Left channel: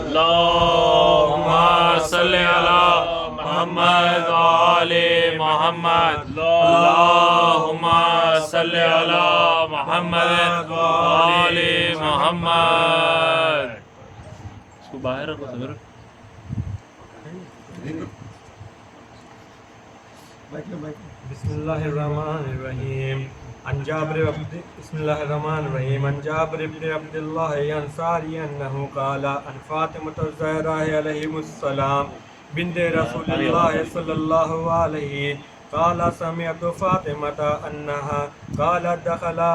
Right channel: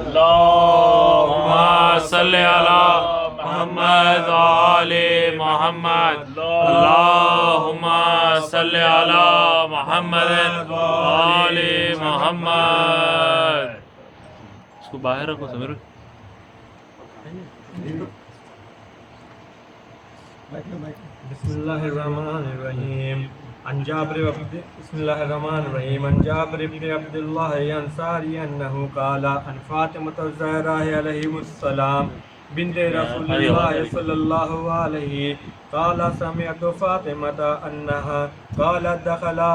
अल्लाहुम्मा सल्लि अला मुहम्मद व आले मुहम्मद। अल्लाहुम्मा सल्लि अला मुहम्मद व आले मुहम्मद। इसको बाहर रखो समीर। बिस्मिल्लाहिर्रहमानिर्रहीम। अन जाबिर इब्न अब्दुल्लाह अंसारी अन्नहु क़ाला अन फ़ातिमा ज़हरा अलैहिस्सलाम बिन्त रसूलिल्लाह सल्लल्लाहु अलैहि क़ाला समिअतु फ़ातिमा अन्नहा क़ालत दख़ला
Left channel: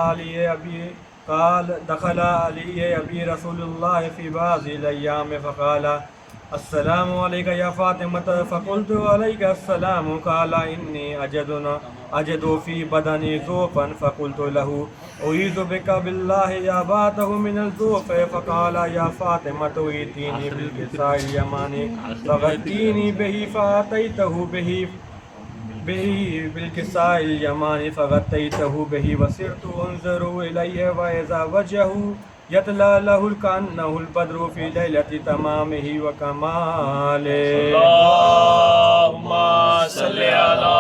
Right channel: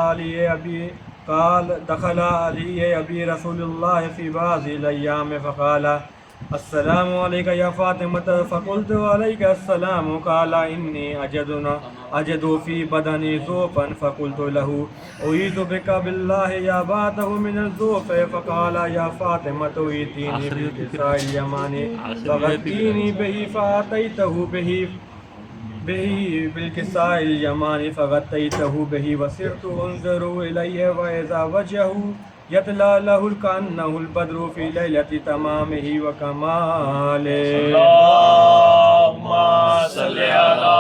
अली अबी रसूलुल्लाह फ़ी बाज़िल अय्याम फ़क़ाला अस्सलामु अलैका या फ़ातिमा फ़क़ुल्तु अलैका अस्सलाम क़ाला इन्नी अजदु फ़ी बदनी ज़ुफ़न फ़क़ुल्तु लहू उईज़ु बिका बिल्लाहि या बातहु मिनल ज़ुफ़ फ़क़ाला या फ़ातिमा ईतीनी बिल किसाइल यमानी फ़ग़त्तीनी बिही फ़अतैतहु बिही बिल किसाइल यमानी फ़ग़त्तैतहु बिही वसिरतु उन्ज़ुरु इलैहि व इज़ा वजहु यतला लहुल कान्नहुल बद्रु फ़ी लैलति तमामिही व कमालिही। अल्लाहुम्मा सल्लि अला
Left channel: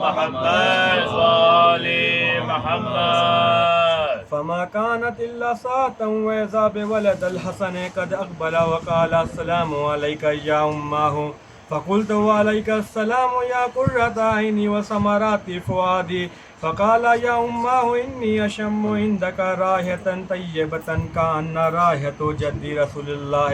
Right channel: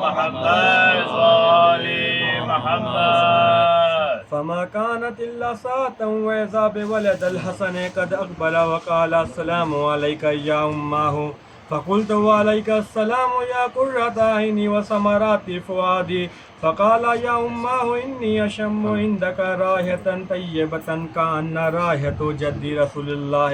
मुहम्मद व आले मुहम्मद। फमा कानत इल्ला सातन व इज़ा बिवलदिल हसन क़द अक़बला व क़ाला अस्सलामु अलैका या उम्महु फ़क़ुल्तु व अलैका अस्सलामु या क़ुर्रता ऐनी व समराति फ़ुआदी फ़क़ाला या उम्महु इन्नी अशम्मु इंदका राहियतन तय्यबतन कअन्ना राहियतु जद्दी रसूलिल्लाह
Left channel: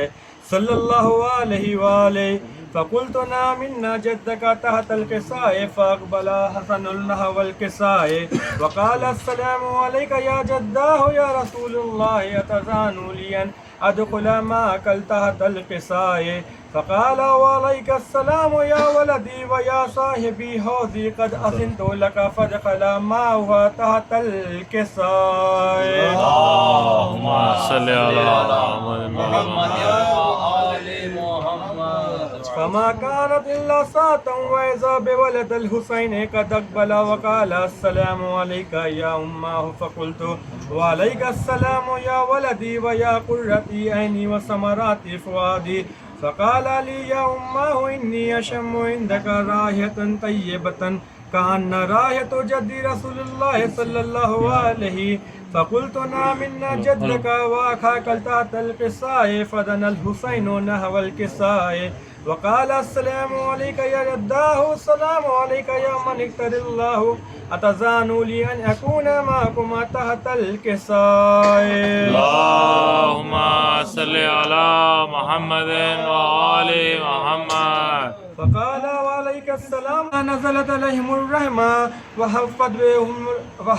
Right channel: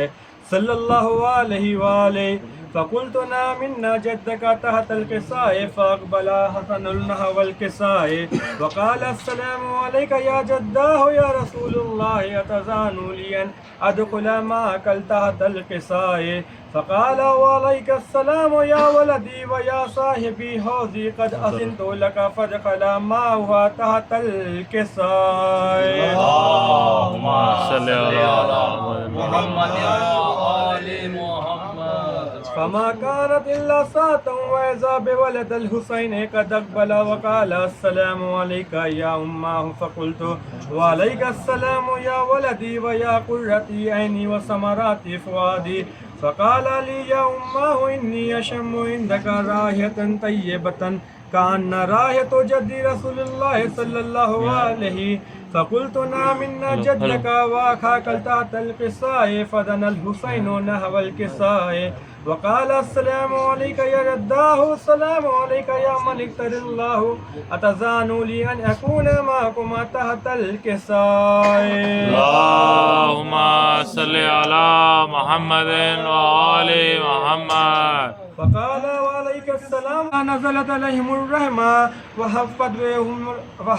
सल्लल्लाहु अलैहि वआलिहि फ़क़ुल्तु नअम इन्ना जद्दका तहतल किसाए फ़अक़बला हसनुल नहवल किसाए व क़ाला अस्सलामु अलैका या जद्दाहु या रसूलल्लाह अतज़ानु लि अन अदख़ुला मअकल तहतल किसाए फ़क़ाला व अलैका अस्सलाम या वलदी व या साहिबी हौज़ी क़द अज़िनतु लका फ़दख़ला मअहु तहतल किसाए। अल्लाहुम्मा सल्लि अला मुहम्मद व आले मुहम्मद। फमा कानत इल्ला सातन व इज़ा बिवलदिल हुसैन क़द अक़बला व क़ाला अस्सलामु अलैका या उम्महु फ़क़ुल्तु व अलैका अस्सलाम या वलदी व या क़ुर्रती ऐनी व समराति फ़ुआदी फ़क़ाला ली या उम्महु इन्नी अशम्मु इंदका राहियतन तय्यबतन कअन्ना राहियतु जद्दी रसूलिल्लाह सल्लल्लाहु अलैहि फ़क़ुल्तु नअम इन्ना जद्दका व अख़ाकल तहतल किसाए फ़दनल हुसैनु नहवल किसाए व क़ाला अस्सलामु अलैका या जद्दाहु अस्सलामु अलैका या मन इक़्तरल्लाहु अतज़ानु लि अन अकूना मअकुमा तहतल किसाए। अल्लाहुम्मा सल्लि अला मुहम्मद व आले मुहम्मद। फ़क़ाला व अलैका अस्सलाम नज़लत अलैहिमुर रहमा व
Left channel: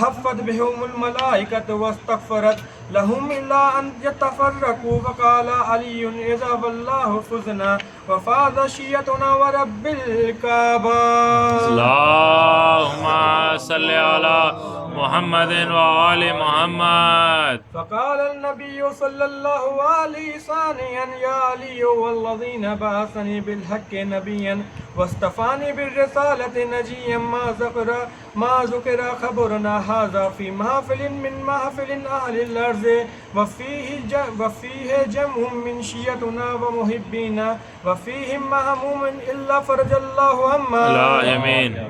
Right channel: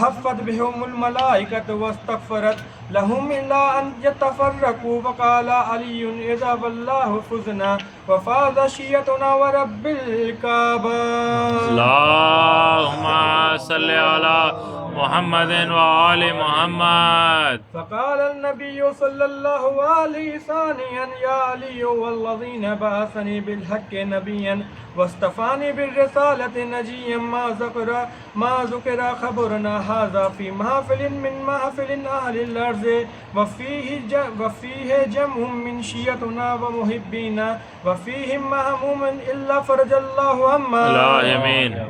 हफ़्फ़त बिहुमुल मलाइकतु वस्तग़फ़रत लहुम इल्ला अन यतफ़र्रक़ू फ़क़ाला अलीयुन इज़ा वल्लाहु फ़ुज़ना व फ़ाज़ शियतुना व रब्बिल काबा। अल्लाहुम्मा सल्लि अला मुहम्मद व आले मुहम्मद। फ़क़ाल नबिय्यु सल्लल्लाहु अलैहि सानियन या अलिय्यु वल्लज़ीना बअसनी बिल हक़्क़ि नबिय्यन वस्तफ़ानी बिर्रिसालति नजिय्यन मा ज़ुकिरा ख़बरुना हाज़ा फ़ी महफ़िलिन मिन महफ़िलिन अहलिल अर्ज़ व फ़ीहि जम्उम मिन शिय्यतिना व मुहिब्बीना व फ़ीहिम महमूमुन इल्ला फ़रजल्लाहु अम्मा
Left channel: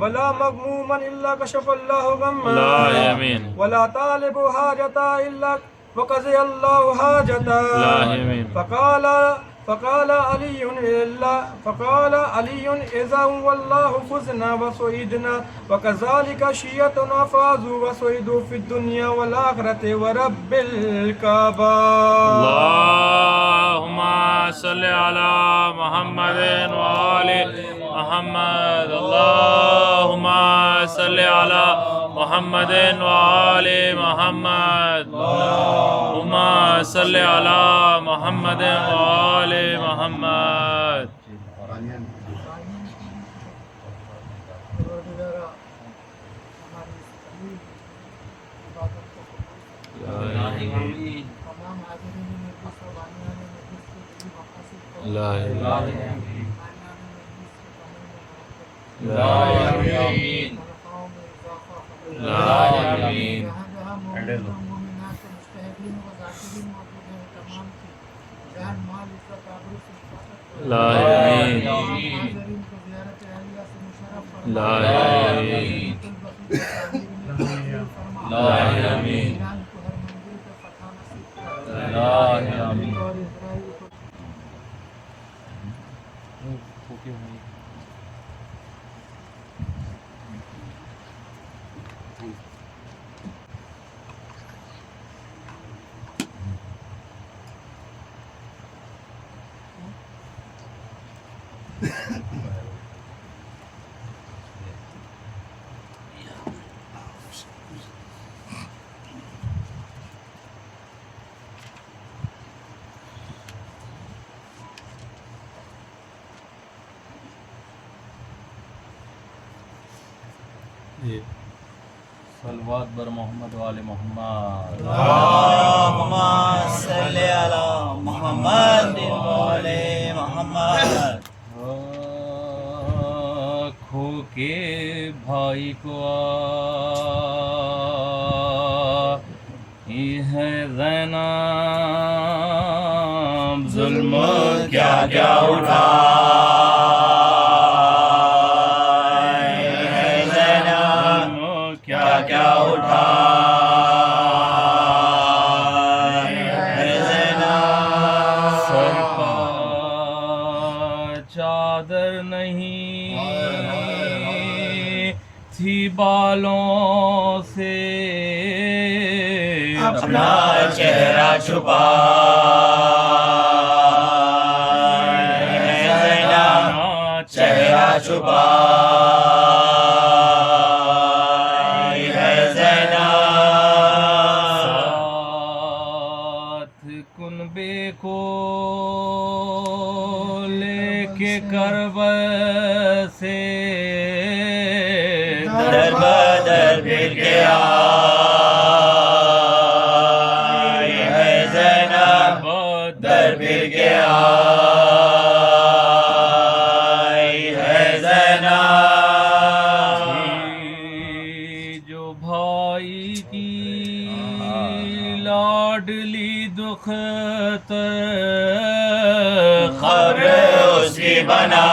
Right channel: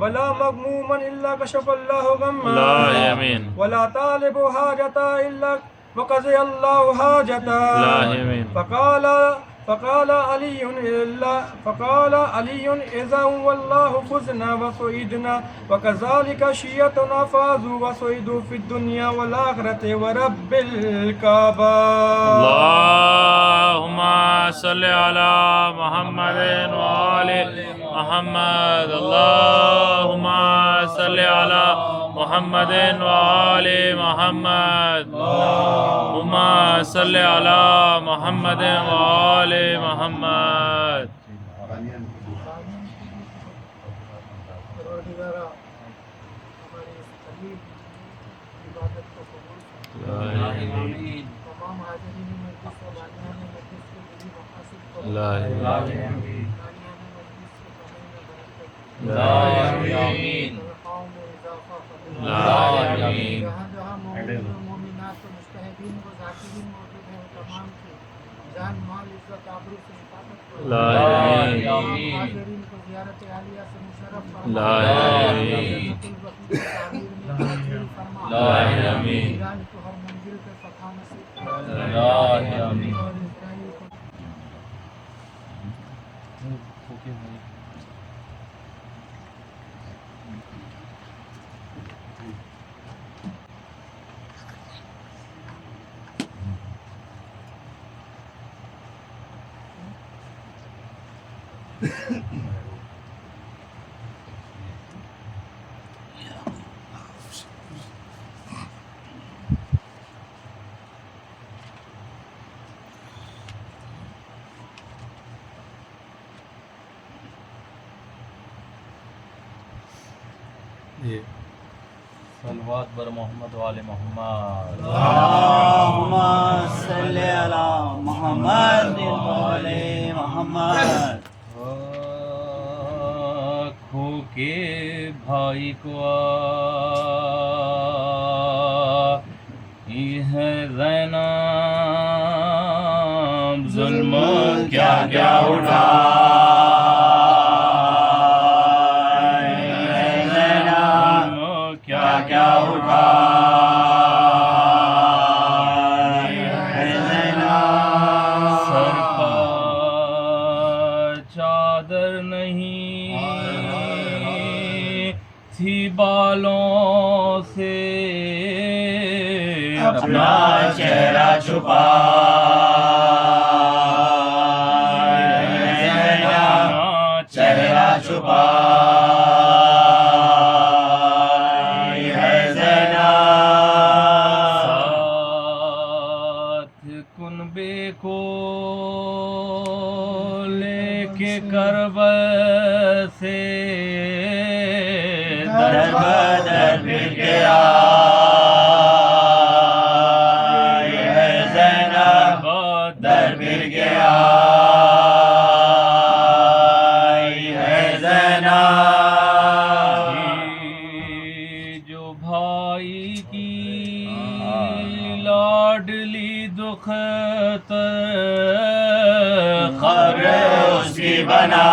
वला मग़मूमन इल्ला कशफ़ल्लाहु गम्मा वला तालिबु हाजता इल्ला वक़ज़ियल्लाहु हाजता। फ़क़ाल अलीयुन इज़ा वल्लाहु फ़ुज़ना व सुईदना व कज़ालिका शिय्यतुना फ़ाज़ू व सुईदू फ़िद्दुनिया वल आख़िरति व रब्बिल काबा। अल्लाहुम्मा सल्लि अला मुहम्मद व आले मुहम्मद। अल्लाहुम्मा सल्लि अला मुहम्मद व आले मुहम्मद। अल्लाहुम्मा सल्लि अला मुहम्मद व आले मुहम्मद। जान माल इज्जत आबरू से हिफाजत फरमा। ला आमीन। हाज़रीन को ज़ियारत आलिया से मुशर्रफ फरमा। ला आमीन। जन्नतुल बक़ी की तामीर में तकमील फरमा। ला आमीन। ईरान को हर मंजिल पे फ़तह नसीब फरमा। ला आमीन। और इज़राइल को सलवात बर मोहम्मद वाले मोहम्मद। अल्लाहुम्मा सल्ली अला मुहम्मद वाले मोहम्मद। खो के भाई को है ज़ैनब जुल्म क्या क्या उठा क्या उठा सर पर चादर नहीं थी बालों से अपना चेहरा छुपा चेहरा छुपा को लेके करब से दर बदर फिर गया है ज़ैनब दर फिर गया है ज़ैनब जो भाई की लाडली दुख खबर उसकी बना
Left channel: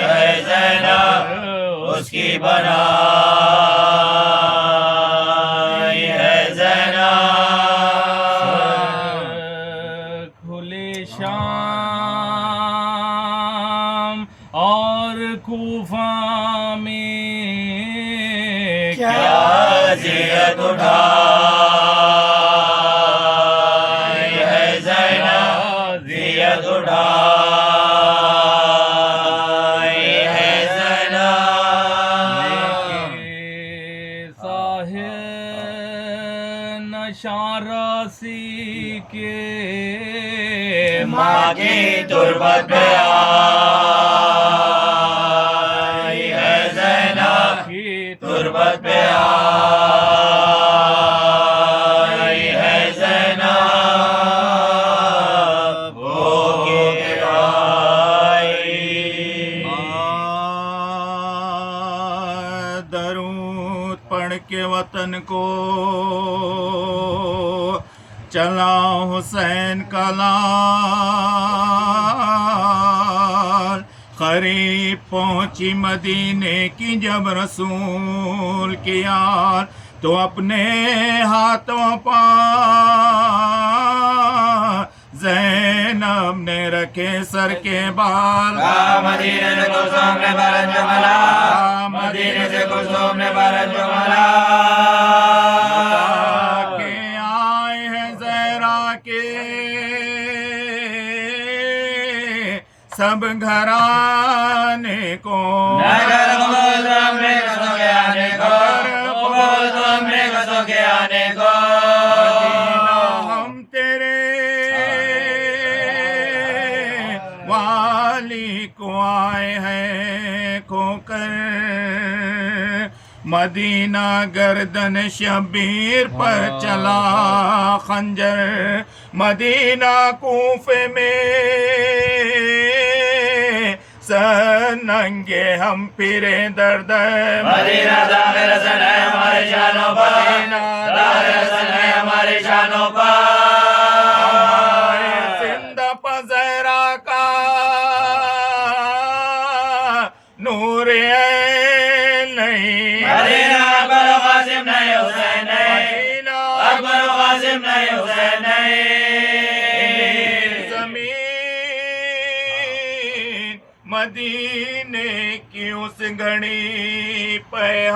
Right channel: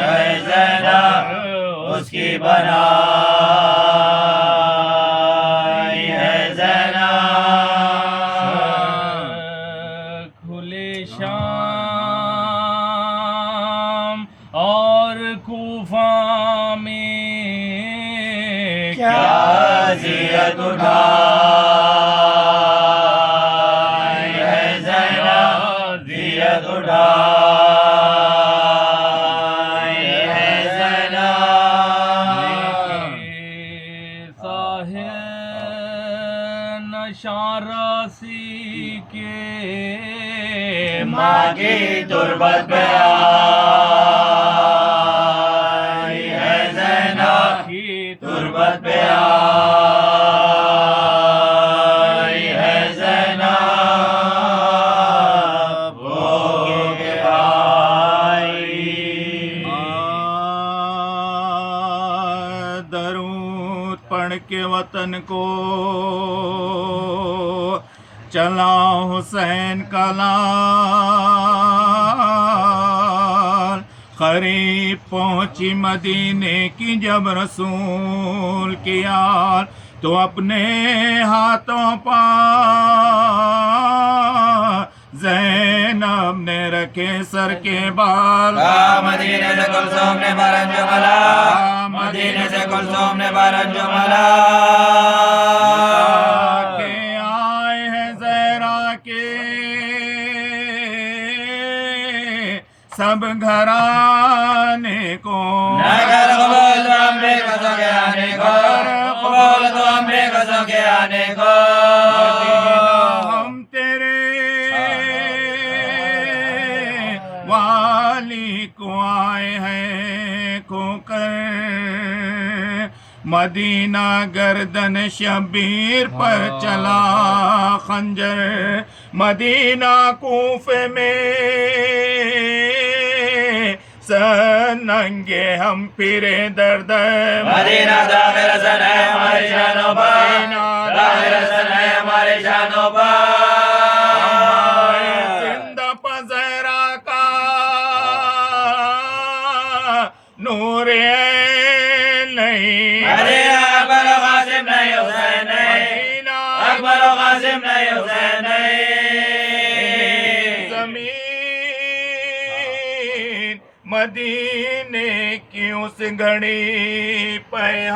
है ज़ैनब उसकी बना है ज़ैनब खुले शाम और कूफा में क्या जियत उठा शारासी के माँ की तुरबत पे आई है ज़ैनब की तुरबत पे आई है ज़ैनब वो के आई दरूद पढ़ के वतन को चला हुसैन का लाल। करीब पहुंची मदीने की जब रसूल की याद तो अपने हाथों पर ज़ैनब ने रखे सर के बाल। मदीने से कुलसुम ने बारन जो मला मदीने से कुलसुम ने बारन जो मला सब घराने को नगर कबूल तो हमने कसम के आने को कबूल तो हमने कसम के आने को मदीना हम तेरे वाली को आए हैं खोकर। मदीना गर्दन शबीर पर चला खंजर। मदीना कूफे में सनंगे हम फिरे दर्द। मदीना दाखिल सन है हमारे शानों पर, दाखिल सन है हमारे शानों पर। हुसैन नहीं जमीन मदीने की उस घड़ी पैगाम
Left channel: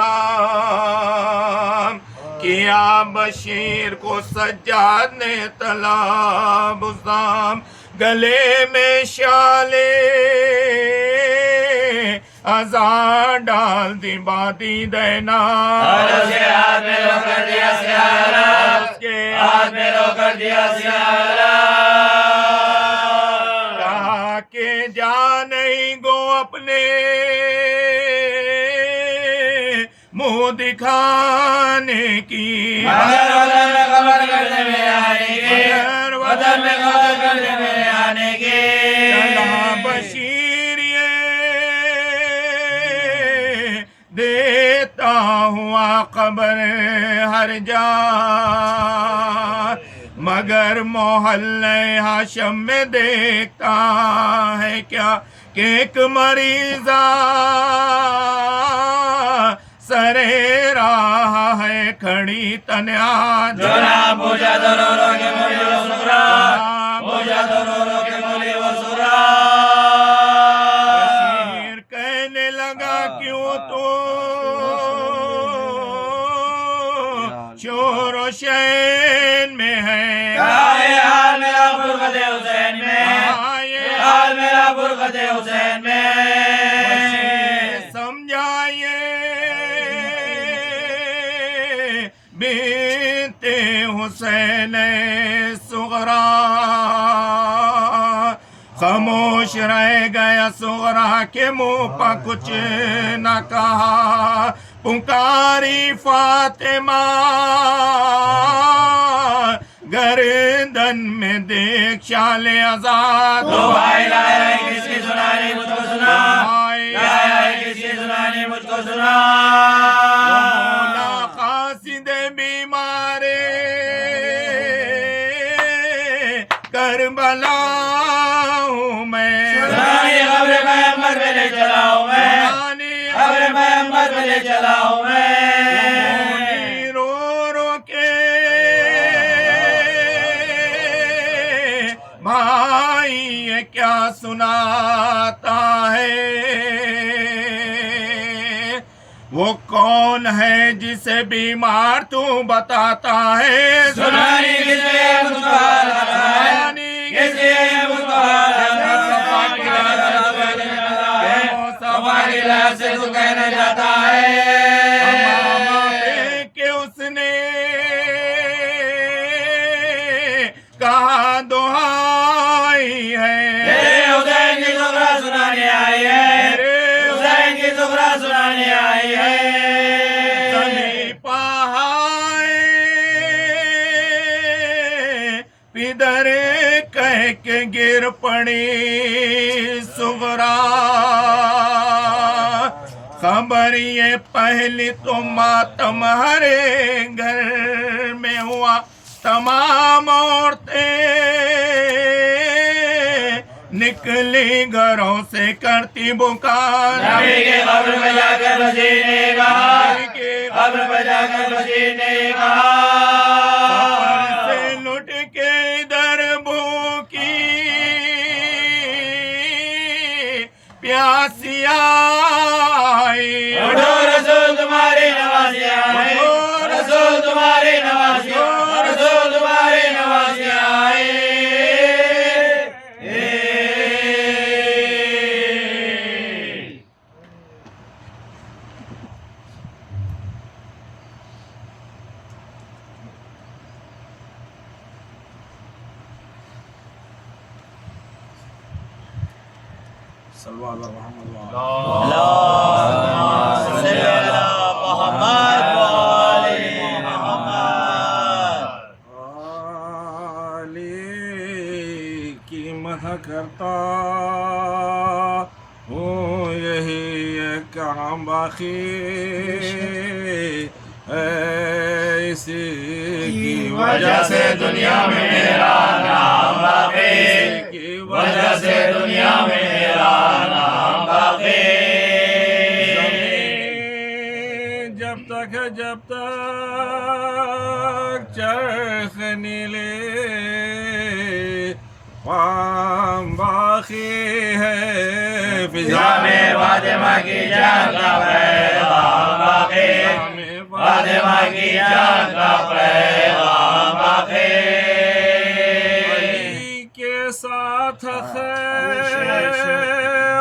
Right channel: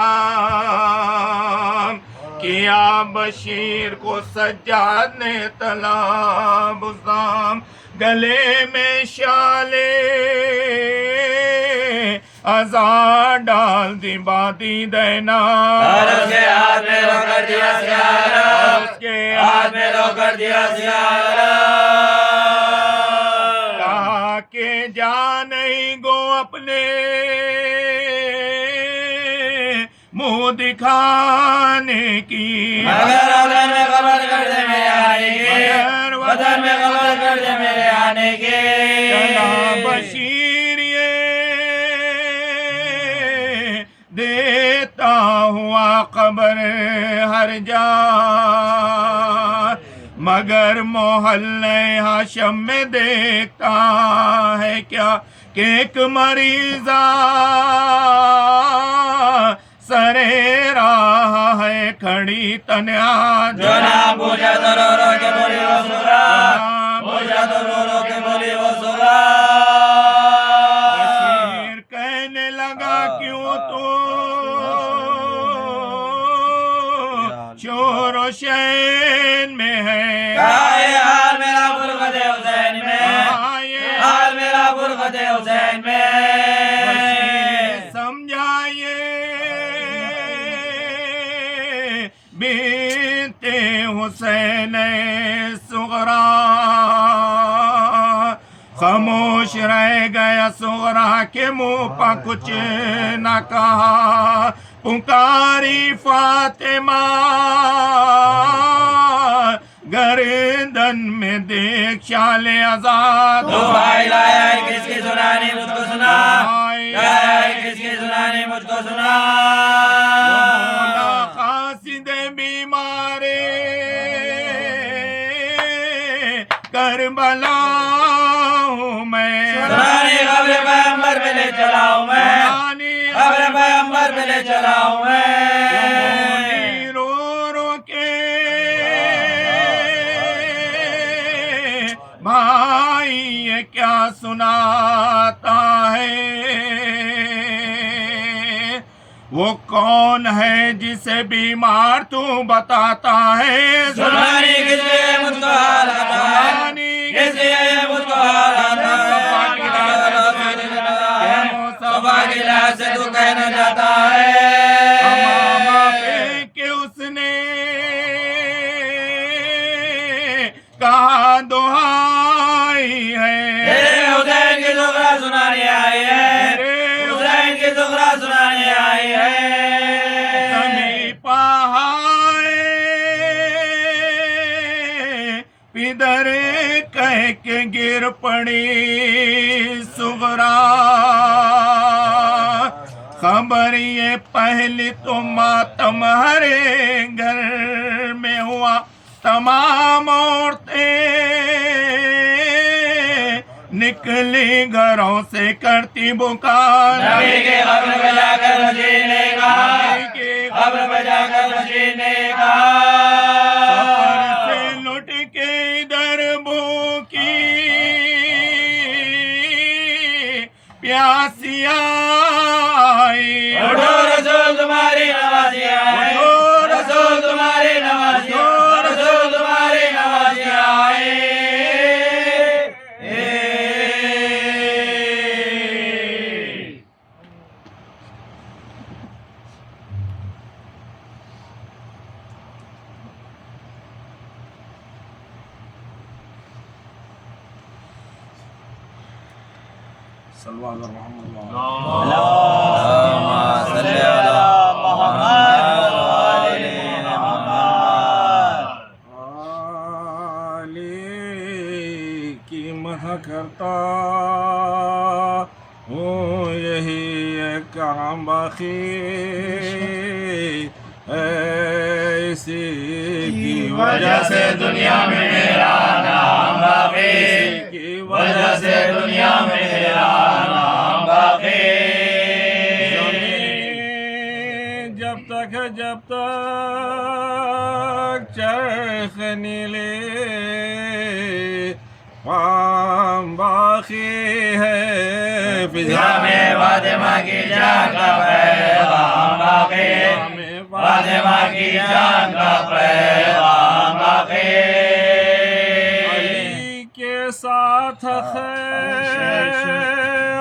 किया बशीर को सज्जाद ने तलब उसाम गले में शाले आजाद डाल दी बाती देना उसके हाथ में रोकर दिया सियारा उसके हाथ में रोकर दिया सियारा कहा के जा नहीं गो अपने मुंह दिखाने की मगर वतन में खबर करने में आने के वतन में खबर करने में आने के चला बशीर ये देता हुआ खबर हर जा मगर मोहल्ले हाशम में देखता है क्या कि एक मरीजा सरे रहा है खड़ी तन्हा जो ना पूछा तो रो रो के बोली वो सुरा पूछा तो रो रो के बोली वो सुरा बशीर कहने लगा क्यों तो शोर शैन में है हाल मेरा फुरकत हुसैन में हाल मेरा फुरकत हुसैन में समझाइए बिनते हुसैन सुगरा खामोश रह गया सुगरा के मुंह पर कुछ न कहा पुकारी फातिमा गर्दन में देख शाले आजाद तो भाई लाया है किसकी सुनानी मुझको सुना लाया है किसकी सुनानी मुझको सुना बोला कासिद बीमारे करबला हूँ मैं सुनानी खबर पैगंबर पे ले चला हूँ मैं खबर पैगंबर पे ले चला हूँ मैं रो रो के भाई ये क्या सुनाता है वो कौन है जिसे बीमार तू बताता है सुनानी किसलिए मुझको हाल सुनानी किसलिए मुझको हाल की राह से तू कहने जाता है मामा पे के उसने कहा दुहाई है हुसैन की दुखरा सुनाने आई है हुसैन की दुखरा सुनाने आई है समीपा पिदर कह के गिर पड़ी सुगरा खबर ये पहली तो मातम हरे घर में हुआ तमाम औरतें निकली घरों से करती बुकार नबी के कब्र पे जाकर बशी ने कहा कब्र पे जाकर बशी ने कहा सफर से लुट के इधर भूखी प्यासिया उठो रसूल तुम्हारी नवाज़ी आए रसूल तुम्हारी नवाज़ी रसूल तुम्हारी नवाज़ी आए की मदह करता हूँ यही काम बाकी ऐसी की वजह से दुनिया में मेरा नाम बाकी की वजह से दुनिया में मेरा नाम बाकी जब तक चरख नीले पाम बाकी है फिजा में फातिमा की जान का पैगाम बाकी, फातिमा की जान का पैगाम बाकी। अली के साथ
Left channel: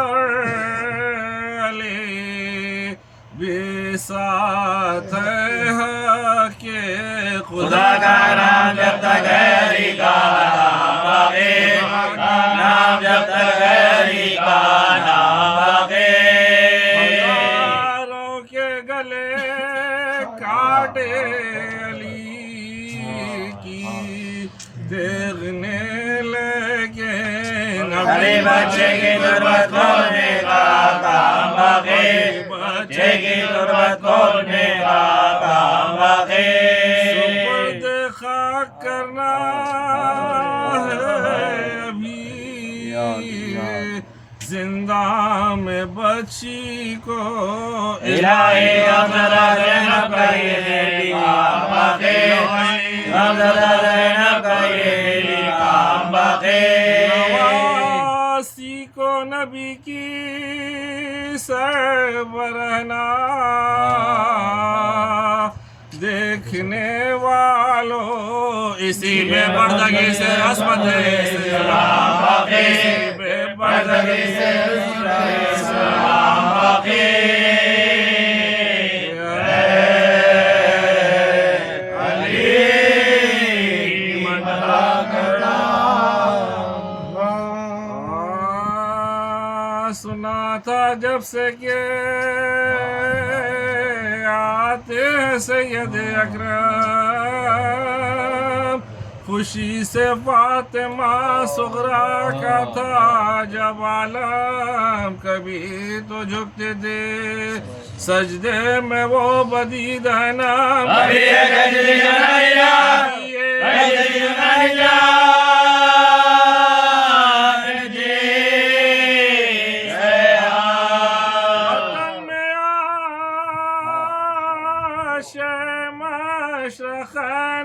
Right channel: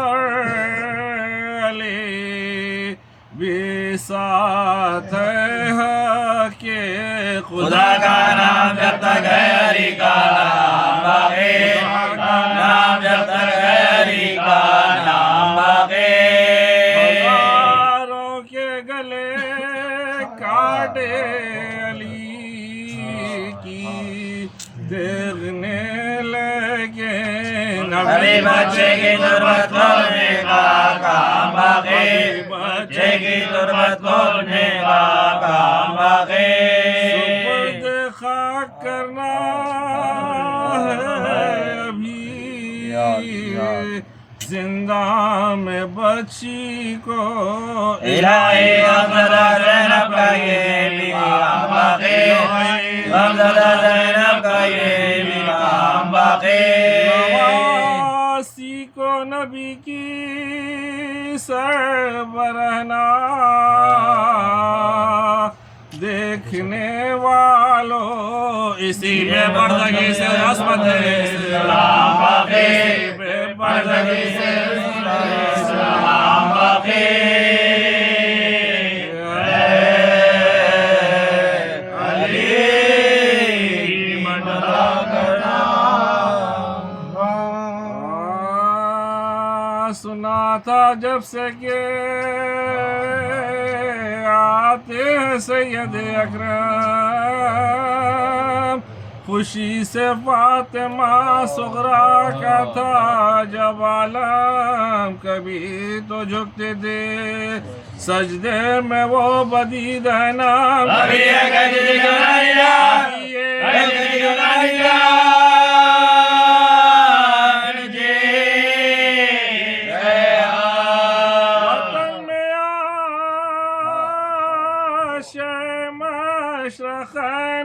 और अली भी साथ है के खुदा का नाम जब तक है अली का नाम बाकी, नाम जब तक है अली का नाम बाकी। हजारों के गले काटे अली की देखने लगे अली बच्चे की गुर्बत खोलने का काम बाकी, बच्चे की गुर्बत खोलने का काम बाकी। सुपुर्द खाक करना है अभी जिंदा में बच्ची को इलाही हमदा ज़ैनब का ये काम बाकी, हमदा ज़ैनब का ये काम बाकी। नवासी को नबी की सरबरहना देखने वालों इसी में बर्दगी से रस्मत राम बाकी, बर्दगी से राम बाकी। सुना था जब से के आते हैं सैयद अकरम, खुशी से फातिमा सुगरा का था जब आलम, कभी तो झुकते थे सजदे में वो बदीद है नाम, अभी ये कजरी जुनानिया, कजरी जुनानिया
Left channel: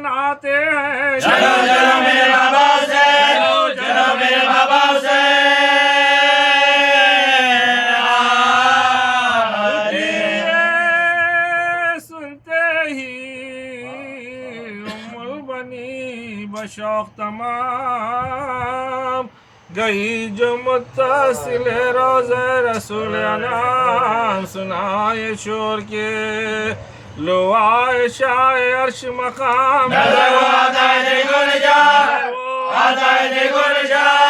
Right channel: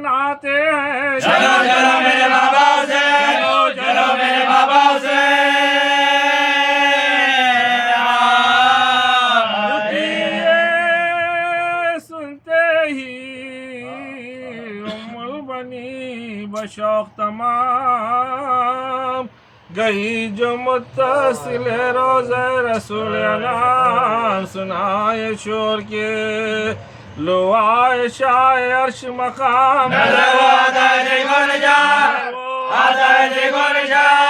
आते हैं। चलो चलो मेरे बाबा से, चलो मेरे बाबा से। सुनते ही उम्मुल बनी बशौक तमाम, गई जो मुत्तसिल रोज़े रसूल अनाम, सुनाए शोर के लो आए शाए अर्श मकाम, नजर आता है देखो निजात, आता है देखो निजात,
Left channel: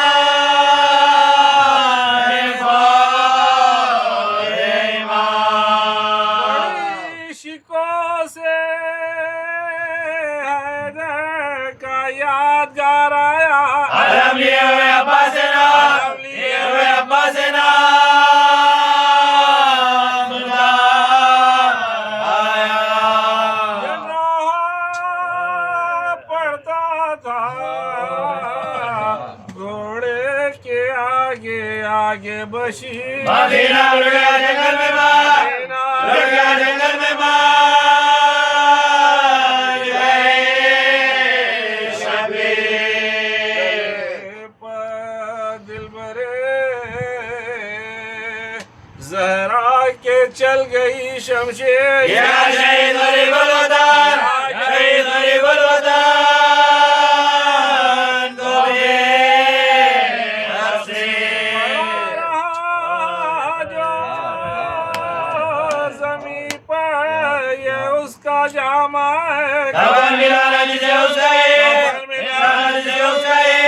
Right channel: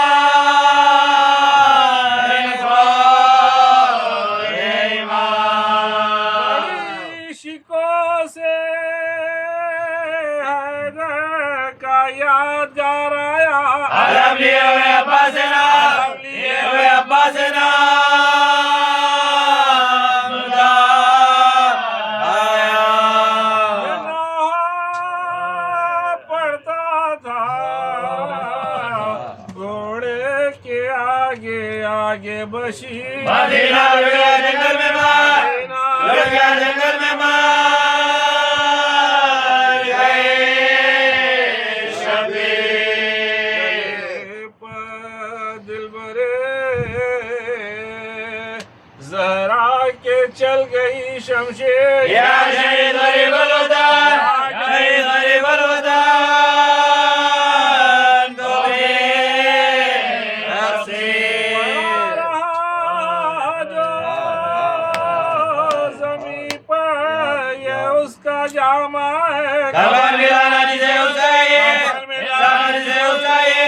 बड़ी शिकों से हैदर का यादगार आया, अलम लिए हुए अब्बास ना, लिए हुए अब्बास ना आगे बशी मदीना उड़ गया जंगल में मार, उड़ गया जंगल में मार गए शबीर दिल भरे जहरा के चल गई शमशेर, या शहीद गरीब अलवतन, शहीद गरीब अलवतन जामा है खबर मिलाना जिसे उसका ये, मिलाना जिसे उसका ये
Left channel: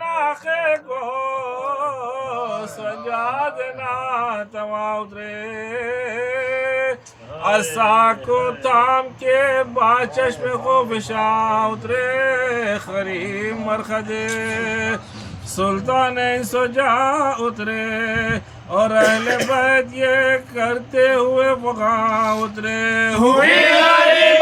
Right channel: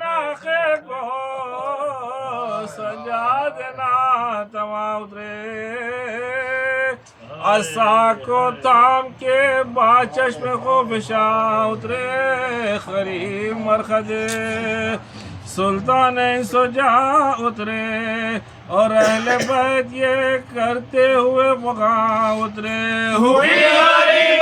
नाखे को सजा देना तमा उतरे, असा को थाम के बाद चश्मे को बिशा उतरे, खरीम मरखदे सुल्तान सुजा उतरे, और अहले बैत ये करते हुए वहाँ उतरे। हुई मर गए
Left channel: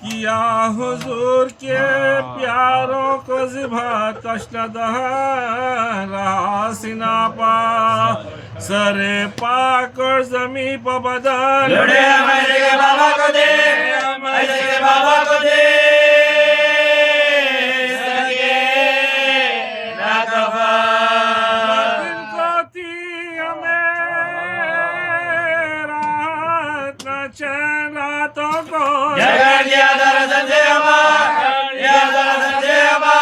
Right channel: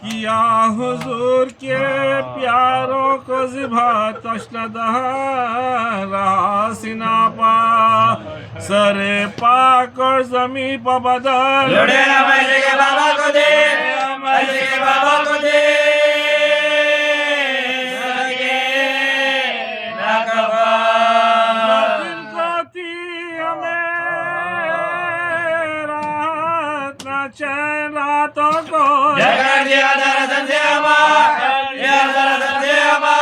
किया हुजूर के प्यारों को ज़िबा तशनदह रहा सीना पा सरे पाक और ज़मी पर बदल लुढ़े मैंने के बाबा को दे, मैंने के बाबा को दे, सदके ना कफा। जिनको थी हमें राहत न चैन रातों को जगह दिया दरअसल से अमार, दिया दरअसल से अमार,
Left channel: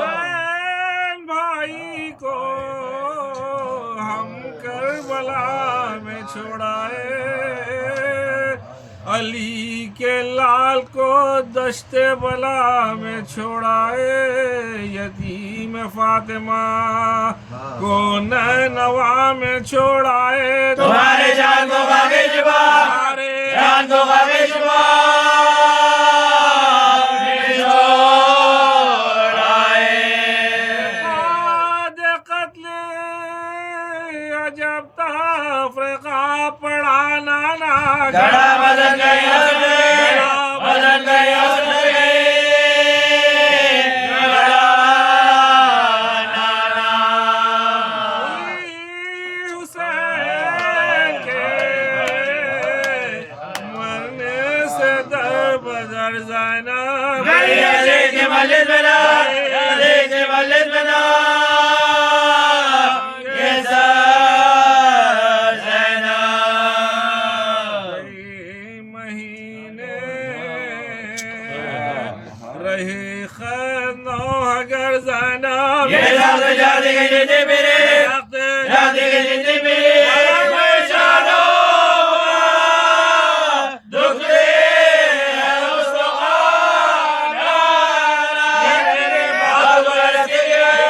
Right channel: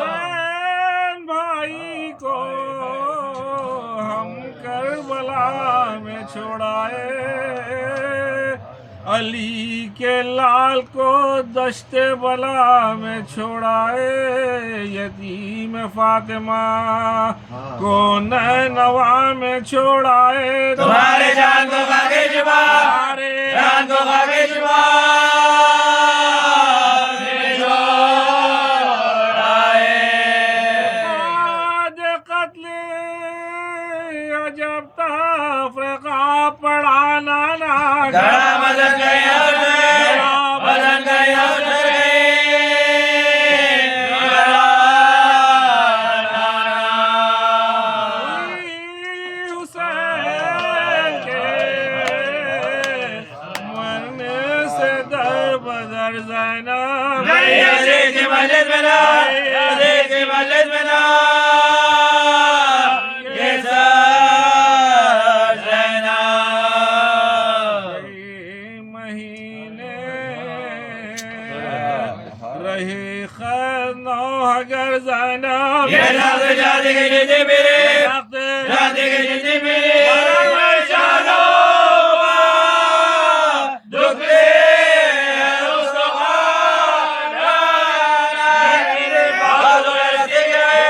हुसैन भाई को हम करबला में छोड़ाए, अली के लाल को दश्ते बला में छोड़ाए, यतीम फातिमा को नैनवा में छोड़ाए। तुम्हारे जान को खाके जुबा, जान को खाके जुबा, जब तफरीका पढ़ाना ना गड़ा बदन गए हंसने, बदन गए हंसने, गड़ा नाना। हुसैन के मरने से दर बदर ज़ैनब अली की मस्जिद में ना, अली की मस्जिद में ना, रहे खैर नौ अगर ज़ैनब ये जाती के जिंदगी मेरे, जाती के जिंदगी मेरे, परेशानो दुख ले उसको खाना, बाजू बरसे गए,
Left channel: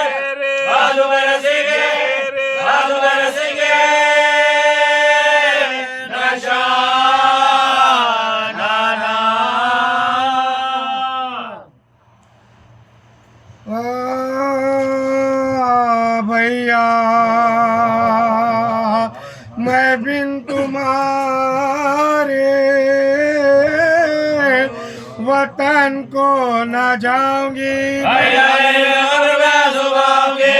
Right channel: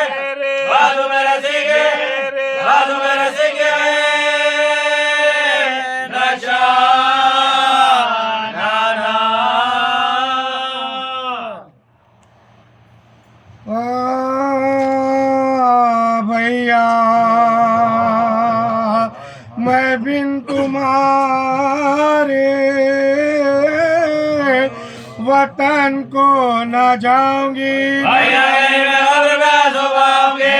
बाजू बरसे गए, बाजू बरसे गए, नशा नाना। भैया मैं बिन तुम्हारे वतन को न जाऊंगी, मैं कब्र में सुबाऊंगी,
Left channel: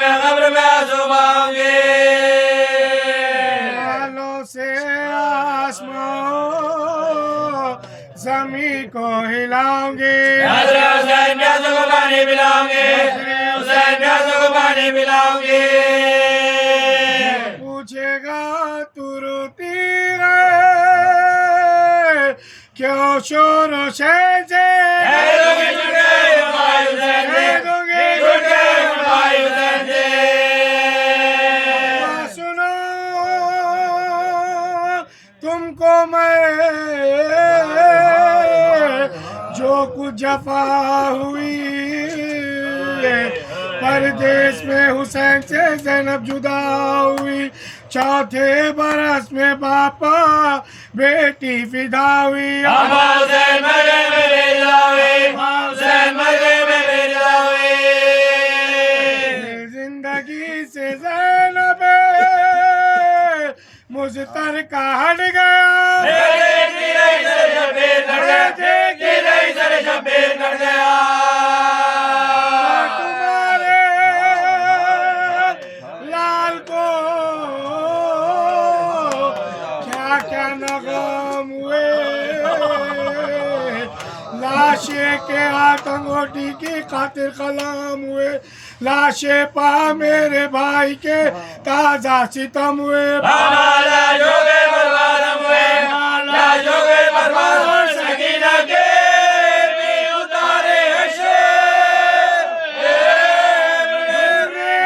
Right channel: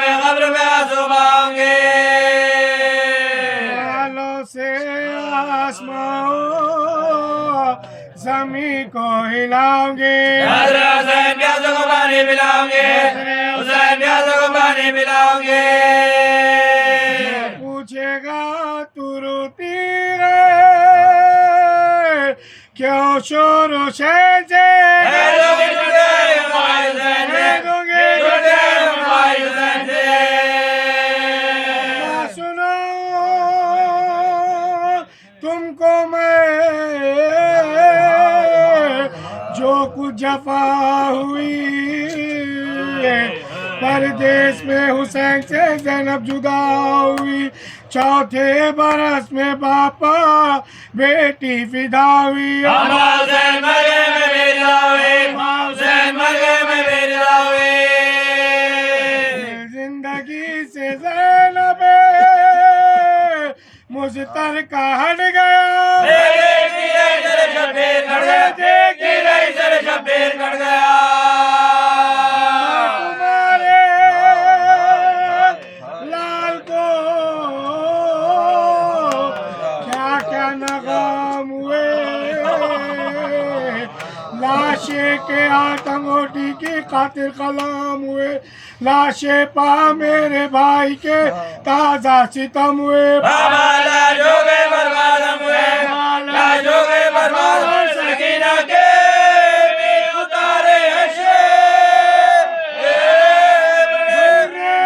मैं कब्र में सुबाऊंगी, बालों से आसमां ज़मीं को हिलाऊंगी, हुसैन प्यासों को पानी पिलाऊंगे, हुसैन प्यासों को पानी पिलाऊंगे। पूछेगा तू रोती है क्यों शोर शहर से, सुनो तुमको मैं जो कुछ जफा हुई, परदेश में हुसैन से ज़ैनब जुदा हुई, चौथे बरस में बापा बेटी फिदा हुई, हुसैन मर गए मैं बेला हुई, हुसैन मर गए मैं बेला हुई, जिंदगी से ज़ैनब मुझतर का हट गया, तुम्हारे लाल को क्या क्या नगाम हुए, लाशे के आतंगोटी की खातिर कलाम हुए, लाशे पा मेरे भाई के ताजा सितम हुए, सकीना के भी उतारे हशे,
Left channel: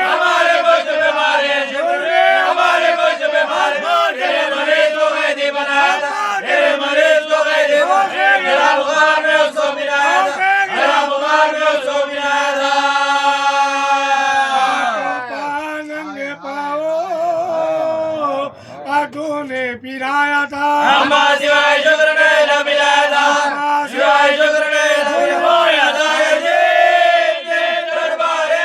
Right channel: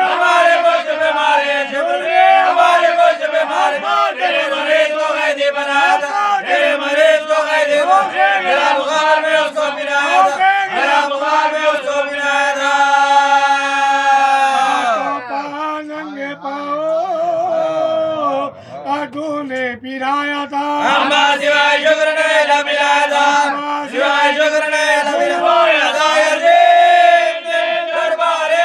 हमारे वक्त में मारे झूठे, हमारे वक्त में मारे, मेरे मरीज को कैदी बनाया था, मेरे मरीज को कैदी बनाया, मेरा बुखार में उसको मिलाया था, मेरा बुखार में उसको मिलाया था। नंगे पाओ आधो ने पिराया था, सिवाय शुक्र नहीं न मिलाया था, सिवाय शुक्र नहीं न मिलाया था, दरबारे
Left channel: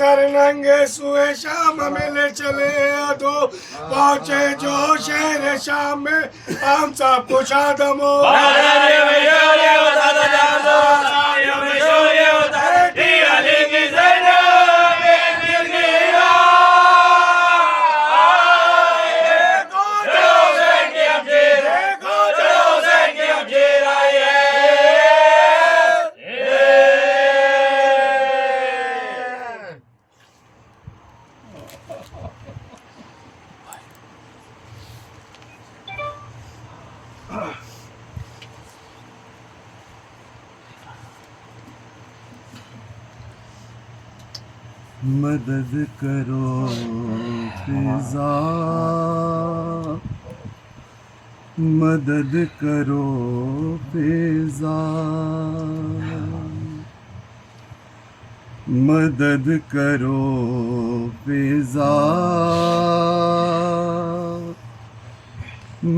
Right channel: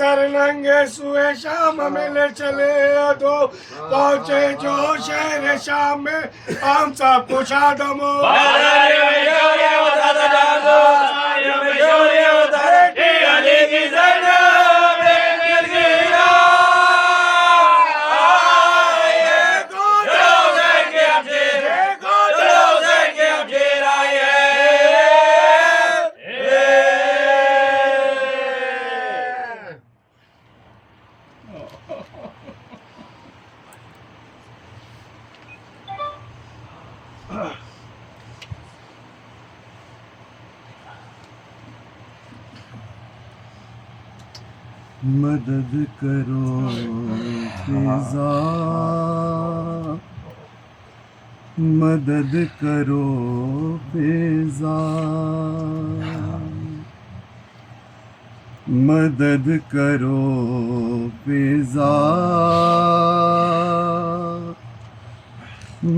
सरनंगे सुए शाम मिले चले दो पहुँचे जो शहर शाम में हम सब कुछ आदमो मदद करो फिजा, मदद करो फिजा, मदद करो फिजा,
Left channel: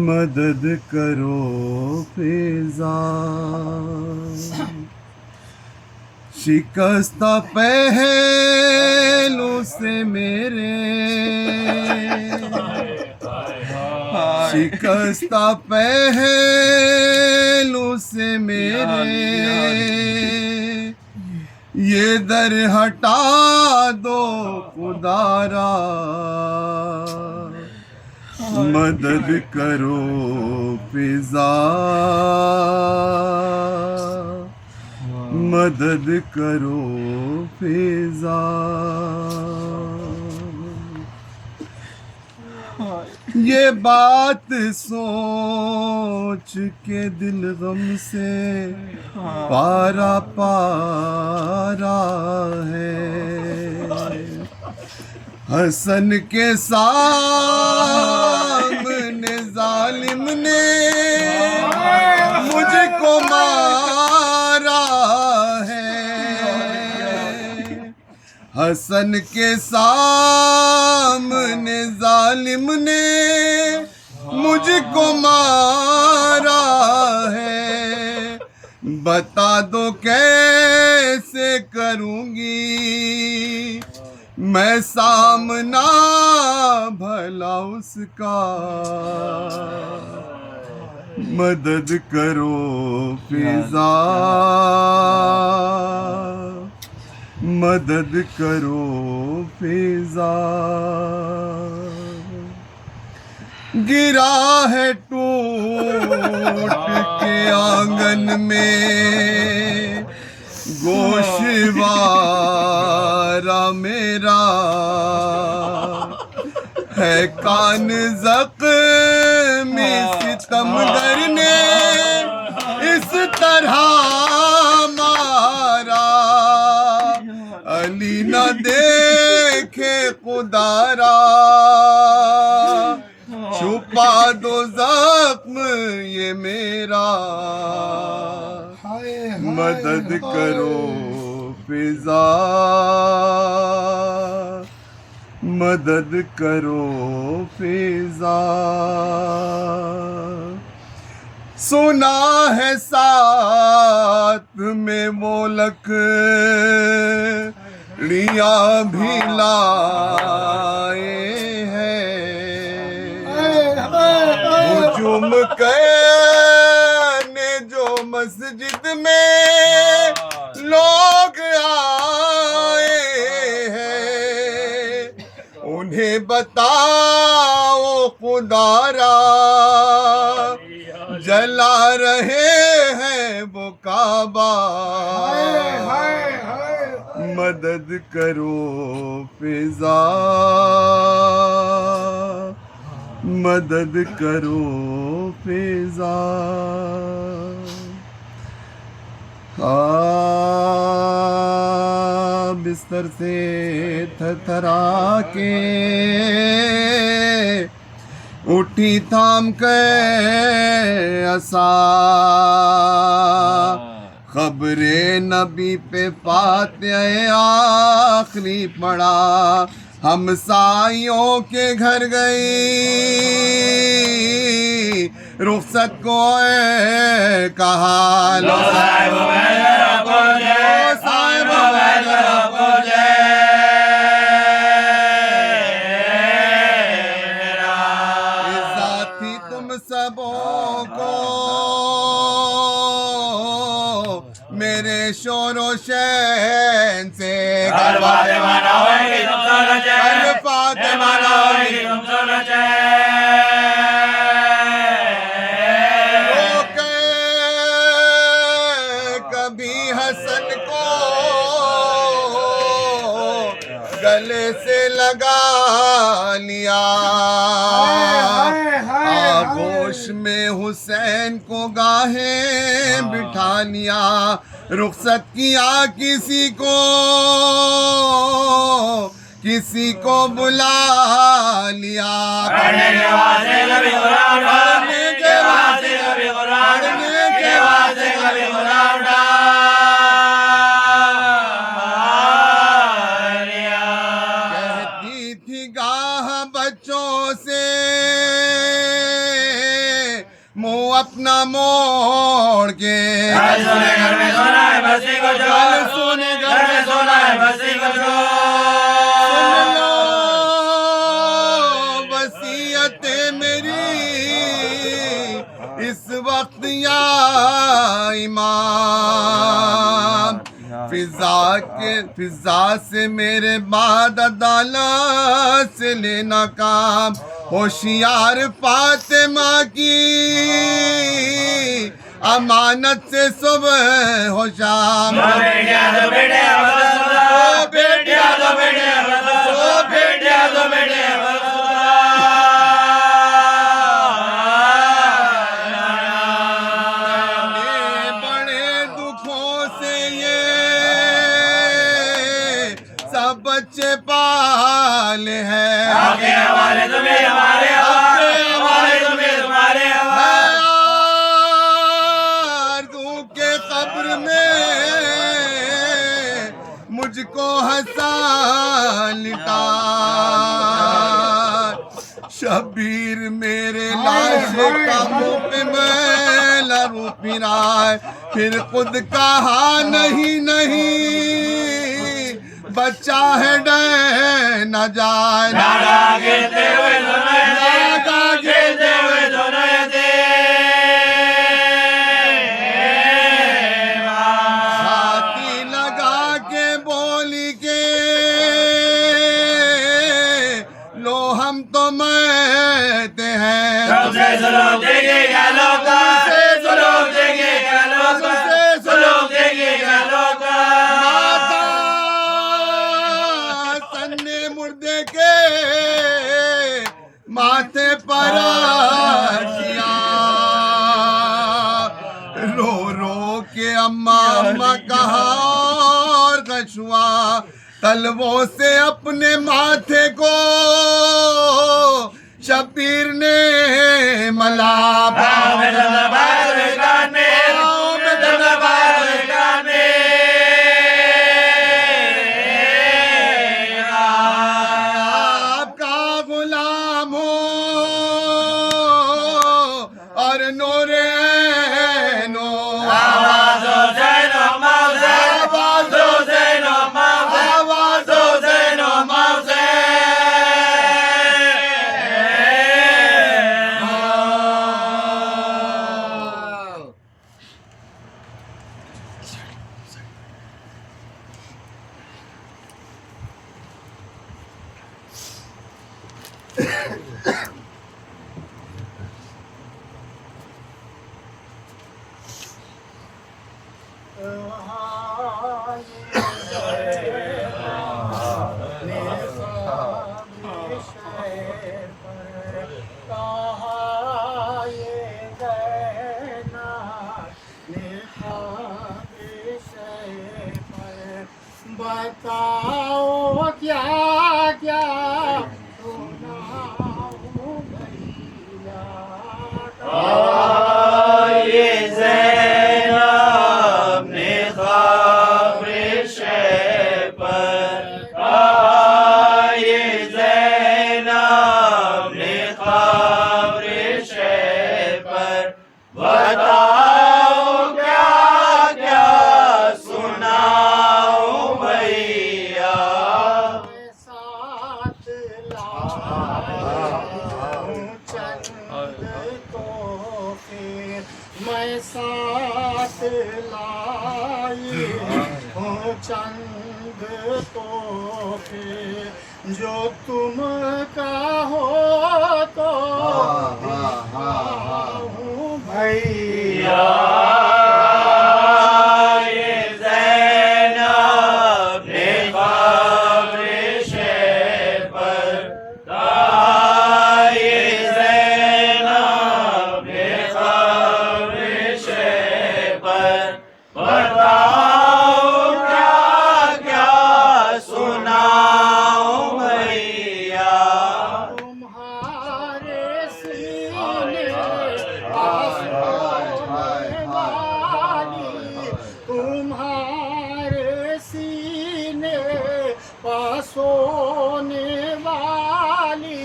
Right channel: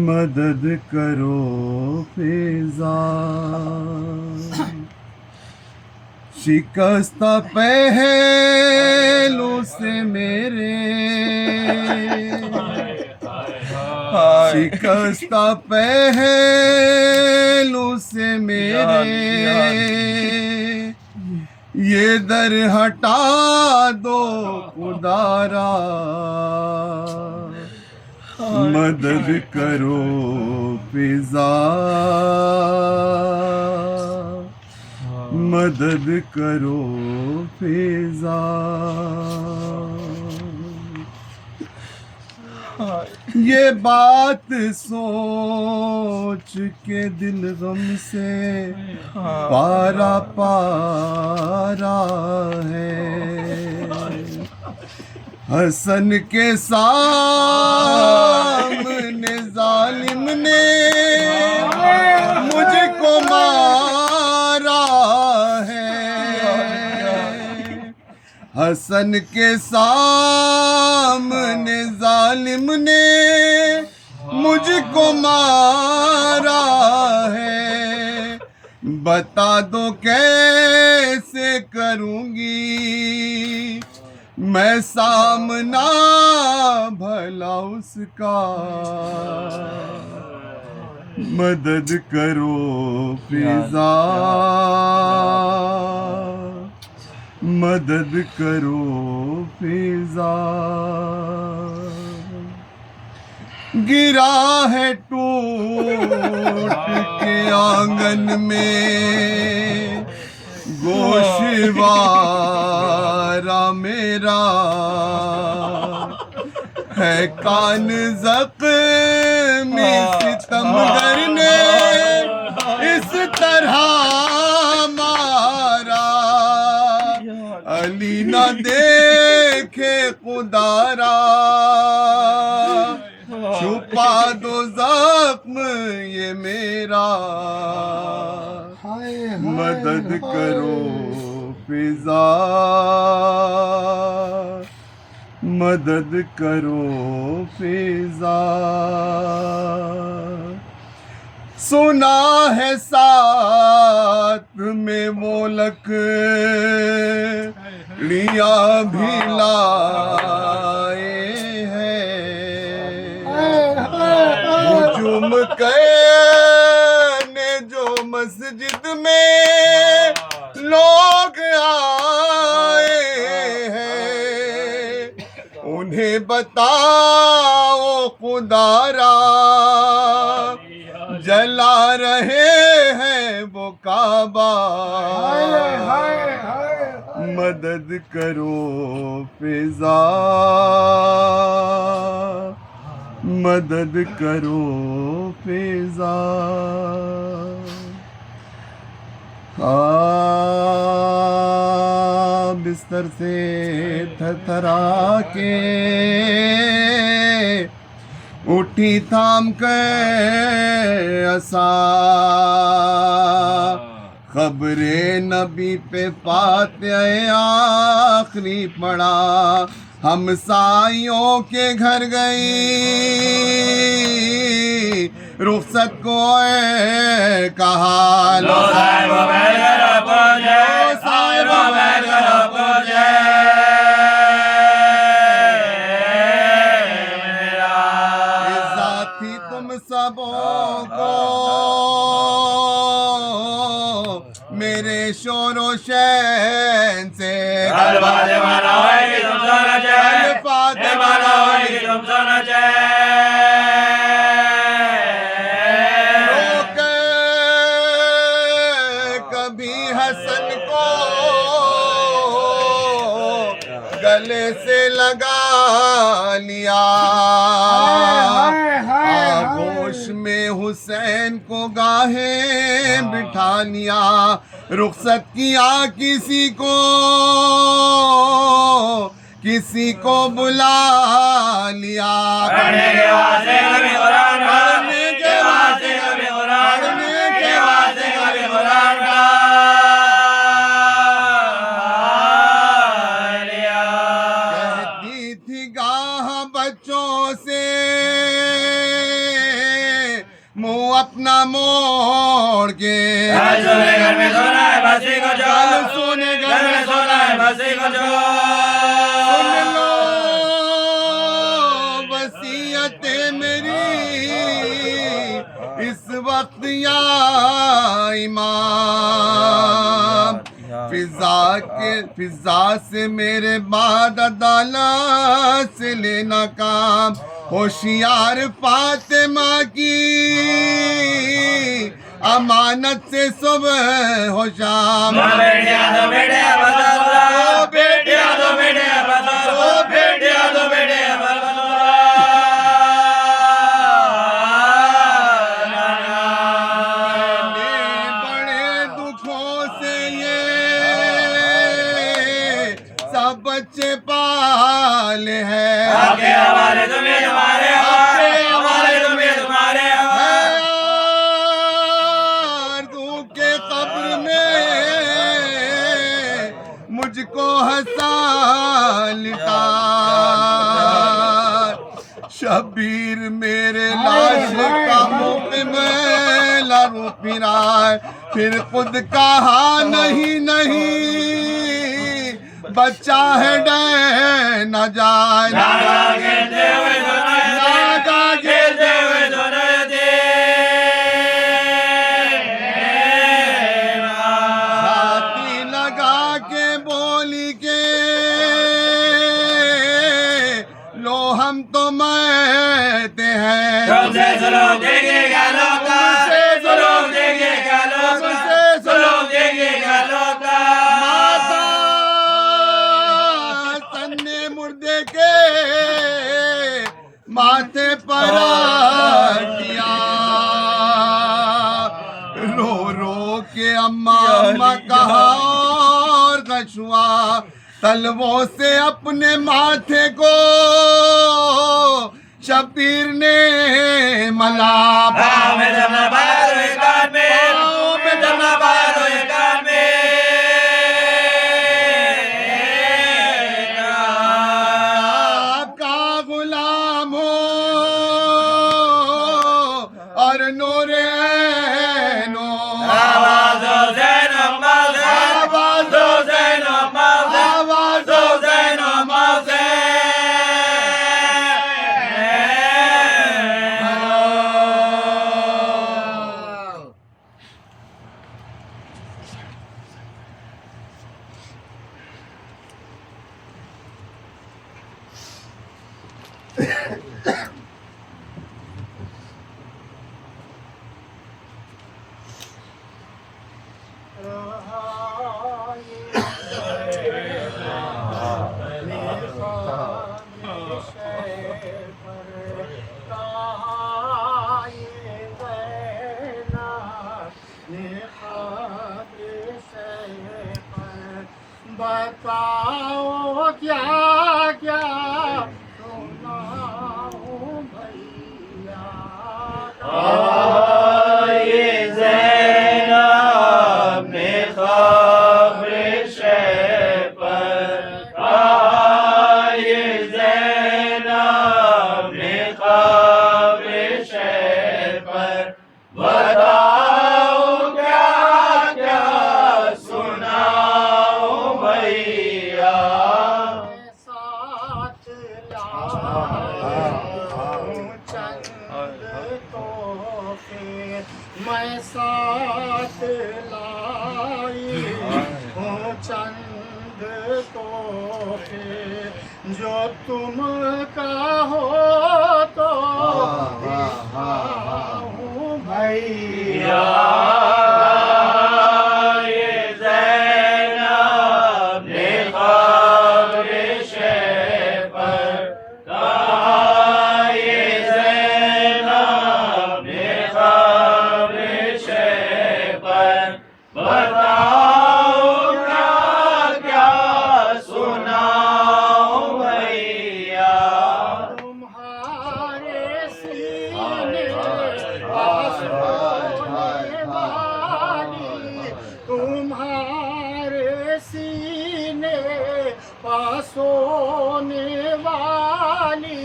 मदद करो फिजा। शिकस्ता पहलू से मेरे, शिकस्ता पहलू से मेरे, ये दर हटा दो खुदारा, मदद करो फिजा, मदद करो फिजा। ये बात सोच के दिल गम से पारा पारा है। हसन के सामने जालिम ने मुझको मारा है। हसन के सामने जालिम ने मुझको मारा है। बता दो कैसे करूँगी मैं सामना भला उसका, मदद करो फिजा, मदद करो फिजा। गिरा है टूट के आंगन में गोशवारा मेरा, है कान ज़ख्मी सितमगर ने इस तरह मारा। अली न देखे खुदारा, छुपा दो जख्म ये मेरा, मदद करो फिजा, मदद करो फिजा। सुना है साथ में वो लकड़ियाँ भी लाए हैं। हुजूम करने जो मस्जिद में लोग आए हैं, उन्हें बताओ खुदारा जला रहे हैं वो काबा। मदद करो फिजा, मदद करो फिजा। बिस्तर से थरथरा के उठी थाम के असा, खबरे नबी पे फातिहा आखिरी पड़ा। हम साइयों के घर गई, रुखसत को कहा लो साहिब और हुसैन से कल फातिमा ना होए कि तुम सोना चाहे कल फातिमा ना होए कि तुम सोना चाहे रोके कभी हसन को गले से लगा लिया आगोश में हुसैन को गाहे बिठा लिया रुखसत किया किसी को बुला लिया पढ़ने के वास्ते कभी कुरान पढ़ने के वास्ते कभी कुरान पढ़ने के वास्ते कभी कुरान लिया कहती थी गाह बच्चों से मुंह अपना मोड़ के कल सोने घर में सोना है बस्ती को जो कल सोने घर में सोना है बस्ती को जो सुन लो वसीयतें मेरी इस वक्त या इमाम फिजा से मेरे बाद अदालत से लेना काम होशियार फातिमा की अमानत से सुबह हो शाम बेटिया दो बेटे ओ बेटिया दो बेटे ओ बेटिया दो बेटे बड़े दुखों से ये सब बच्चे पाले हैं आपके हवाले तुम्हें हमारे हवाले तुम्हें तुम्हारे आरज़ू के कब्र में मुझको हंसा लिटा शबीर मेरे लाश का मुंह पे मैला रू फिराए फिर खुद कहा नहीं बच्चा है डे न जाए नागा खेलते हुए नागा खेलते हुए दोनों छाती लगा के बोली के लो हम तो मरते हैं तुमसे सुलूक देंगे क्या लोग सुलूक देंगे क्या लोग सुलूक देंगे क्या लोग माता सन्ने मुर्दे के माथे पर दिया रो रो के अम्मा अम्मा कहा और कछुआ तलवों से अपने माथे को शबीर ने मला पाँव में दमना पाया तो एक कान में पाँव में दमना पाया तो एक कान में आपका गुलाम हो और नूरे नो आवाज़ों से नो मौज़े आवाज़ों से नो मौज़े आवाज़ों से नो मौज़े बताओ क्या क्या सुनाऊं भैया ये ज़ैनब ने ख़ब्र शे पर ये ज़ैनब ने ख़ब्र शे पर बताओ क्या क्या सुनाऊं भैया साथ चंद तोहफे जो तुम कहो तो हूँ भैया तुम्हारे सीने पासोने वाली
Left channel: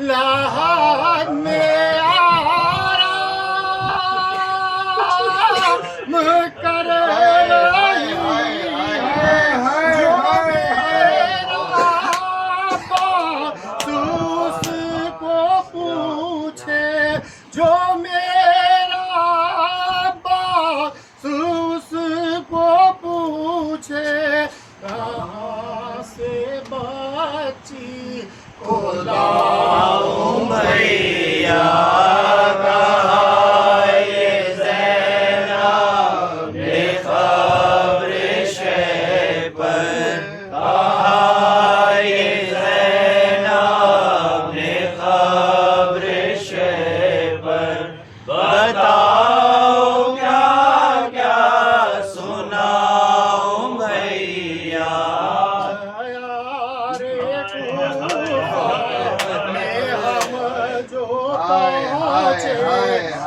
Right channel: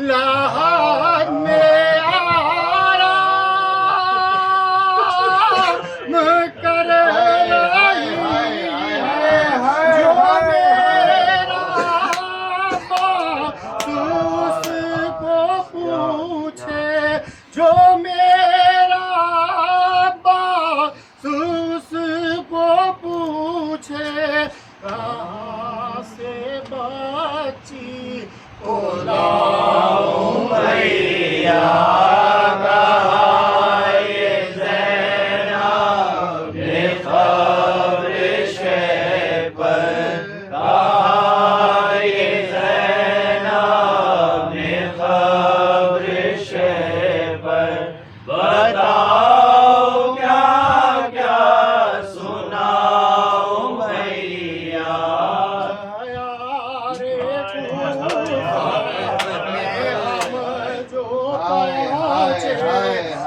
लहर में आराम कर रही है जो मेरा बातूस को पूछे जो मेरा बातूस को पूछे कहाँ से बची को लाऊं भैया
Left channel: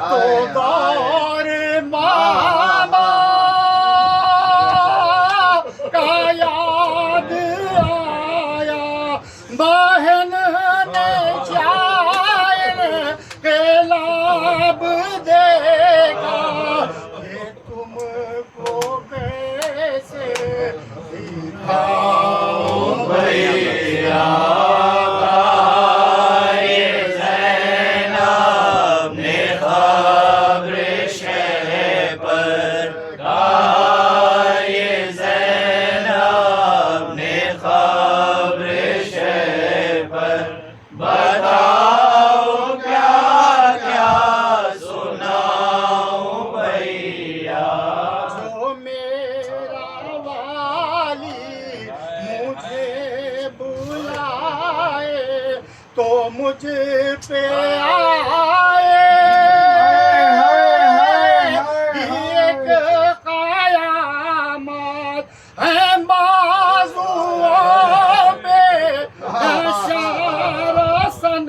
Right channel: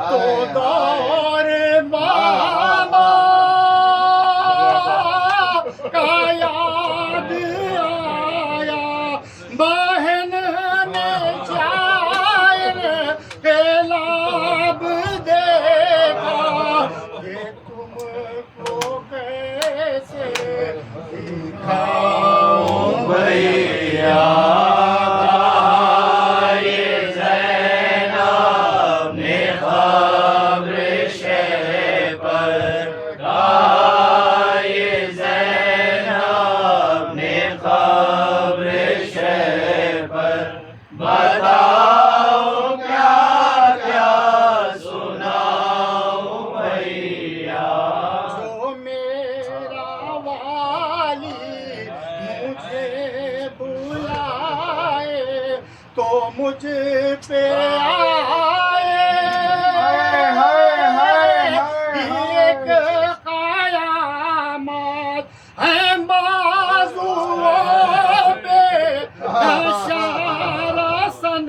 तो दौर मामा का याद आया बहन ने जान के लाभ देखा ये तुमको कैसे दिखाऊं भैया तो मुझ पे आए एक कयामत है बाजुओं पे शरसन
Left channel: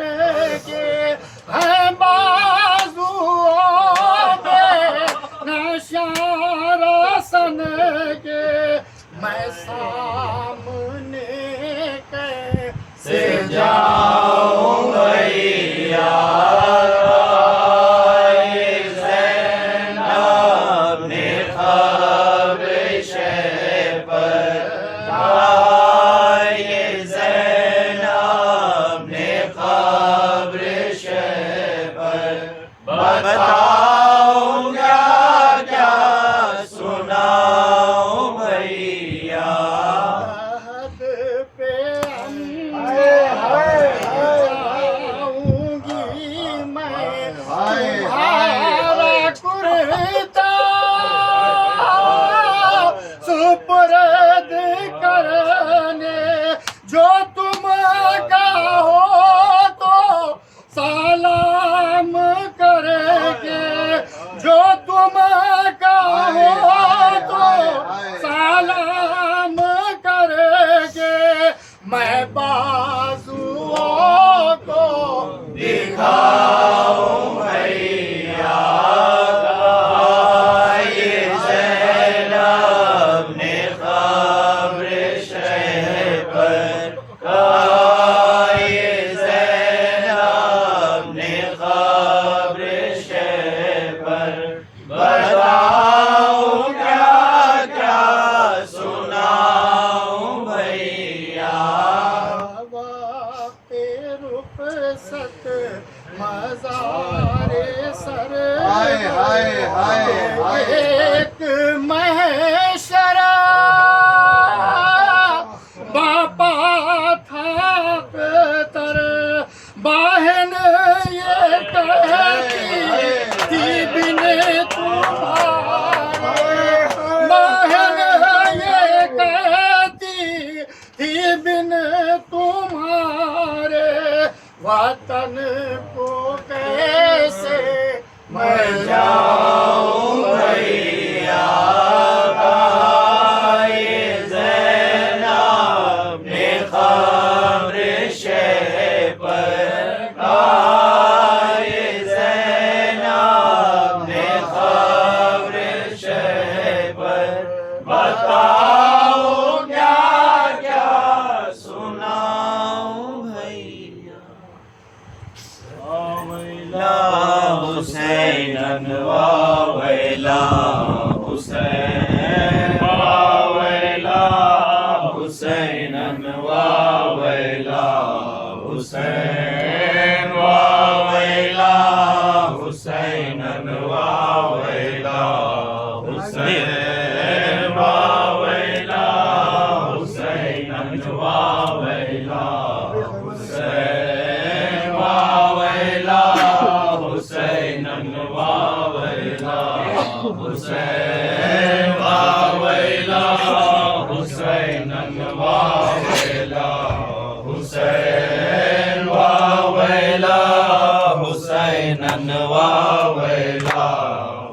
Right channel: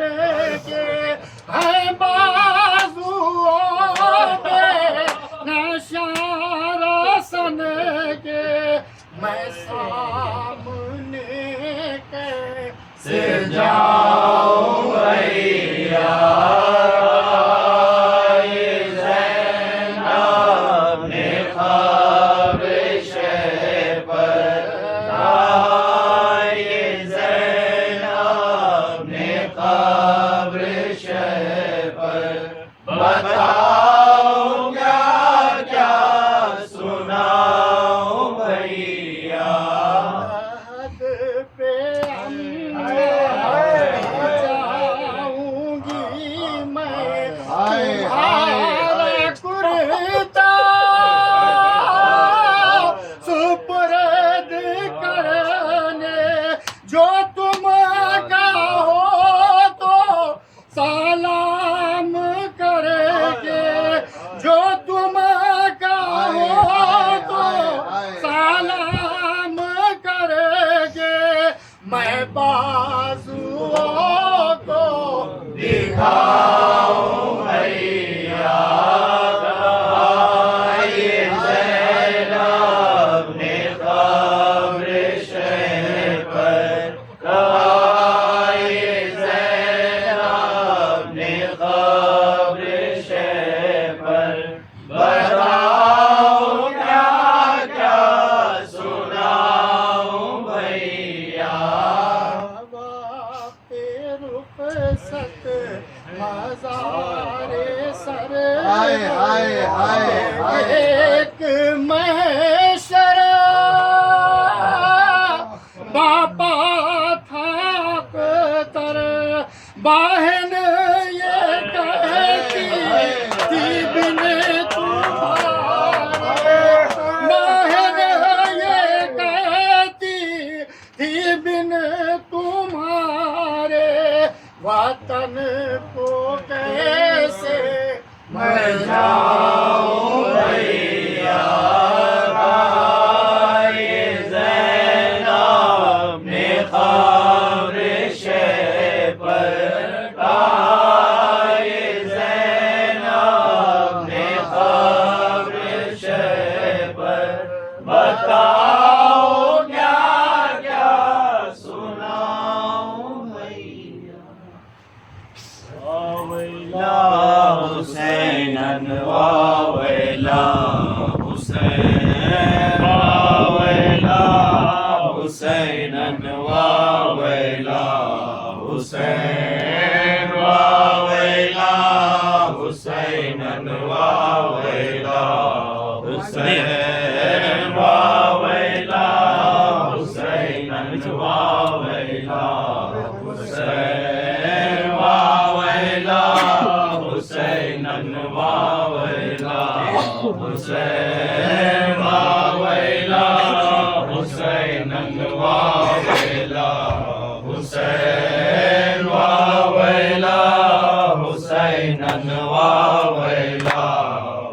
के है बाजुओं पे शरसन के मैं सामने कैसे जाऊं भैया सुपुर्द करने जो तुम कहो तो सलाम करेंगे जो तुम कहो तो सलाम करेंगे मैं बाजुओं को दिखाऊं भैया सत हुसैन वावैला हुसैनन वावैला हुसैन वावैला हुसैनन वावैला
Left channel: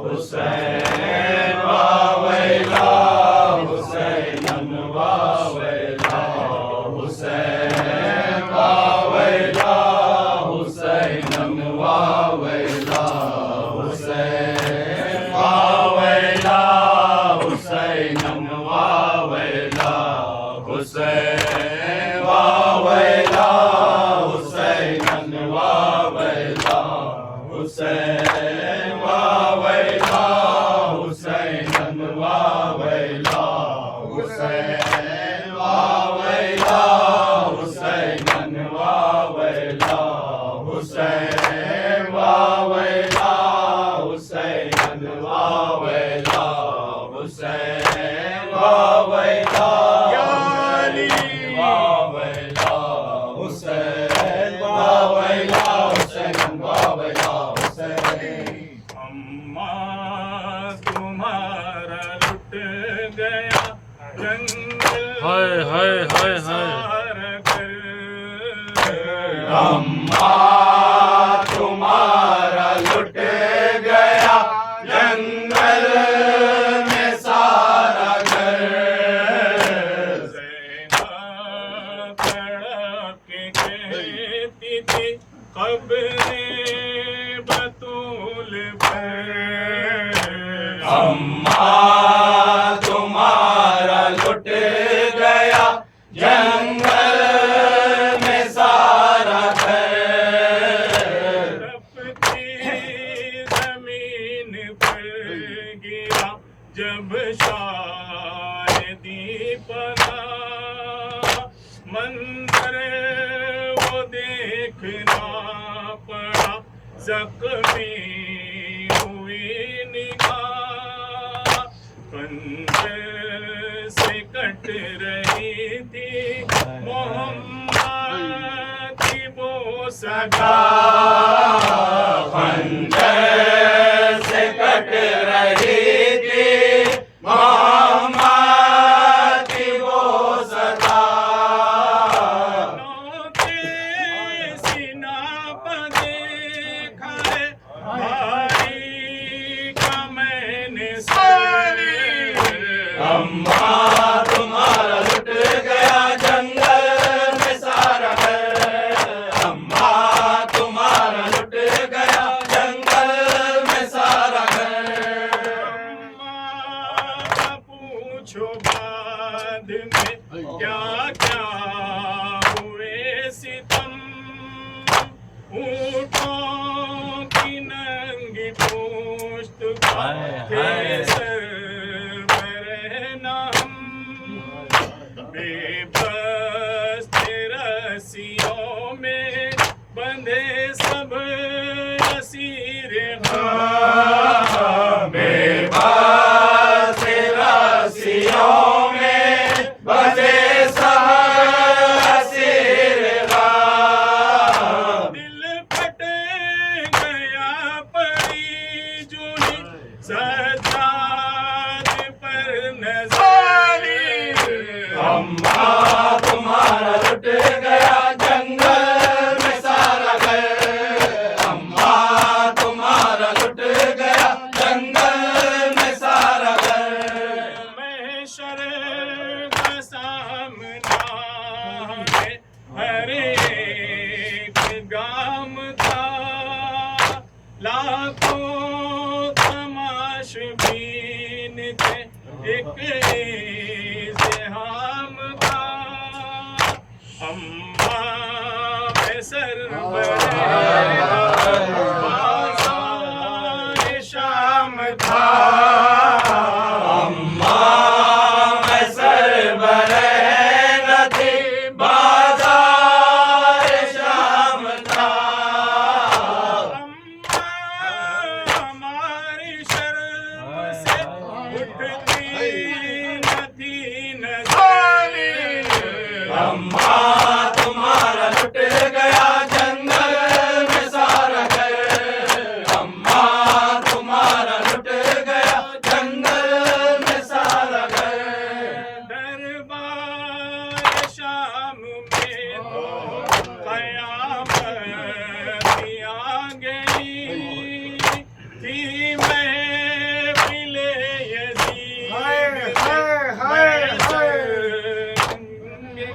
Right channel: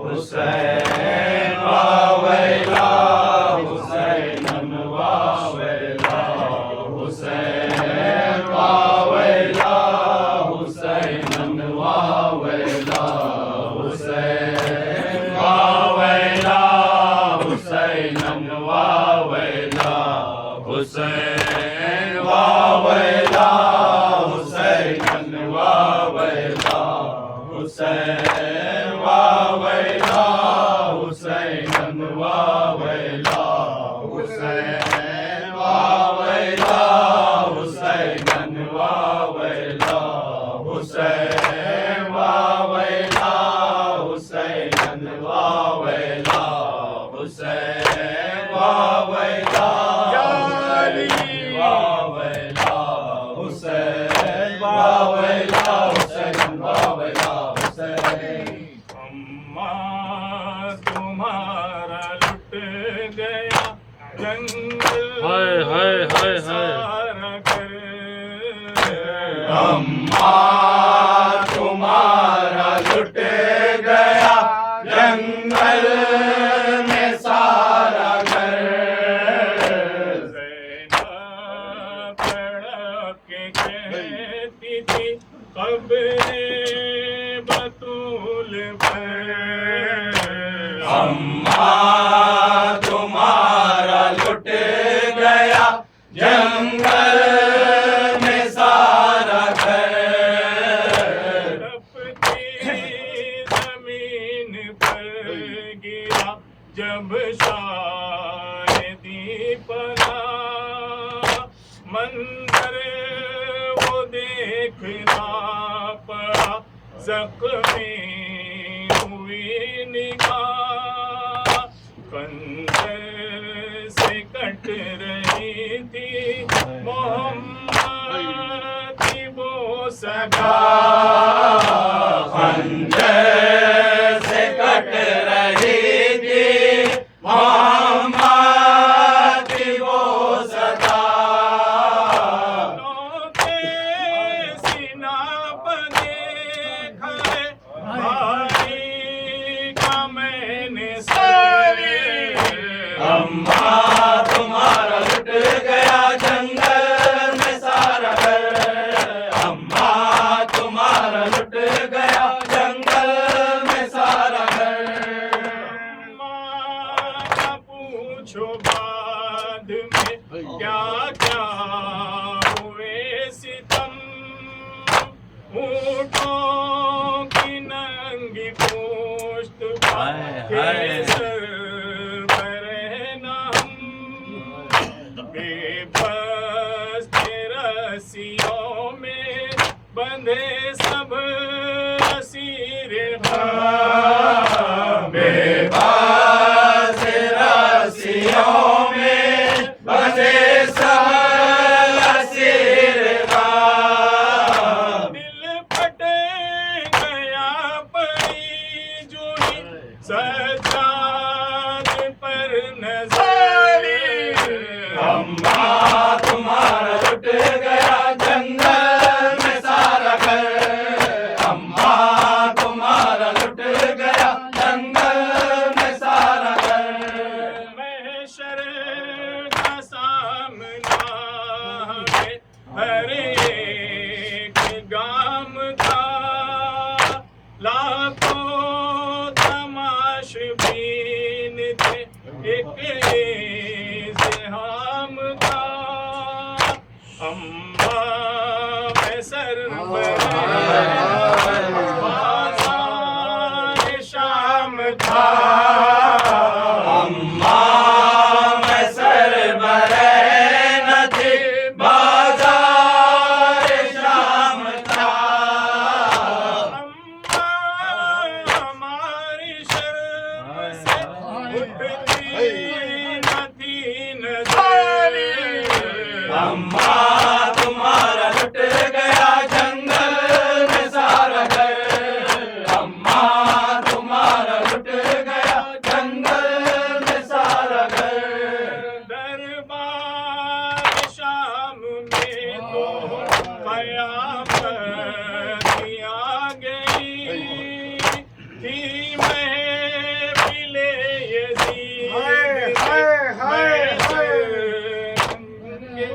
हुसैन वावैला हुसैनन वावैला हुसैन वावैला हुसैनन वावैला हुसैन वावैला हुसैनन वावैला हुसैन वावैला हुसैनन वावैला हुसैन वावैला हुसैनन वावैला हुसैन वावैला हुसैनन वावैला हुसैन वावैला हुसैनन वावैला हुसैन वावैला या अली वावैला हुसैन वावैला हुसैन वावैला हुसैन अम्मा तुम्हारा लुट गया जंगल हाय हाय हाय हाय सारा घर अम्मा तुम्हारा लुट गया जंगल में सारा घर ज़ैनब तड़प के कहती थी क़ब्रे बतूल पर अम्मा तुम्हारा लुट गया जंगल में सारा घर तपती ज़मीन पर गिरा जब शायदी पना मंजर वो देखना पड़ा ज़ख्मी हुई निगाह खंजर से कट रही थी मोहम्मद की वो सगा खंजर से कट रही थी मोहम्मद की वो सदा नौके सीना पर देखा है भाई का मैंने सारे अम्मा तुम्हारा लुट गया जंगल में सारा घर अम्मा तुम्हारा लुट गया जंगल में सारा घर अम्मा पूछो बाद में क्या क्या हुए सितम ऊँटों की नंगी पोस्ट हाय, हाय। केसर बरहना हम बेबस थे रस्सियों में बंधे सब असीर हम बेबस रस्सियों में बंधे सब असीर ग़म। दिल फट गया पड़ी जूही सज्जाद पर नज़ारी अम्मा तुम्हारा लुट गया जंगल में सारा घर अम्मा तुम्हारा लुट गया जंगल में सारा घर महशर का सामना है हर एक गाम था लाखों तमाशबीन थे एक इज़्तिहाम था अम्मा में बाज़ार शाम था अम्मा मैं सरबरे न थी बाजार शाम था अम्मा हमारी शर्म से उठती न थी नज़ारे अम्मा तुम्हारा लुट गया जंगल में सारा घर अम्मा तुम्हारा लुट गया जंगल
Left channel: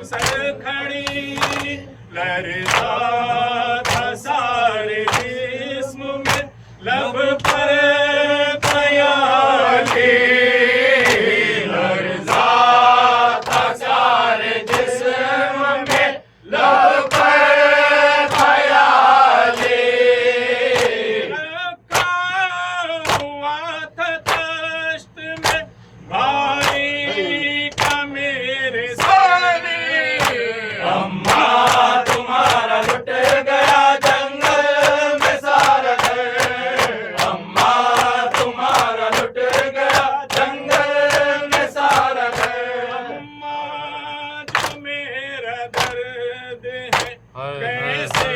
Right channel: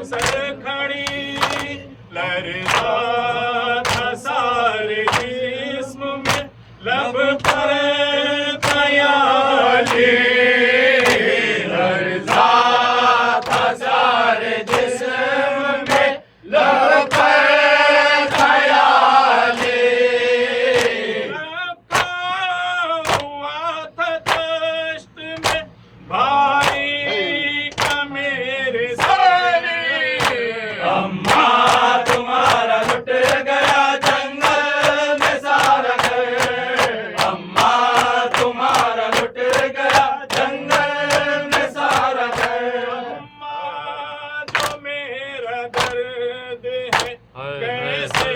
सरखड़ी लहरता था सारे जिस्म में लब पर ख्याली लहरता था सारे जिस्म में लब पर ख्याली रखा हुआ था दश्त में भाई का मेरे सारे अम्मा तुम्हारा लुट गया जंगल में सारा घर अम्मा तुम्हारा लुट गया जंगल में सारा घर अम्मा जो मेरा दर्द है कैसे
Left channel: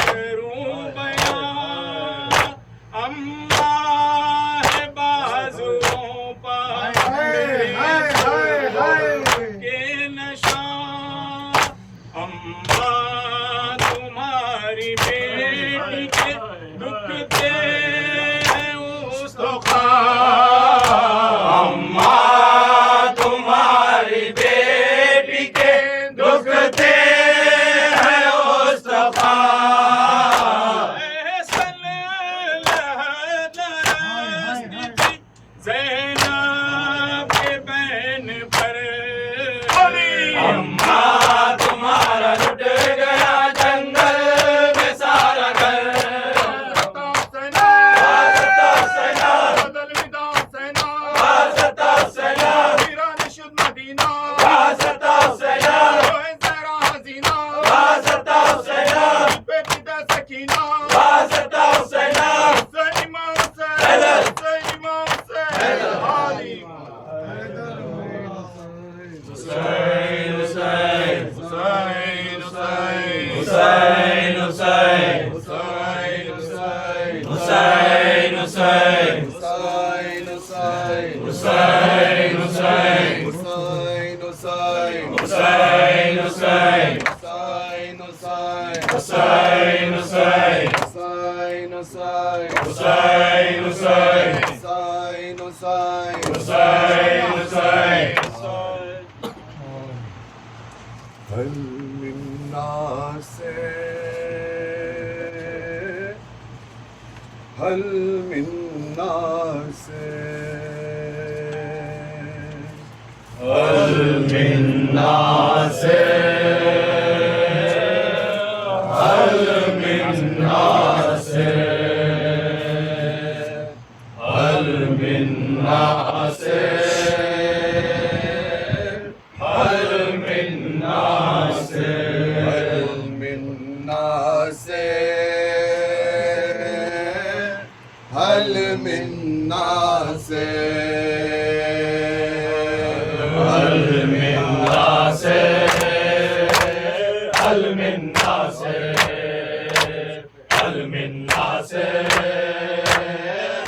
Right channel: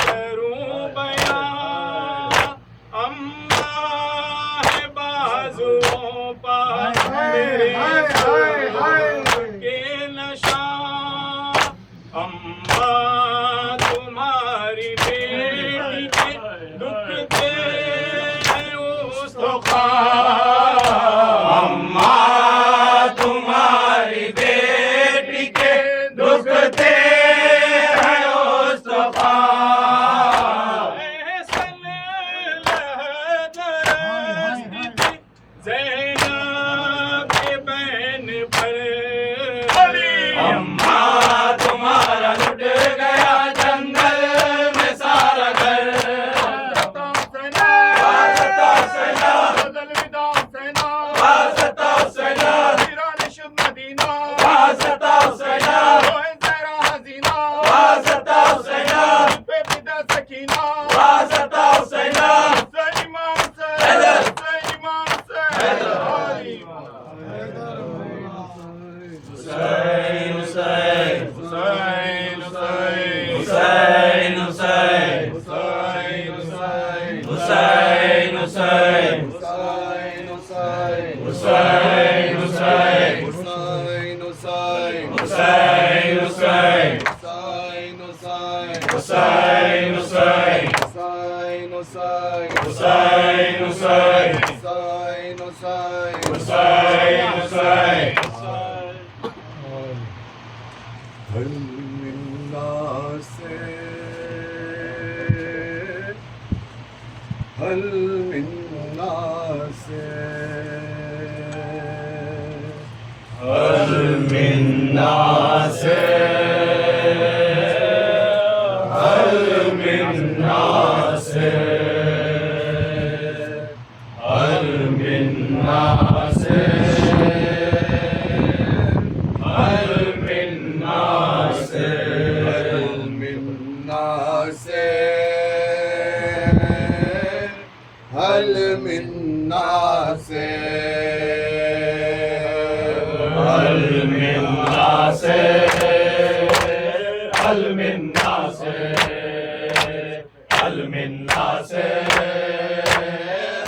करूं बयां अम्मा है बाजुओं पर मेरे के नशा अम्मा तुम्हारी बेटी के दुख दे उस अम्मा तुम्हारी बेटी के दुख दे है उस दफा ज़ैनब के बहन पर अम्मा तुम्हारा लुट गया जंगल में सारा घर वास्ता सना वास्ता सना वास्ता सना वास्ता सना वास्ता सना हुसैन हुसैन हुसैन हुसैन हुसैन हुसैन हुसैन हुसैन हुसैन हुसैन हल मिन्ना से हल मिन्ना से हल मिन्ना से हल मिन्ना से हल मिन्ना से हल मिन्ना से हल मिन्ना से हल मिन्ना से हल मिन्ना से हल मिन्ना से हल मिन्ना से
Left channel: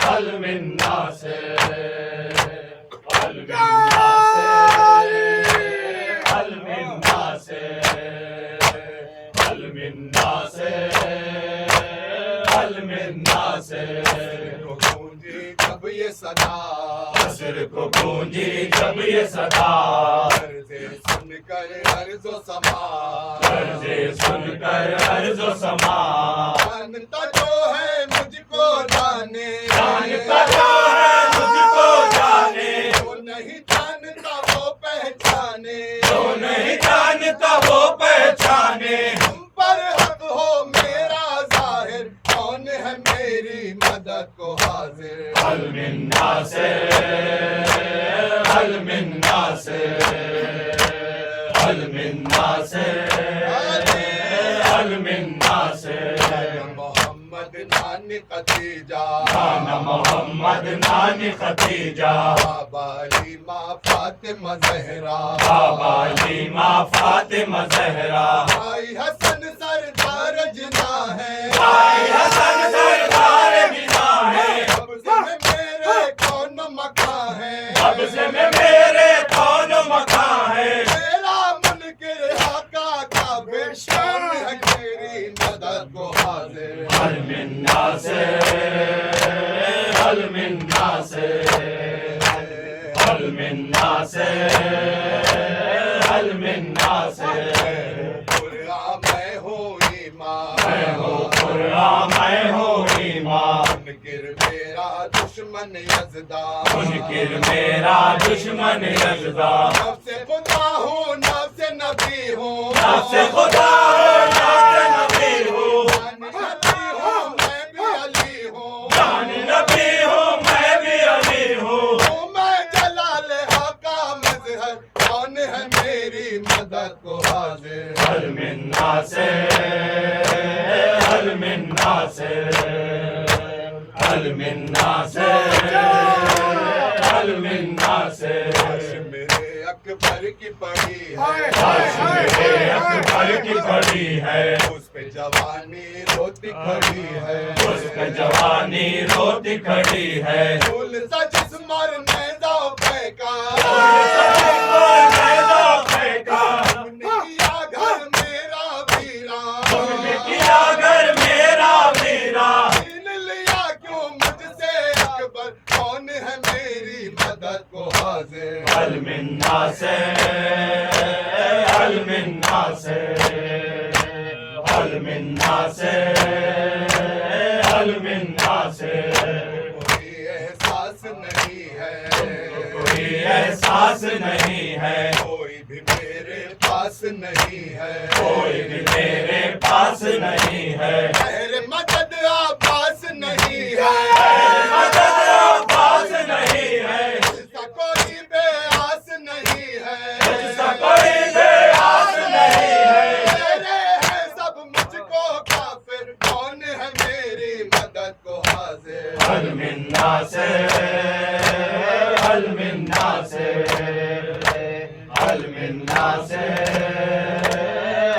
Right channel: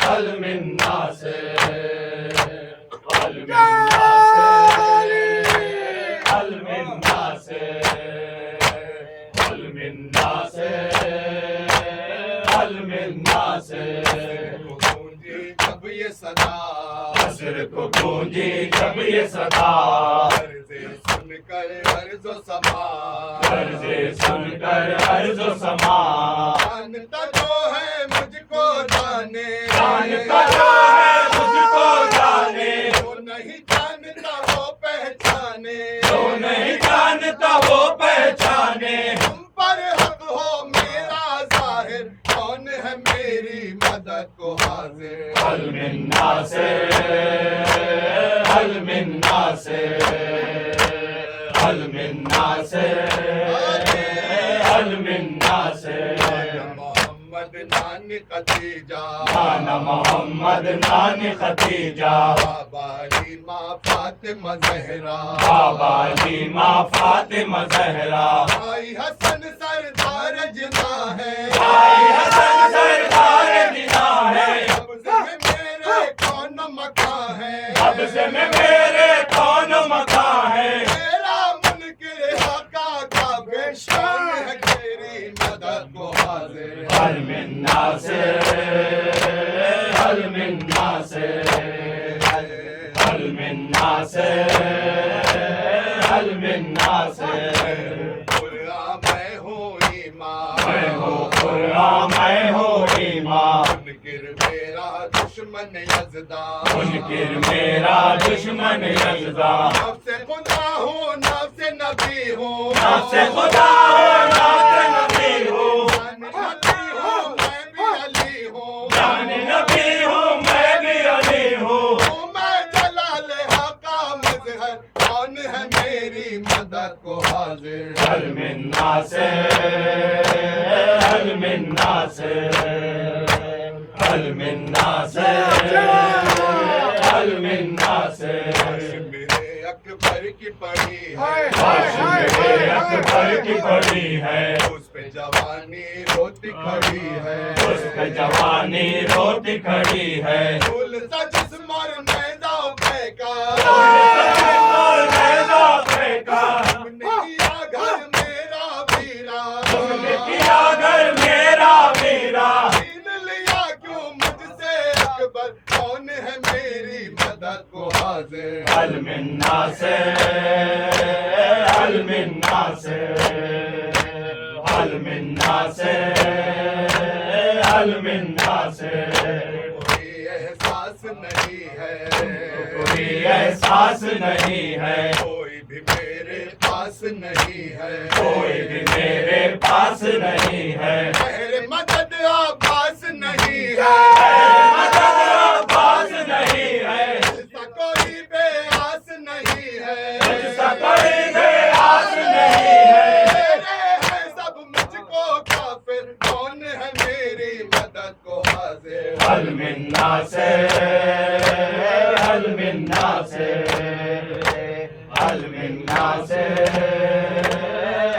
हल मिन्ना से हल मिन्ना से हल मिन्ना से हल मिन्ना से गूंजी जब ये सदा असर को गूंजी जब ये सदा अर्ज़े सुनकर अर्ज़ो समा अर्ज़े सुनकर अर्ज़ो समा जानता जो है मुझको जाने जानता जो है मुझको जाने वो नहीं जानता वो पहचाने जो नहीं जानता वो पहचाने तुम पर हक हो मेरा जाहिर कौन है मेरी मदद को हाजिर हल मिन्ना से हल मिन्ना से हल मिन्ना से हल मिन्ना से मोहम्मद नानी खतीजा नाना मोहम्मद नानी खतीजा बाबा लीमा फातिमा ज़हरा बाबा लीमा फातिमा ज़हरा भाई हसन सरदार जिना है भाई हसन सरदार जिना है कब्ज़े में मेरे कौन मका है कब्ज़े में मेरे कौन मका है मेरा मुनकिर हका का बेशान है तेरी मदद को हाजिर हल मिन्ना से हल मिन्ना से हल मिन्ना से हल मिन्ना से कुरान मैं हूँ ईमान मैं हूँ कुरान मैं हूँ ईमान मुनकिर मेरा दुश्मन यज़दान मुनकिर मेरा दुश्मन यज़दान नफ्से खुदा हूँ नफ्से नबी हूँ नफ्से खुदा हूँ नफ्से नबी हूँ जान नबी हूँ मैं भी अली हूँ जान नबी हूँ मैं भी अली हूँ मैं जलाल हका मज़हर कौन है मेरी मदद को हाजिर हल मिन्ना से हल मिन्ना से हल मिन्ना से हल मिन्ना से मेरे अकबर की पड़ी है मेरे अकबर की पड़ी है उस पे जवानी रोती खड़ी है उस पे जवानी रोती खड़ी है फूल सा जिस्म और मैदा फेंका तुमने किया घर मेरा वीरा किया घर मेरा वीरा छीन लिया क्यों मुझसे अकबर कौन है मेरी मदद को हाजिर हल मिन्ना से हल मिन्ना से हल मिन्ना से हल मिन्ना से कोई एहसास नहीं है कोई एहसास नहीं है कोई भी मेरे पास नहीं है कोई भी मेरे पास नहीं है मेरे मदद आबास नहीं है मदद पास नहीं है ऐसा कोई बेआस नहीं है मुझसे कोई बेआस नहीं है मेरे हैं सब मुझको काफिर कौन है मेरी मदद को हाजिर हल मिन्ना से हल मिन्ना से हल मिन्ना से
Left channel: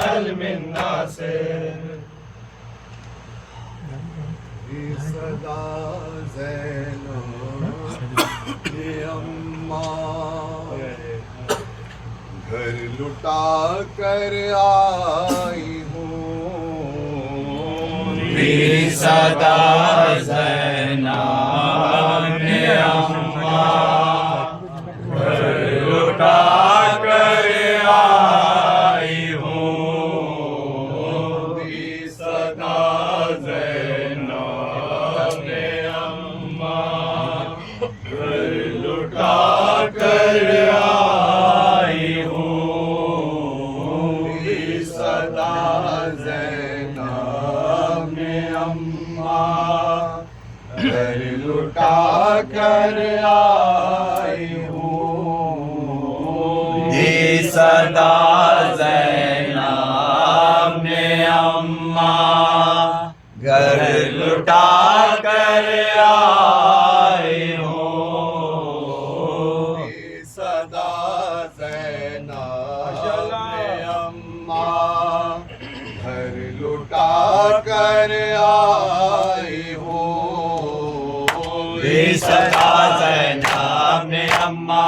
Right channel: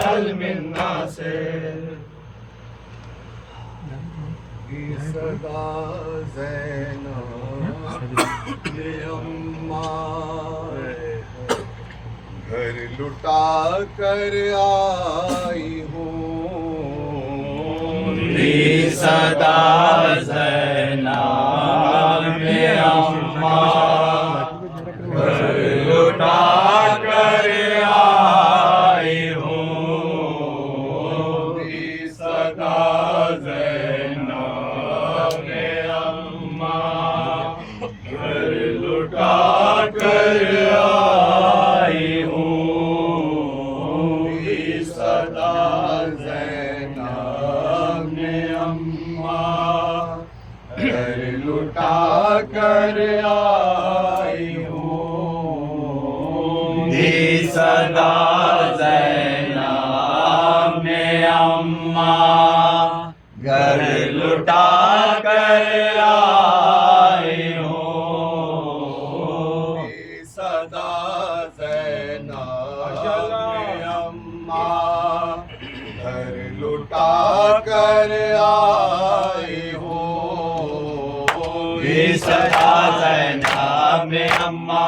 हल मिन्ना से सदा ज़ैनो अम्मा घर लुटा कर आई हूँ सदा ज़ैनब अम्मा घर लुटा कर आई हूँ सदा ज़ैनब अम्मा घर लुटा कर आई हूँ सदा ज़ैनब अम्मा घर लुटा कर आई हूँ सदा ज़ैनब अम्मा घर लुटा कर आई हूँ सदा ज़ैनब अम्मा घर लुटा कर आई हूँ सदा ज़ैनब अम्मा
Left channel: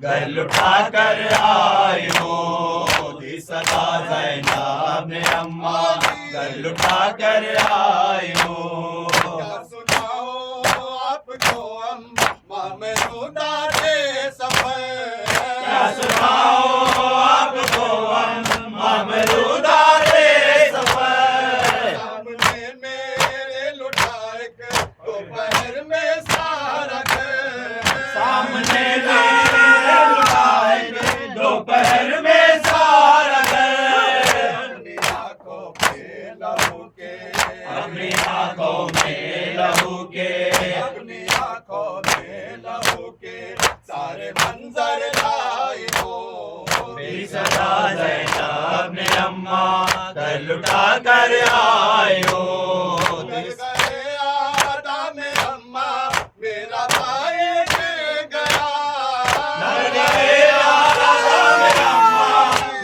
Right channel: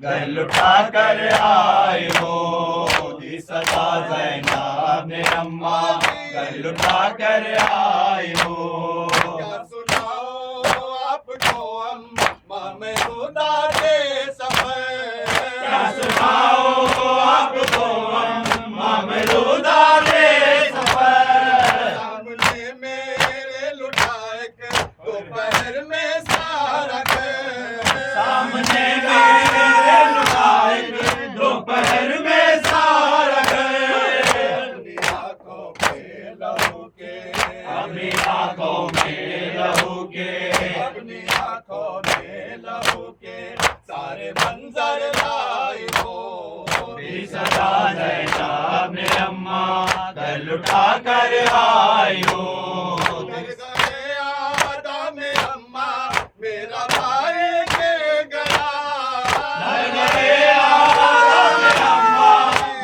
घर लुटा कर आई हूँ सदा ज़ैनब अम्मा घर लुटा कर आई हूँ क्या सुनाओ आपको अम्मा मैं रुदा दे सफर क्या सुनाओ आपको अम्मा मैं रुदा दे सफर सामने मेरे लुटाए के दोपहर में सारा घर सामने मेरे लुटाए दोपहर में सारा घर अपनी आंखों पे लहू के अपनी आंखों में लहू के अपनी आंखों में लहू के सारे मंजर लाई हो सदा ज़ैनब अम्मा घर लुटा कर आई हो गए आदा में अम्मा मेरा भाई गिर गया गए आवाज़ में अम्मा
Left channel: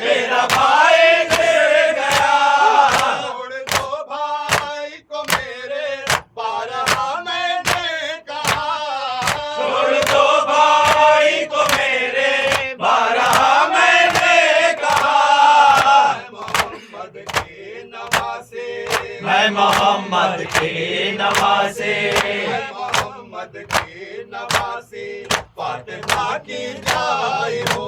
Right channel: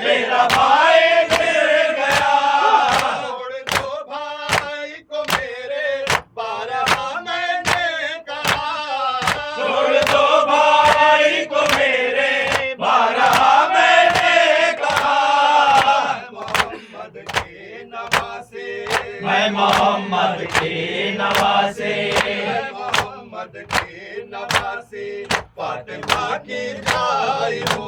मेरा भाई गिर गया छोड़ दो भाई को मेरे बारहा मैंने कहा छोड़ दो भाई को मेरे बारहा मैंने कहा मोहम्मद के नवासे मैं मोहम्मद के नवासे मोहम्मद के नवासे फातिमा की जाई हो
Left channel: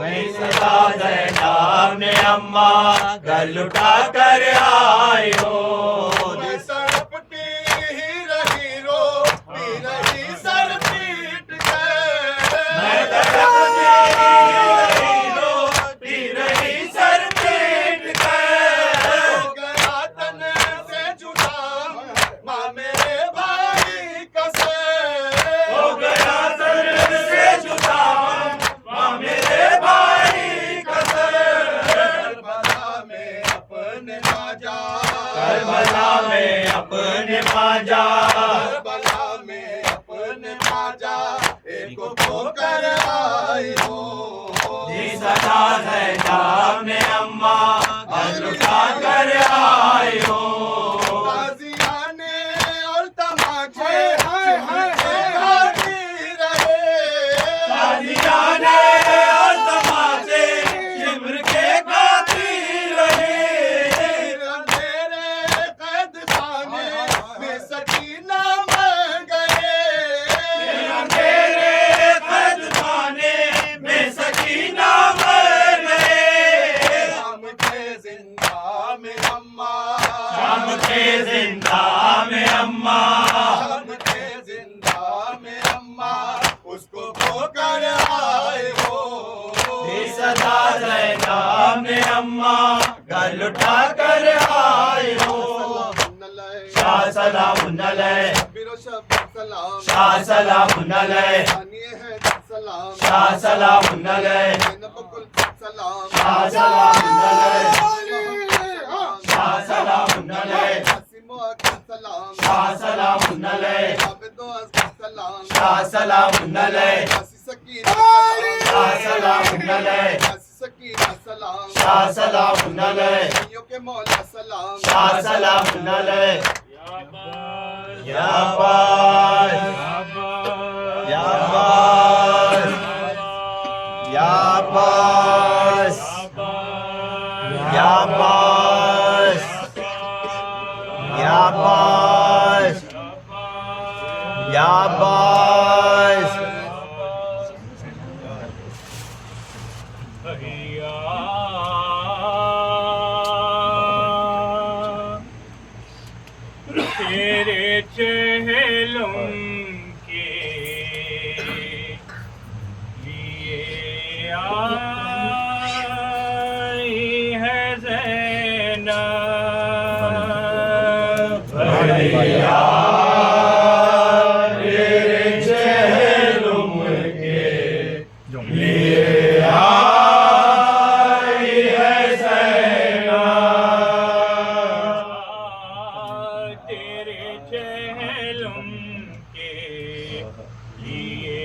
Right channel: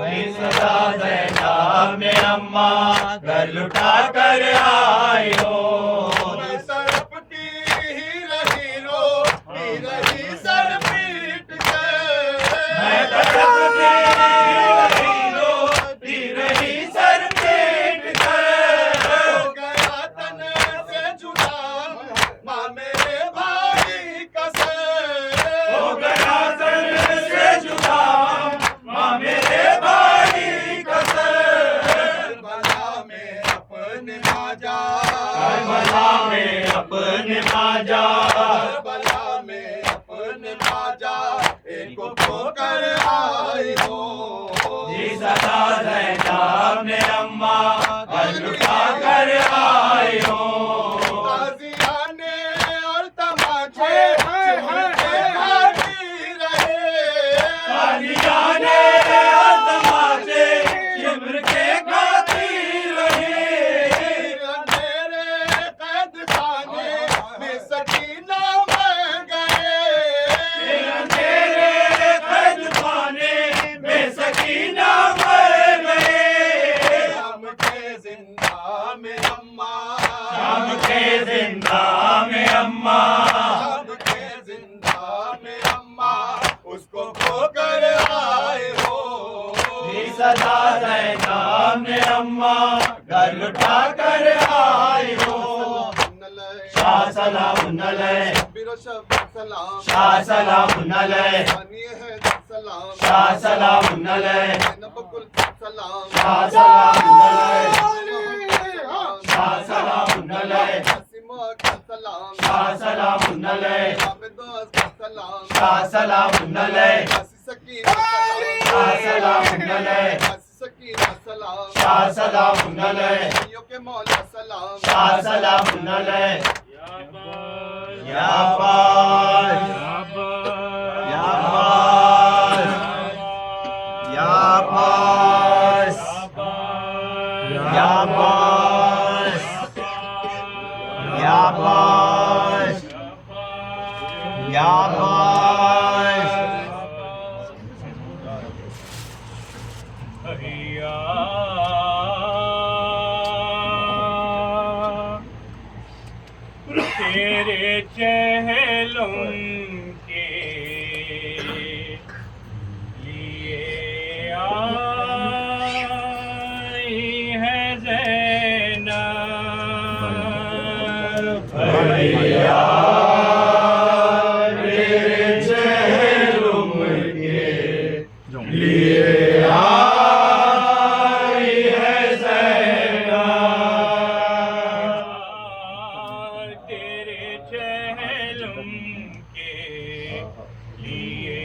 मैं सदा ज़ैनब अम्मा घर लुटा कर आई हो। मैं तड़पती ही रही सर पीट के। मैं तड़पती रही सर पीट के। हो गया तन से जुदा माँ मेरे भाई कसे। हो गया तन से जुदा माँ मेरे भाई कसे। करबला में अपने माजा, करबला में अपने माजा, करबला में अपने माजा एक को ठोकर आई हो। जी सदा ज़ैनब ने अम्मा घर लुटा कर आई हो। ताज़ियाने और तमाचे खाती रहे। ताज़ियाने और तमाचे शिमर के खाती रहे। अंधेरे कैद खाने में सकीना मर गए। अंधेरे कैद खाने में सकीना मर गए। शाम के जिंदा में अम्मा, शाम के जिंदा में अम्मा, शाम के जिंदा में अम्मा उसको खोकर आए हो। जी सदा ज़ैनब ने अम्मा घर लुटा कर आई हो। शाह सलाम अलैह, सलाम शाह सलाम अलैह, सलाम शाह सलाम अलैह, सलाम शाह सलाम अलैह, शाह सलाम अलैह, सलाम शाह सलाम अलैह, सलाम शाह सलाम अलैह, सकीना शाह सलाम अलैह, सकीना सलाम शाह सलाम अलैह, के मौला सलाम शाह सलाम अलैह। या अब्बास, या अब्बास, या अब्बास, या अब्बास, या अब्बास, या अब्बास। तेरे चेहलों के लिए आई है ज़ैनब। भैया तेरे चेहरों के लिए आई है ज़ैनब। तेरे चेहलों के लिए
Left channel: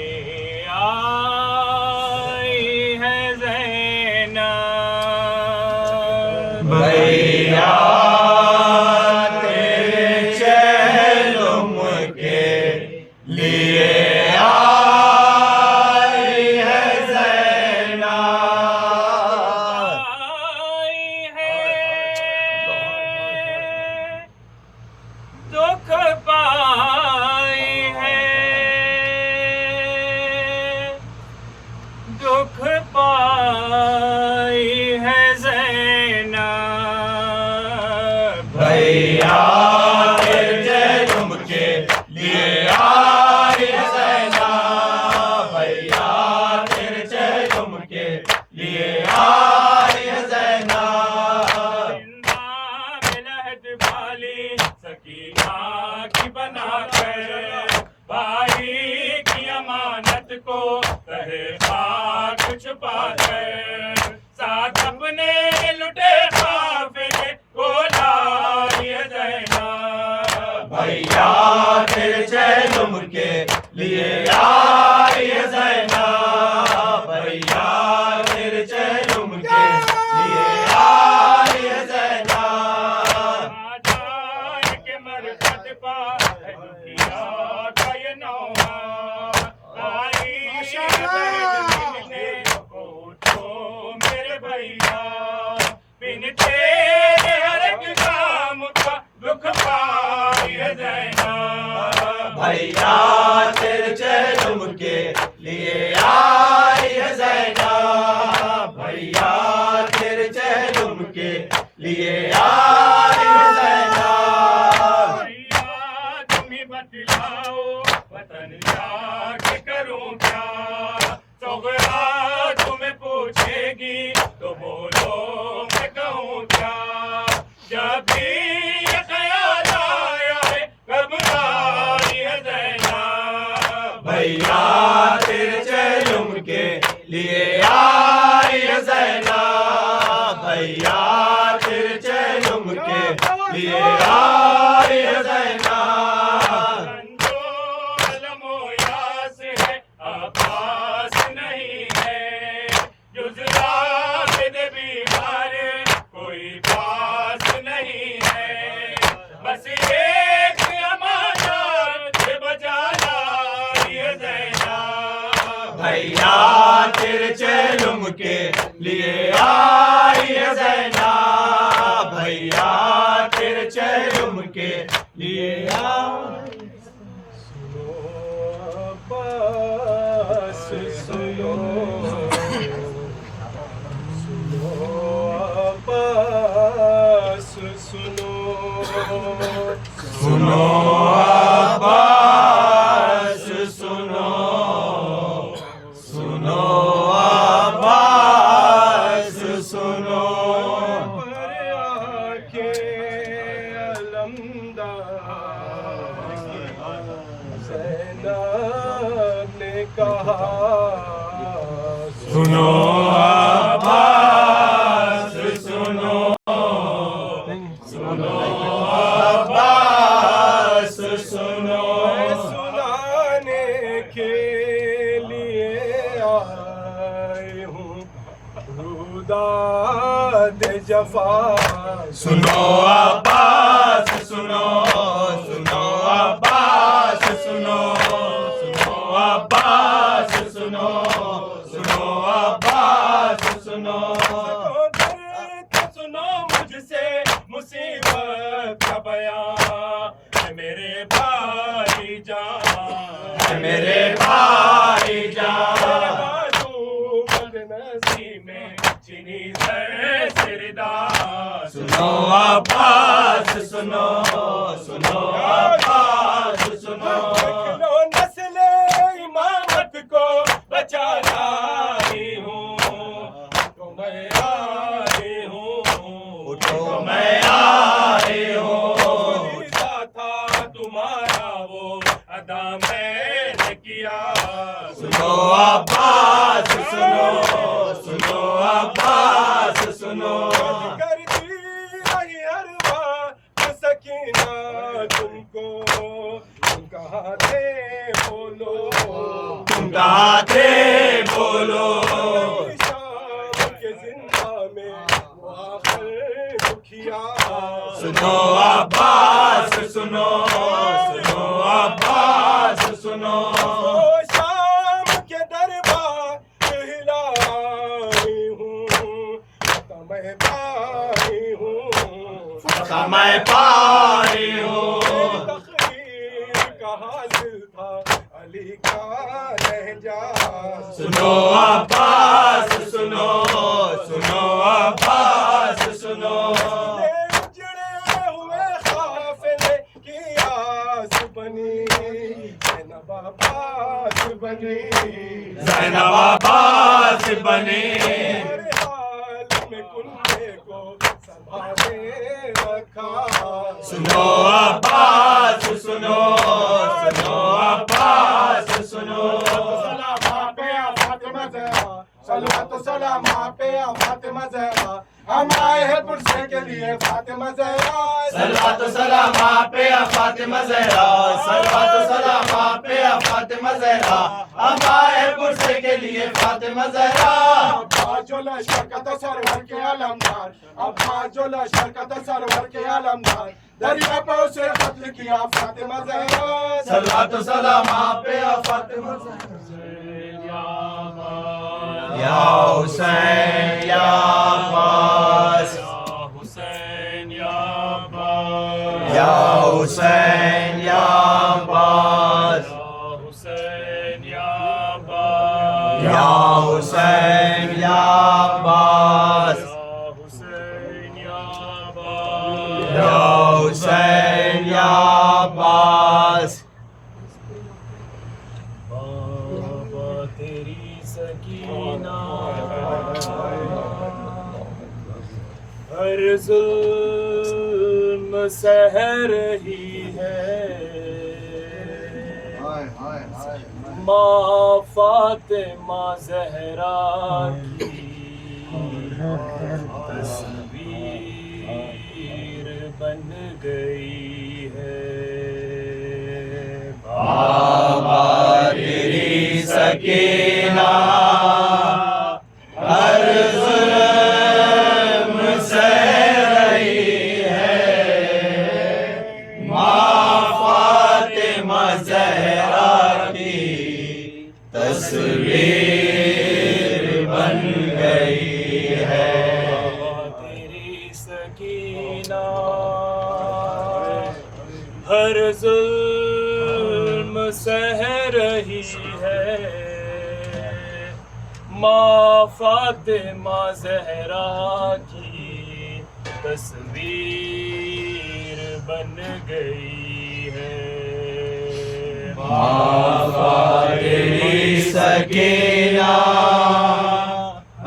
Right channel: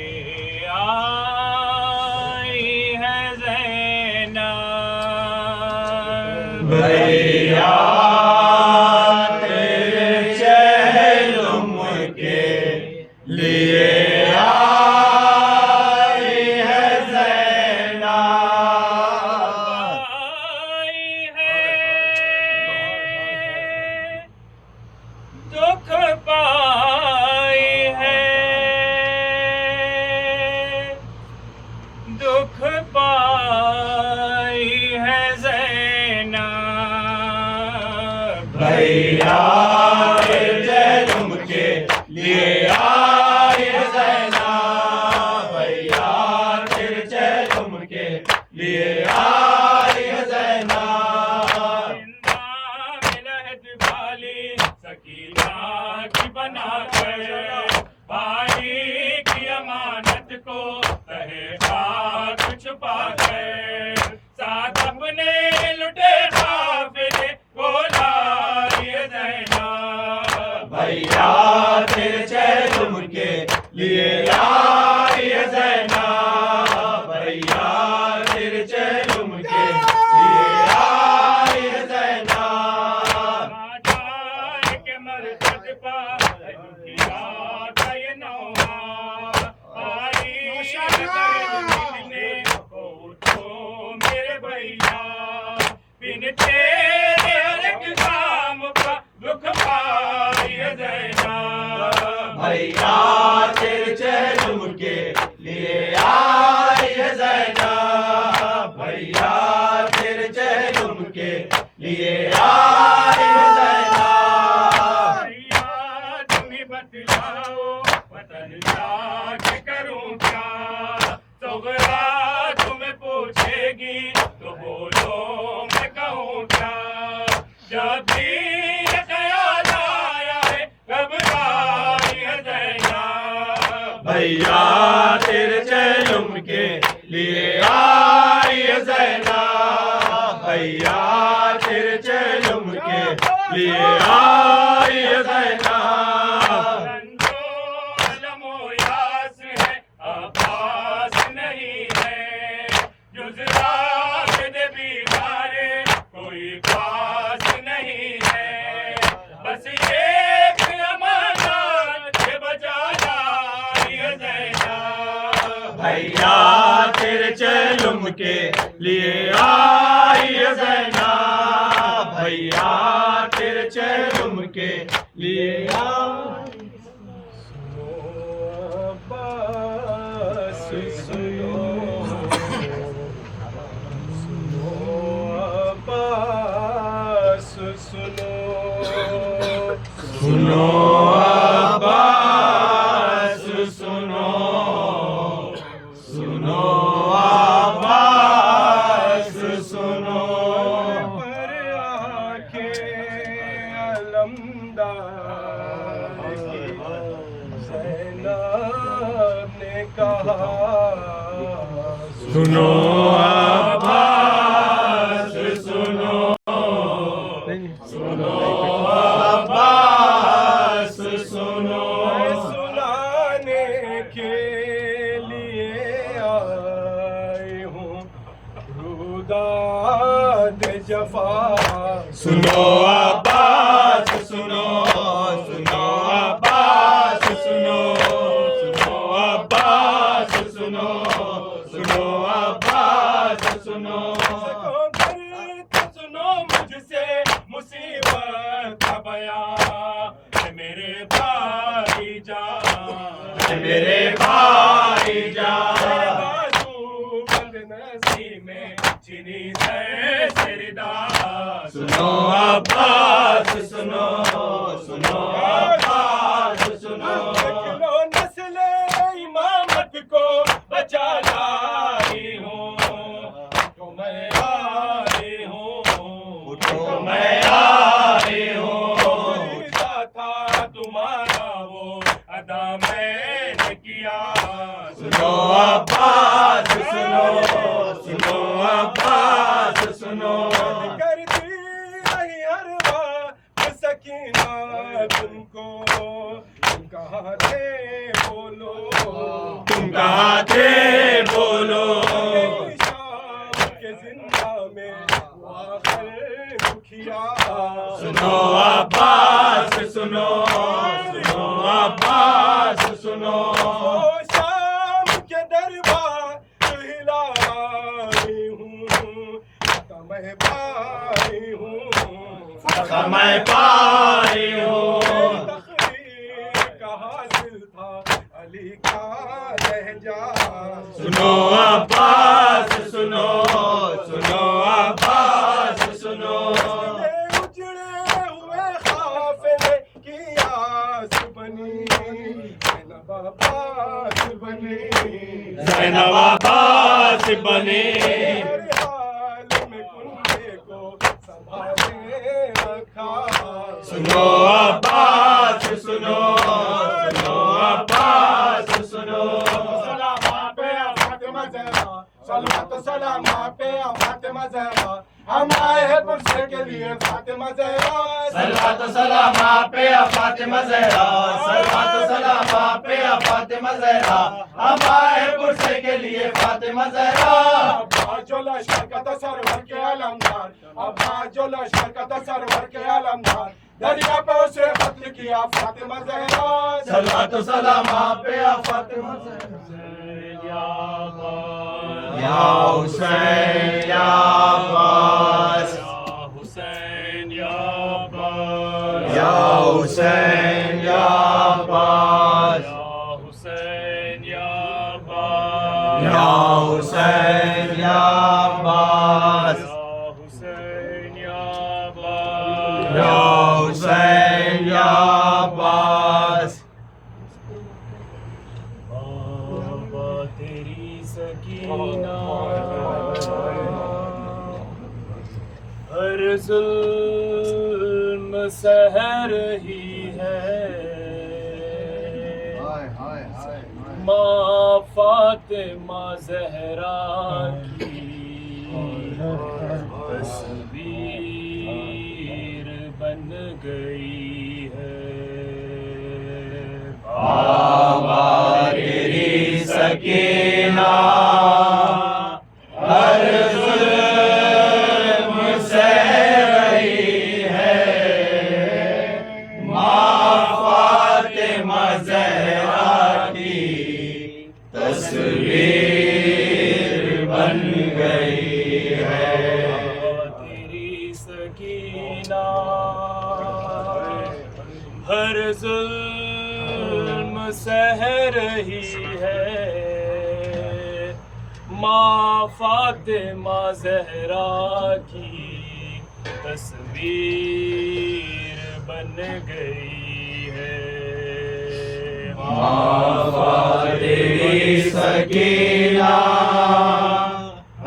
आई है ज़ैनब। भैया तेरे चेहरों के लिए आई है ज़ैनब। आई है दुख पाई है, दुख पाई है ज़ैनब। भैया तेरे चेहरों के लिए आई है ज़ैनब। भैया तेरे चेहरों के लिए आई है ज़ैनब। जिंदा में लहद वाली सकीना की बना कर भाई की अमानत को कहे पाक छुपा कर साथ अपने लुटे काफिले को लाई है ज़ैनब। भैया तेरे चेहरों के लिए आई है ज़ैनब। भैया तेरे चेहरों के लिए आई है ज़ैनब। आजाए के मरकत पा दुनिया का ये नौहा आई मिलने को तो मेरे भैया बिन तेरे हर एक काम का दुख पाई है ज़ैनब। भैया तेरे चेहरों के लिए आई है ज़ैनब। भैया तेरे चेहरों लिए आई है ज़ैनब। भैया तुम ही बतलाओ वतन जाके करूं क्या, सगरा तुम्हें पूछेगी तो बोलो मैं कहूँ क्या। जब भी ये ख्याल आया है घबराई है ज़ैनब। भैया तेरे चेलुम के लिए आई है ज़ैनब। भैया तेरे चेलुम के लिए आई है ज़ैनब। रंजो अलमो यास है आभास नहीं है, जुज़रा के बीमारे कोई पास नहीं है। बस एक अमानत से बचा लाई है ज़ैनब। भैया तेरे चेलुम के लिए आई है ज़ैनब। भैया तेरे चेलुम के लिए आई। अब्बास सुनो, सुनो अब्बास सुनो, सुनो अब्बास सुनो, सुनो अब्बास सुनो। पर आके अलमदार ज़ैनब ने कहा सुनो अब्बास सुनो, सुनो अब्बास सुनो। सुनाने के लिए आई हूँ रुदाद जफा। सुनो अब्बास सुनो, सुनो अब्बास सुनो, सुनो अब्बास सुनो, सुनो अब्बास सुनो। सुनो मुझसे मुसीबत का बयान, मेरे भाई जान, मेरे भाई जान। बाजू बदनसी में चीनी सर सिरदार। सुनो अब्बास सुनो, सुनो अब्बास सुनो। लो नस्ल इमामत को बचा लाई हूँ, तो मैं आई हूँ, तो मैं आई हूँ। फरीदा था तुम्हारा वो अदा मैंने किया। सुनो अब्बास सुनो, सुनो अब्बास सुनो। करती रही हर बात सकीना तुमको, तुम कहाँ थे बोलो, तुम कहाँ थे बोलो। शाम के जिंदा में वो आखिर दुखिया। सुनो अब्बास सुनो, सुनो अब्बास सुनो। ओ शाम के दरबार हिलाई हूँ, मैं पाई हूँ, मैं पाई हूँ। तकदीर का हासिल था अली का लहजा। सुनो अब्बास सुनो, सुनो अब्बास सुनो। उजड़े हुए काफिले की आस बनी, ज़ैनब अब्बास बनी, ज़ैनब अब्बास बनी। हर हाल में कुंडे को संभाले रखा। सुनो अब्बास सुनो, सुनो अब्बास सुनो। सलाम आप पे फातिमा ज़हरा, सलावत सलाम आप पे फातिमा ज़हरा। हम आए हैं पुरसे के लिए फातिमा ज़हरा। सलावत सलाम आप पे फातिमा ज़हरा, सलावत सलाम आप पे फातिमा ज़हरा। हम आए पुरसे के लिए फातिमा ज़हरा। अब्बा जो लश्कर का सरवर के आलमदार, अब्बा जो लश्कर का सरवर के आलमदार, दरिया पे उसे कत्ल किया फातिमा ज़हरा। सलावत सलाम आप पे फातिमा ज़हरा। या हुसैन या अब्बास, हुसैन या अब्बास, या हुसैन या अब्बास, हुसैन या अब्बास, या हुसैन या अब्बास, हुसैन या जुल्म सह रही है माँ फातिमा ज़हरा की तस्वीर बन गई है। बाबा तेरी सकीना हर जुल्म सह रही है माँ फातिमा ज़हरा की तस्वीर बन गई है। तेरी सकीना हर जुल्म सह रही है माँ फातिमा ज़हरा की तस्वीर बन गई है। बाबा तेरी सकीना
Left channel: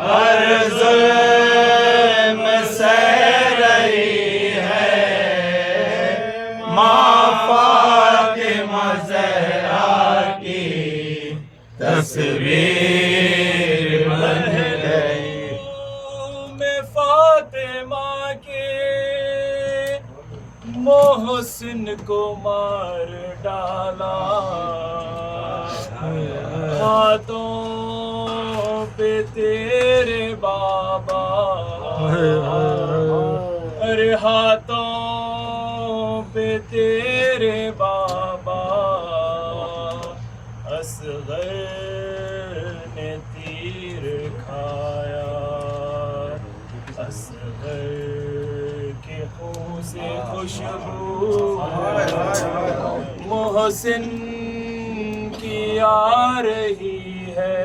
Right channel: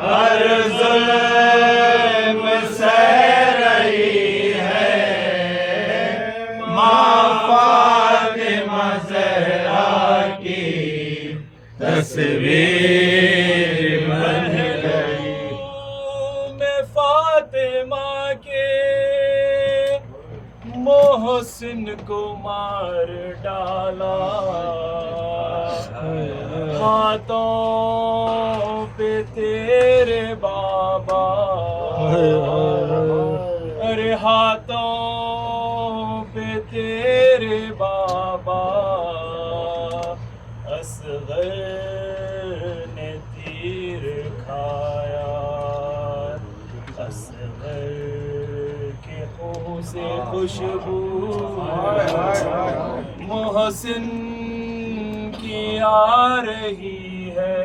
हर जुल्म सह रही है माँ फातिमा ज़हरा की तस्वीर बन गई। मैं फातिमा के मोहसिन को मार डाला हाथों पे तेरे बाबा अरे हाथों पे तेरे बाबा असगर ने तीर खाया असगर के खून से खुशबू मोहसिन की आ रही है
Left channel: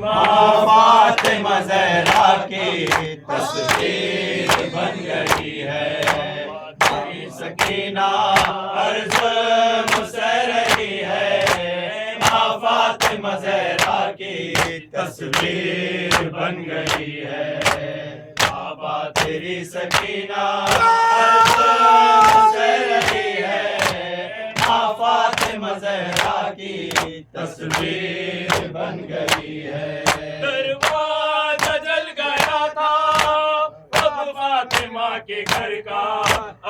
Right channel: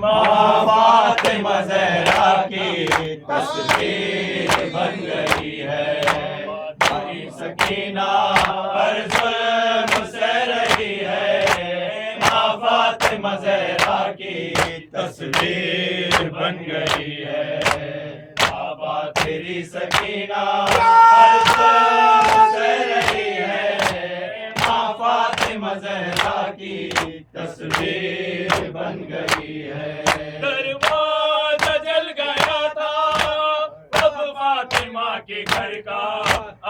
माँ फातिमा ज़हरा की तस्वीर बन गई है। तेरी सकीना हर जुल्म सह रही है माँ फातिमा ज़हरा की तस्वीर बन गई है। बाबा तेरी सकीना हर जुल्म सह रही है माँ फातिमा ज़हरा की तस्वीर बन गई है। दरवाजा जल गया था अब फातिमा के घर का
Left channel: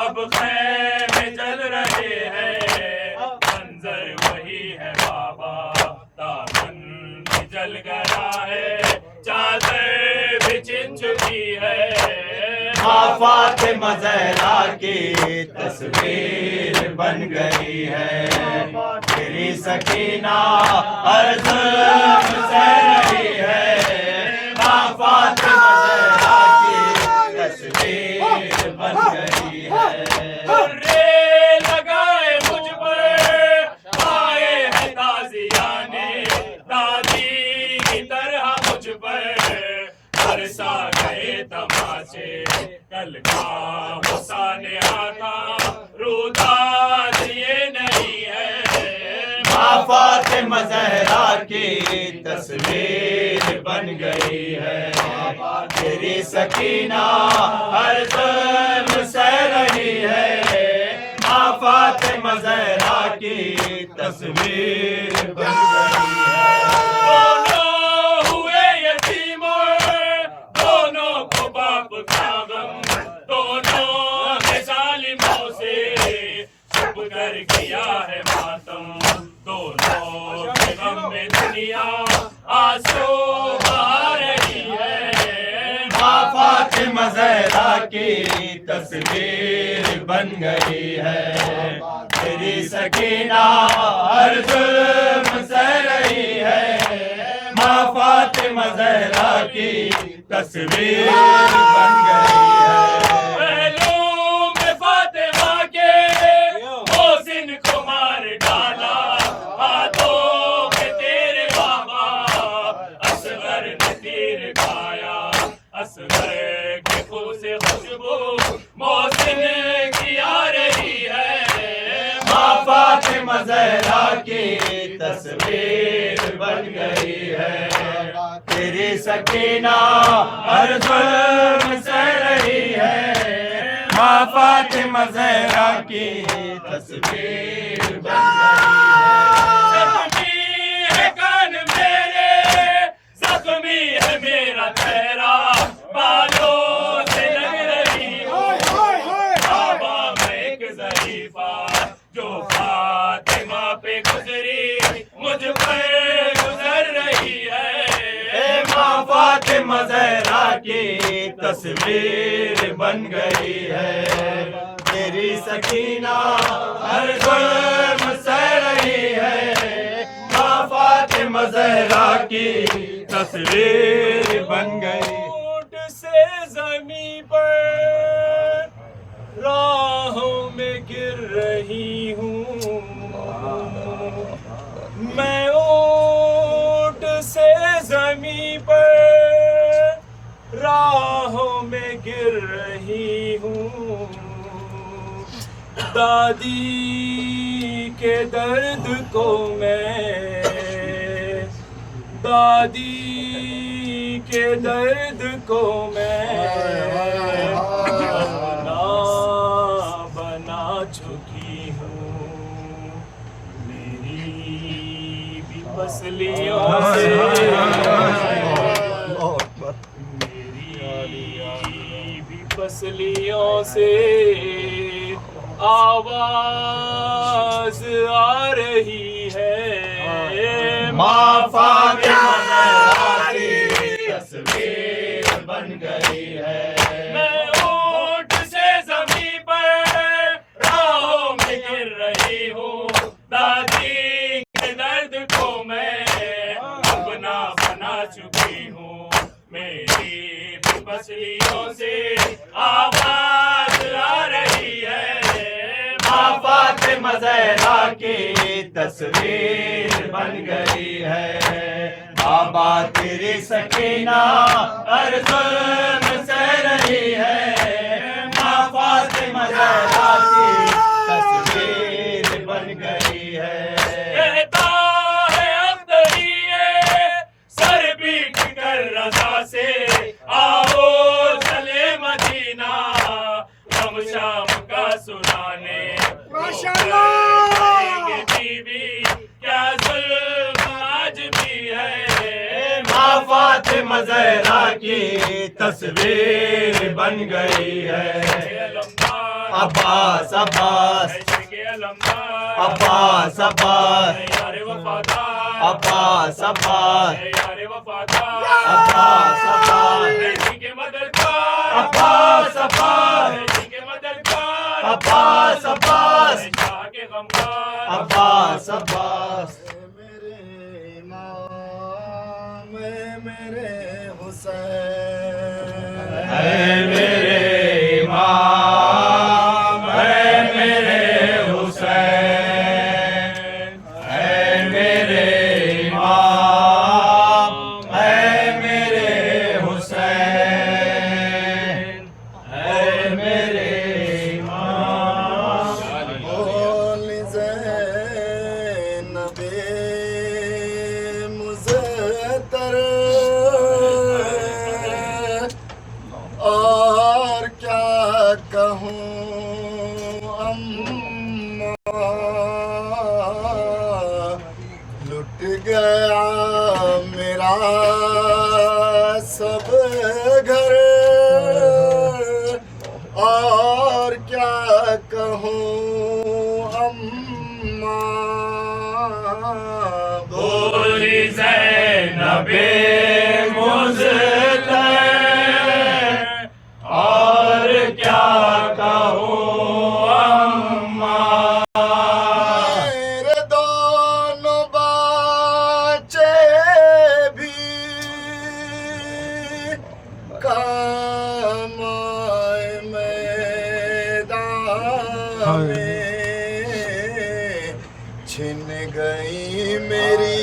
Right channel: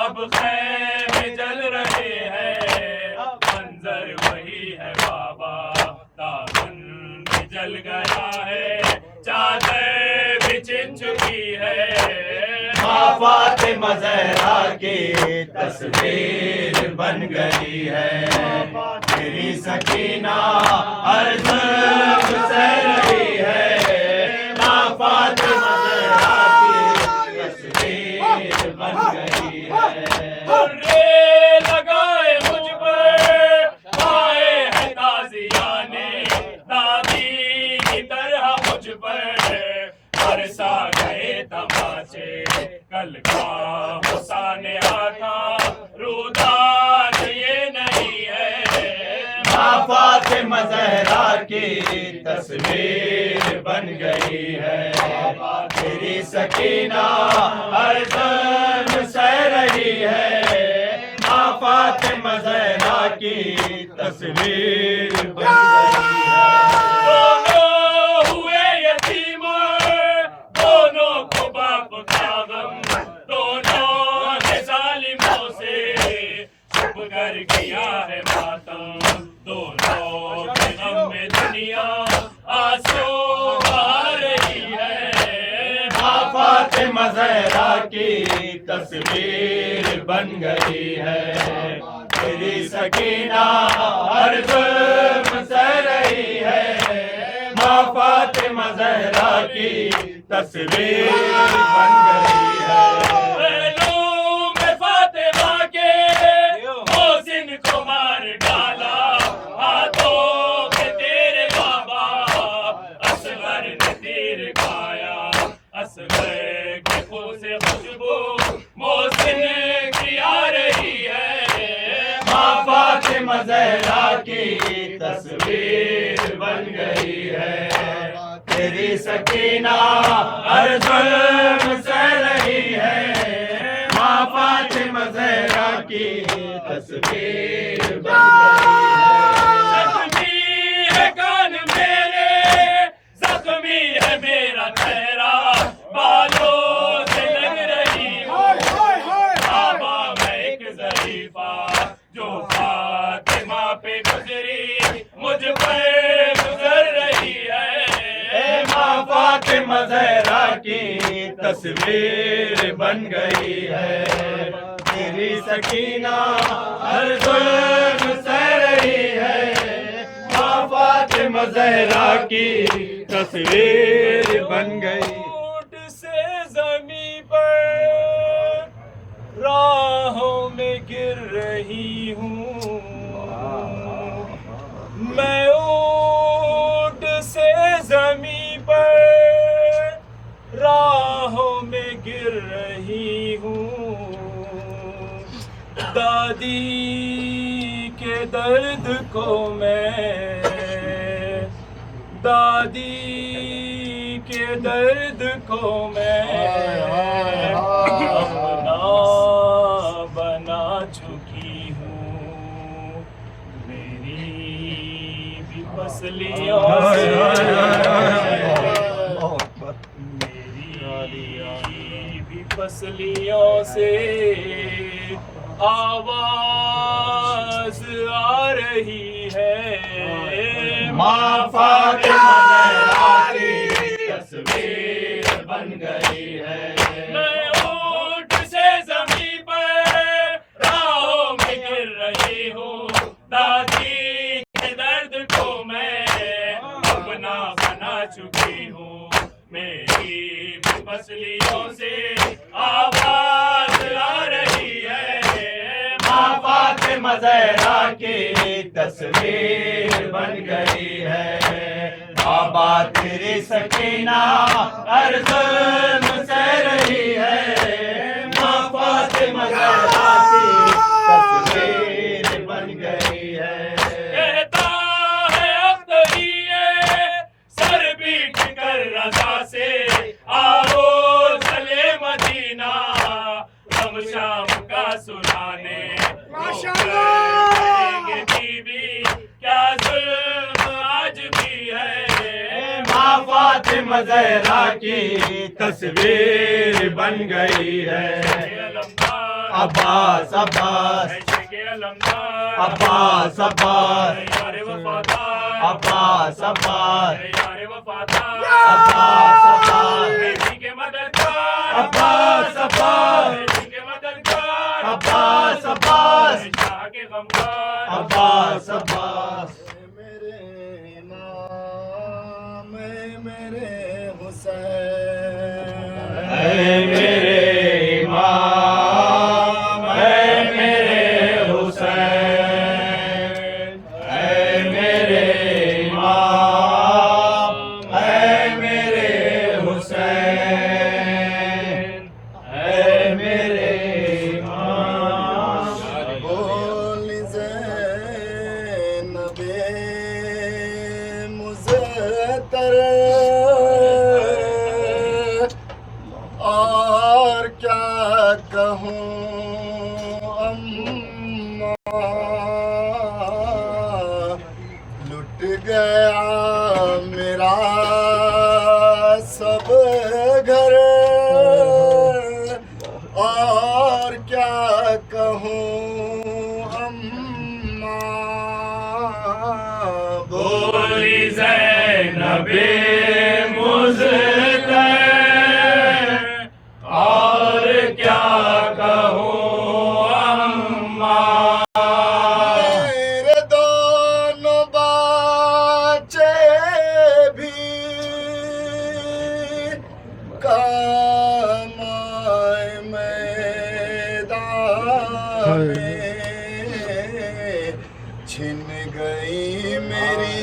अब खैमे जल रहे हैं मंजर वही है बाबा दामन भी जल गया है चादर भी छिन चुकी है माँ फातिमा ज़हरा की तस्वीर बन गई है। तेरी सकीना हर जुल्म सह रही है माँ फातिमा ज़हरा की तस्वीर बन गई है। रे लगाए मुझ पर आए हैं ताज़ियाने दादी की तरह मुझ पर बरसा गए तमाचे कल का हुसान आता रुदाद ये नहीं है माँ फातिमा ज़हरा की तस्वीर बन गई है। तेरी सकीना हर जुल्म सह रही है माँ फातिमा ज़हरा की तस्वीर बन गई है। दोनों हुए यतीम दोनों को बाप का गम दोनों ने जालिमों से छुप कर किया है मातम दोनों के गम में दुनिया आंसू बहा रही है माँ फातिमा ज़हरा की तस्वीर बन गई है। तेरी सकीना हर जुल्म सह रही है माँ फातिमा ज़हरा की तस्वीर बन गई है। पहलू में फातिमा के मोहसिन को मार डाला हाथों में तेरे बाबा असगर ने तीर खाया असगर के खून से खुशबू मोहसिन की आ रही है माँ फातिमा ज़हरा की तस्वीर बन गई है। तेरी सकीना हर जुल्म सह रही है। माँ फातिमा ज़हरा की तस्वीर बन गई है। कान मेरे, ज़ख्मी है मेरा चेहरा, बालों से लग रही हूँ। बाबा मैं एक ज़रीफ़ा जो फातिमा पे गुजरी, मुझ पर गुजर रही है। माँ फातिमा ज़हरा की तस्वीर बन गई है। तेरी सकीना हर जुल्म सह रही है। माँ फातिमा ज़हरा की तस्वीर बन गई। ऊँट से ज़मीं पर राहों में गिर रही हूँ। मैं ऊँट से ज़मीं पर राहों में गिर रही हूँ। दादी के दर्द को मैं, दादी के दर्द को मैं अपना बना चुकी हूँ। मेरी भी पसलियों से, मेरी भी पसलियों से आवाज आ रही है। माँ फातिमा ज़हरा की तस्वीर बन गई है। मैं ऊँट से ज़मीं पर राहों में गिर रही हूँ। दादी के दर्द को मैं अपना बना चुकी हूँ। मेरी भी पसलियों से आवाज आ रही है। माँ फातिमा ज़हरा की तस्वीर बन गई है। बाबा तेरी सकीना हर जुल्म सह रही है। माँ फातिमा ज़हरा की तस्वीर बन गई है। कहता है अख्तरिये सर पीट कर रज़ा से, आओ चले मदीना हम शाम का सुनाने। माशाअल्लाह बीबी क्या जुल्म आज भी है। माँ फातिमा ज़हरा की तस्वीर बन गई है। अब्बास अब्बास अब्बास अब्बास अब्बास अब्बास अब्बास अब्बास अब्बास अब्बास अब्बास अब्बास। मेरे इमाम मेरे हुसैन, मेरे इमाम है मेरे हुसैन, है मेरे इमाम है मेरे हुसैन, है मेरे इमाम। बोल ज़ैनबे मुज़्ज़तर और क्या कहूँ अम्मा, लुट गया मेरा सब घर और क्या कहूँ अम्मा। बोली ज़ैनबे मुझको और क्या कहूँ अम्मा। मेरे दोनों बच्चे भी काम आए मैदान में, छिन गई मेरी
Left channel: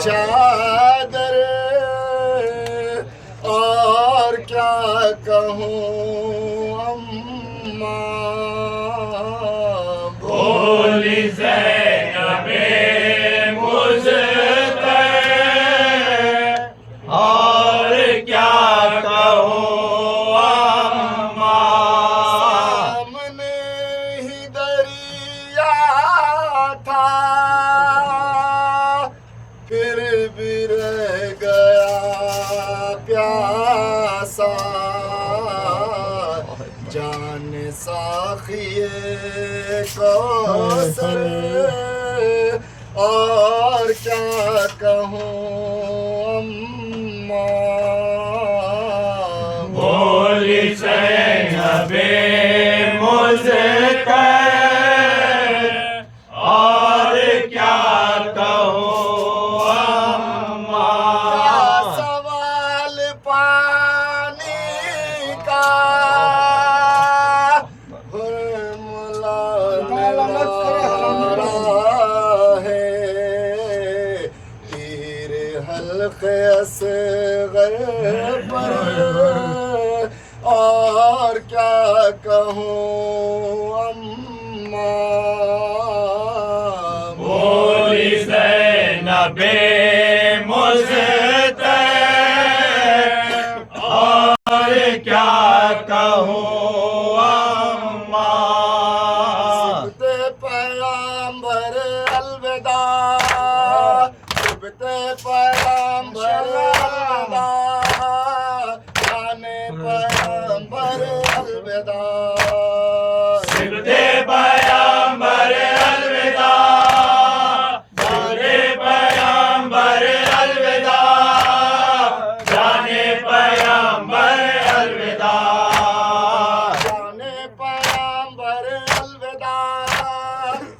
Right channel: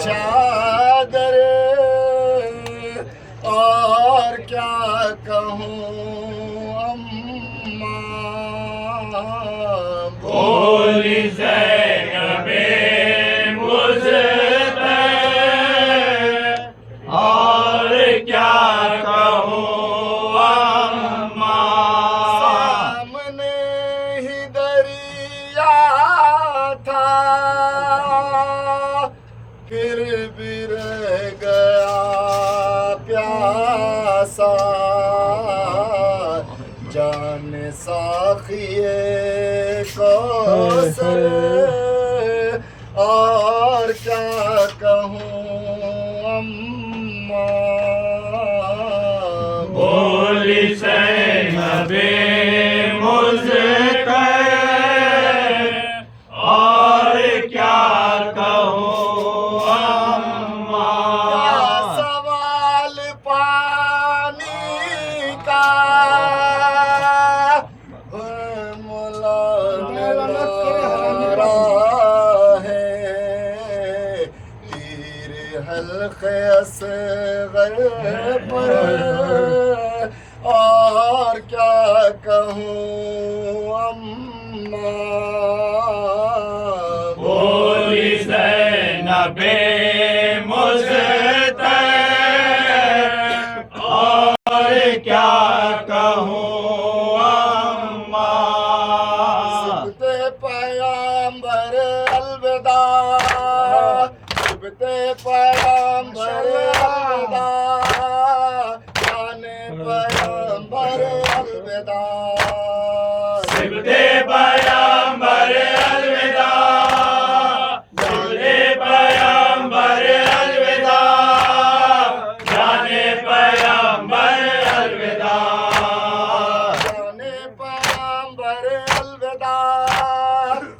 चादर और क्या कहूँ अम्मा। बोली ज़ैनबे मुझको क्या कहूँ अम्मा। सामने ही दरिया था, फिर भी रह गया प्यासा। जान साखिए कौसर, और क्या कहूँ अम्मा। बोली ज़ैनबे मुज़्तफ़ा, और क्या कहूँ अम्मा। क्या सवाल पानी का, हल्के असग़र पर, और क्या कहूँ अम्मा। बोली ज़ैनबे मुज़्तफ़ा, और क्या कहूँ अम्मा। सिबते पैगंबर अलविदा, सिबते पैगंबर अलविदा, जाने पैगंबर अलविदा। सिबते पैगंबर अलविदा, जाने पैगंबर अलविदा, जाने पैगंबर अलविदा। जाने पैगंबर अलविदा,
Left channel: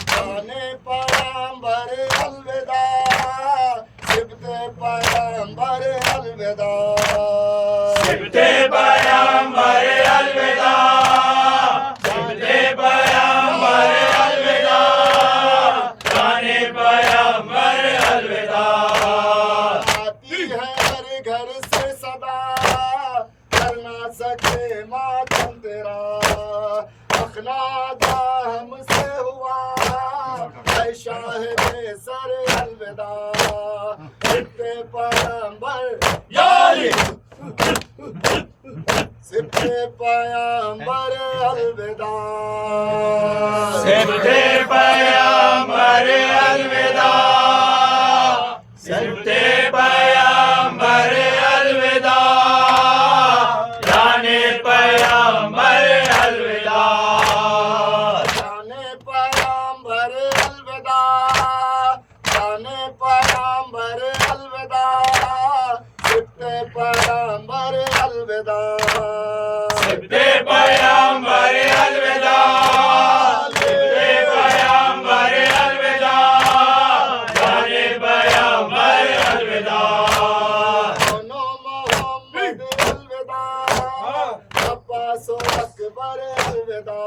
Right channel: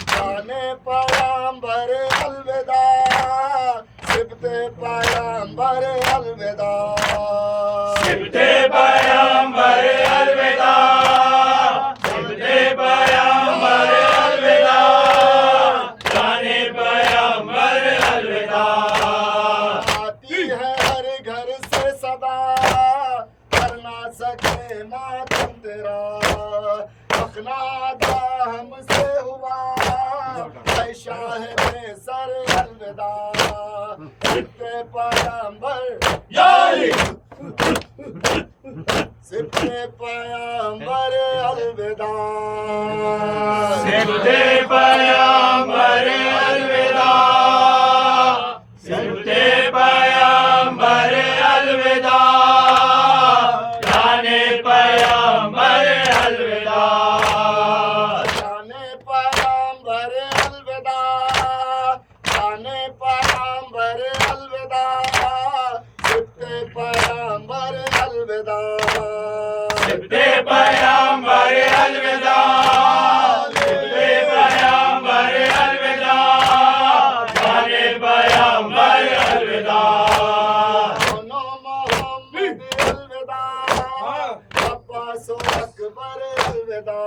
जाने पैगंबर अलविदा, सिबते पैगंबर अलविदा। सिबते पैगंबर अलविदा, सिबते पैगंबर अलविदा, जाने पैगंबर अलविदा। आती है हर घर से सदा, कर ना सके मातम तेरा। अखनादा हमसे हुआ, ऐ शाहिद सर अलविदा। सिबते पैगंबर याली सिबते पैगंबर अलविदा। सिबते पैगंबर अलविदा, सिबते पैगंबर अलविदा, जाने पैगंबर अलविदा। जाने पैगंबर अलविदा, जाने पैगंबर अलविदा, सिबते पैगंबर अलविदा। सिबते पैगंबर अलविदा, सिबते पैगंबर अलविदा, जाने पैगंबर अलविदा। दोनों मोहम्मद अलविदा, अब्बास अकबर अलविदा,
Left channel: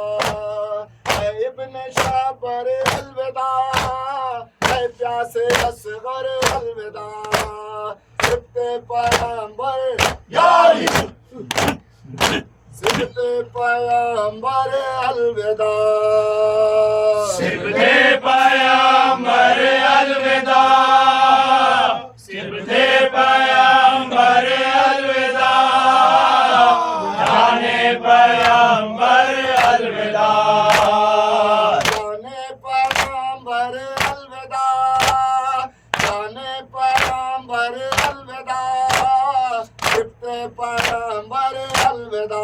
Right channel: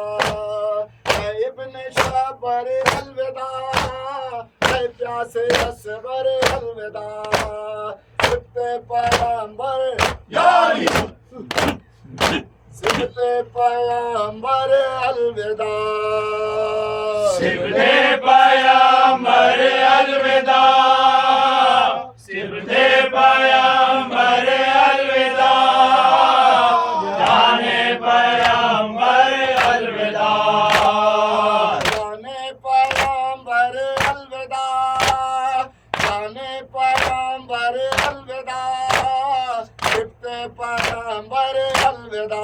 इब्न शाबर अलविदा, प्यासे असगर अलविदा। सिबते पैगंबर याली सिबते पैगंबर अलविदा। सिबते पैगंबर अलविदा, सिबते पैगंबर अलविदा, जाने पैगंबर अलविदा। जाने पैगंबर अलविदा, जाने पैगंबर अलविदा, सिबते पैगंबर अलविदा।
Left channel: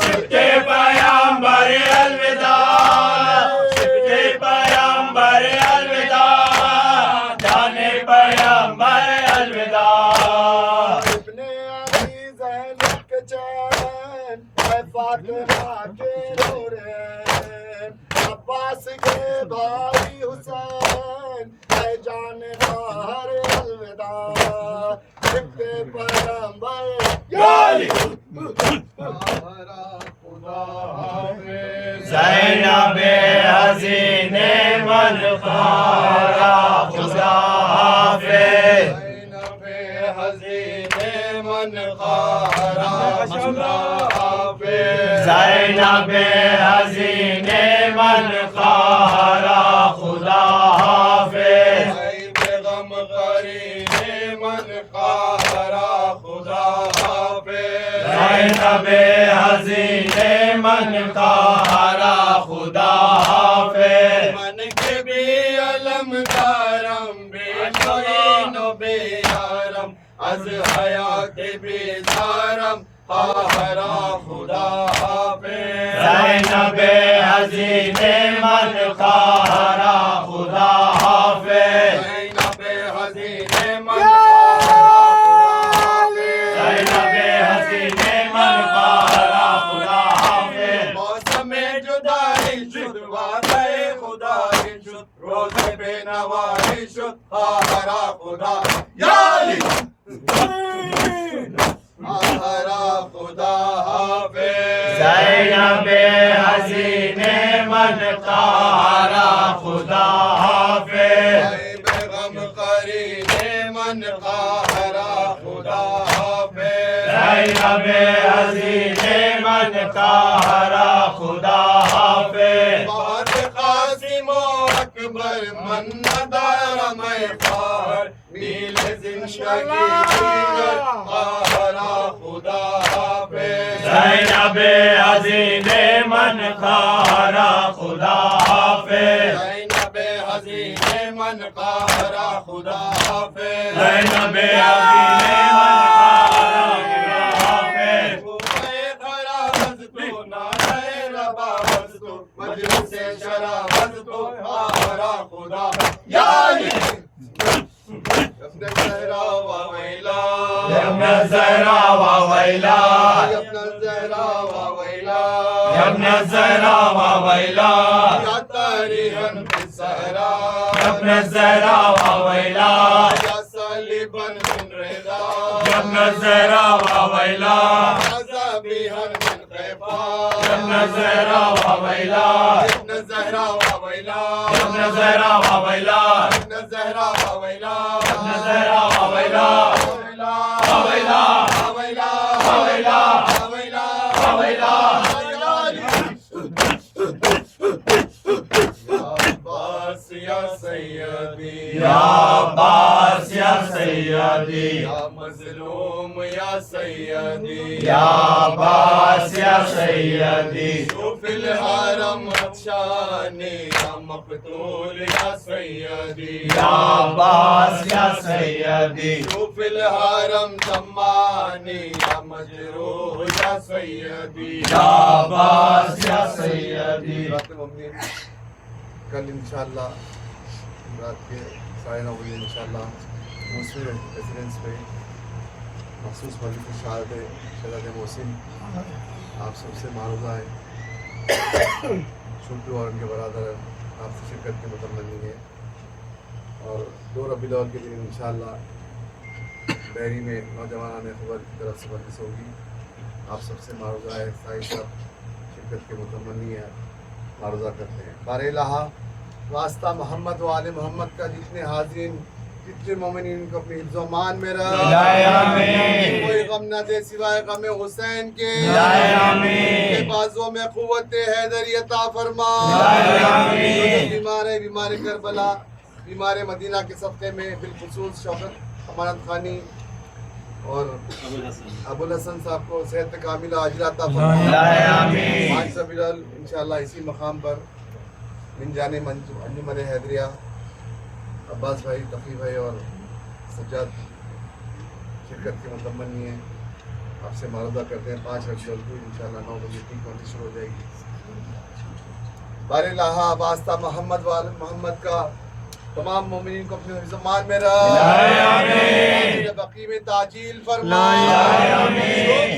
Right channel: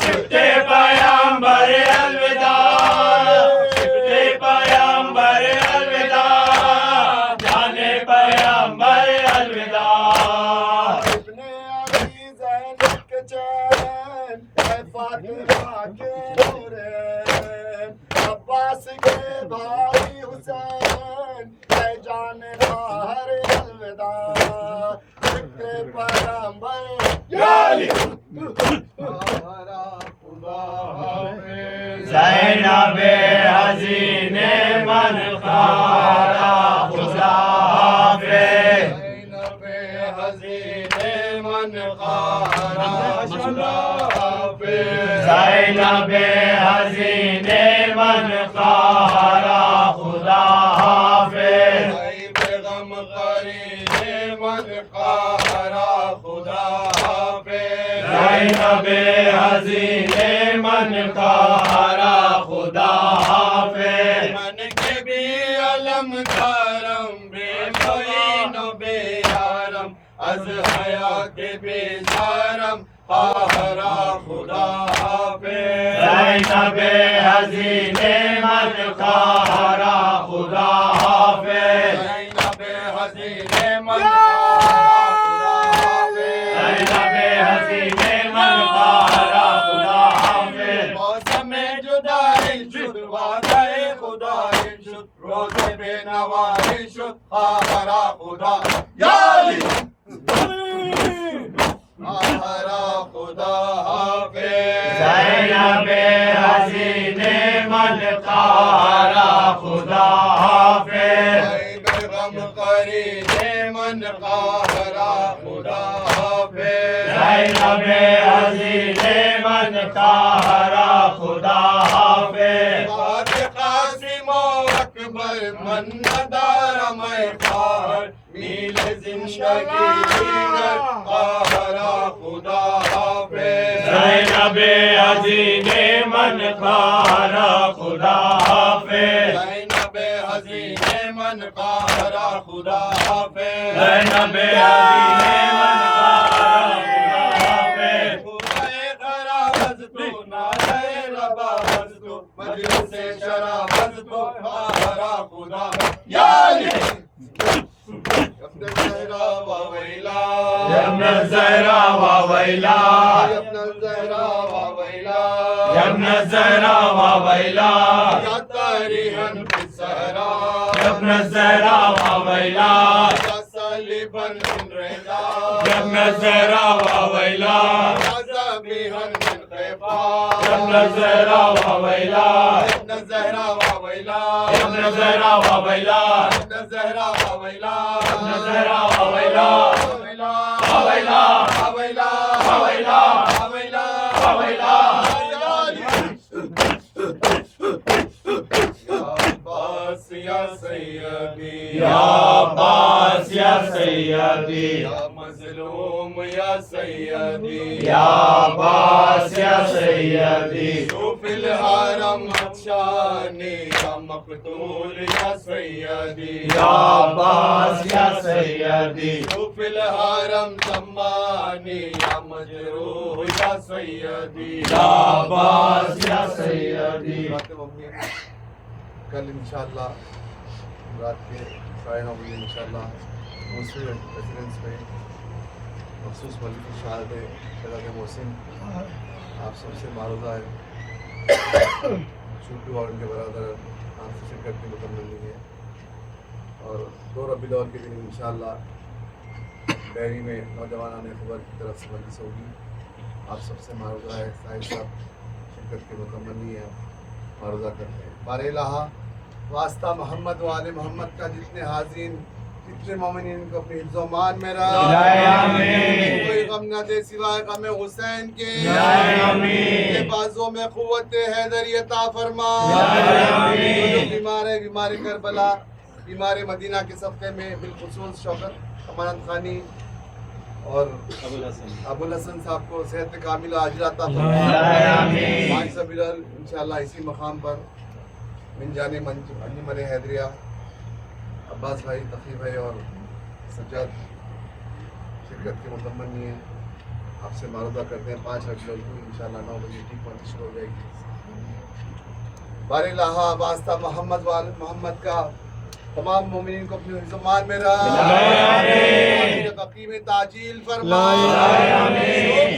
सिबते पैगंबर अलविदा, सिबते पैगंबर अलविदा, जाने पैगंबर अलविदा। इब्ने अली ज़ैनब के चैन, ऐ फातिमा के नूरैन, अब्बास के भाई हुसैन, ऐ जाने बाहर अलविदा। सिबते पैगंबर याली ज़ैनबे हज़ीने मन खारा खुदा हाफ़िज़। ज़ैनबे हज़ीने मन खारा खुदा हाफ़िज़। ज़ैनबे हज़ीने मन खारा खुदा हाफ़िज़। बेगम करीने मन खारा खुदा ज़ैनबे हसीने मन का हरा खुदा हाफिज़ मन के भी अलम करम बेमोइन बेयारम अज हयात बेजारम हरा खुदा हाफिज़ ज़ैनबे हसीने मन का हरा खुदा हाफिज़ ज़ैनबे हसीने मन का रोज़े बेनवाई शुद हरा खुदा याली हरा खुदा हाफिज़ ज़ैनबे हसीने मन का हरा खुदा हाफिज़ बेगम करीने मन का हरा खुदा हाफिज़ ज़ैनबे हसीने मन का हरा खुदा हाफिज़ अकबर मन्नदार मैं खार मील जिंदगी हरा खुदा हाफिज़ ज़ैनबे हसीने मन का हरा खुदा हाफिज़ ज़ैनबे हसीने मन का हरा खुदा हाफिज़ ज़ैनबे हसीने से शराबत तो हरा खुदा याली अपने ज़हरा व वैला अपने ज़हरा व वैला अपने ज़हरा व वैला अपने ज़हरा व वैला या तारीहन बिसहरा अपने ज़हरा व वैला या सालिबन बिन रेदा अपने ज़हरा व वैला ज़बीहन बिन खैफा अपने ज़हरा व वैला ज़हरा व वैला अपने ज़हरा व वैला अपने ज़हरा व वैला अपने ज़हरा व वैला वैला वैला वैला वैला वैला वैला या सैयदी या अब्बास या सैयदी या मज़लूम या सैयदी या अब्बास या सैयदी फिल हरम शानी या मक़तूल या सैयदी या अब्बास या सैयदी फिल हरम ज़मानी या मजरूह या सैयदी या अब्बास या सैयदी कल इंशाल्लाह रात के 9:30 बजे इंशाल्लाह मुस्लिम रेसिडेंस में मखसूस मजलिस शहादत शहज़ाद मोहसिन आप सबसे मारूदा है छोटू और उनके बरादर आपसे शिरकत की मुतमन्नी है और 2 रबीउल अव्वल के दिन इंशाल्लाह बैरी में नौजवान खबर की तरफ से मजलिस होगी। आप सबसे मारूदा है साहिब साहब शिरकत की मुतमन्नी है मारूदा करते हैं। बारह वास्ता मोहम्मद वाले मोहम्मद का जितने हाजिरीन जितने मोमिनीन को अपनी हिफ्ज़-ओ-मान में रख, कोई गम न दे सिवाय गम हुसैन के, बाजों में क़ुव्वत हैदरी अता फरमा। बीमार है बीमार करबला बीमार मदीना के सदक़े में बिलखुसूस शौकत अमानत खानी और अबुल हसन साहब को सेहत कामिला आजिला अता फरमा। इंशाअल्लाह इसी मकाम पर मिन जाने अंजुमन हैदरिया अब्बास भाई तक़ी भाई और सज्जाद शिरकत की मुतमन्नी है। आपसे मारूदा करते हैं 5 रबीउल अव्वल इंशाअल्लाह 9 बजे ठीक होनी शुरू हो जाएगी। बारे लाहा वास्ता मोहम्मद वाले मोहम्मद का तमाम मोमिनीन को अपने ज़मान में रख, बकी में ताजील फरमा।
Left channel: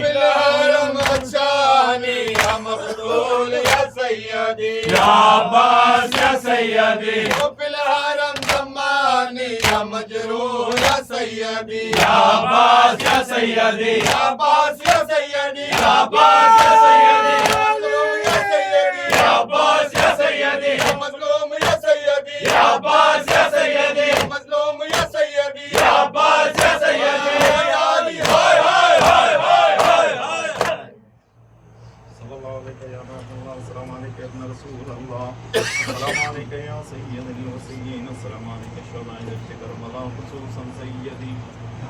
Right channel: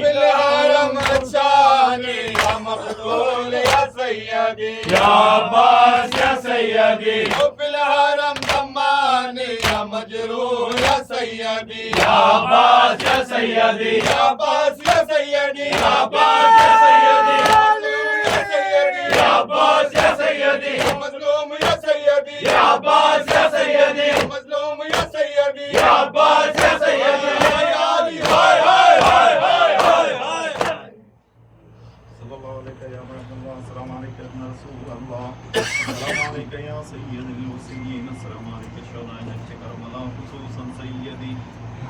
फिल हरम शानी या मक़तूल या सैयदी या अब्बास या सैयदी फिल हरम ज़मानी या मजरूह या सैयदी या अब्बास या सैयदी या अब्बास या सैयदी या अब्बास या सैयदी या अब्बास या सैयदी या मज़लूम या सैयदी या अब्बास या सैयदी मज़लूम या सैयदी या अब्बास या सैयदी हाय हाय हाय हाय हाय हाय सल्लल्लाहु अलैहि या नबी अस्सलाम वालेकुम या रसूल अल्लाह अस्सलाम वालेकुम या सय्यदल मुरसलीन अस्सलाम वालेकुम शौनाए करबला खुसूसन सय्यदी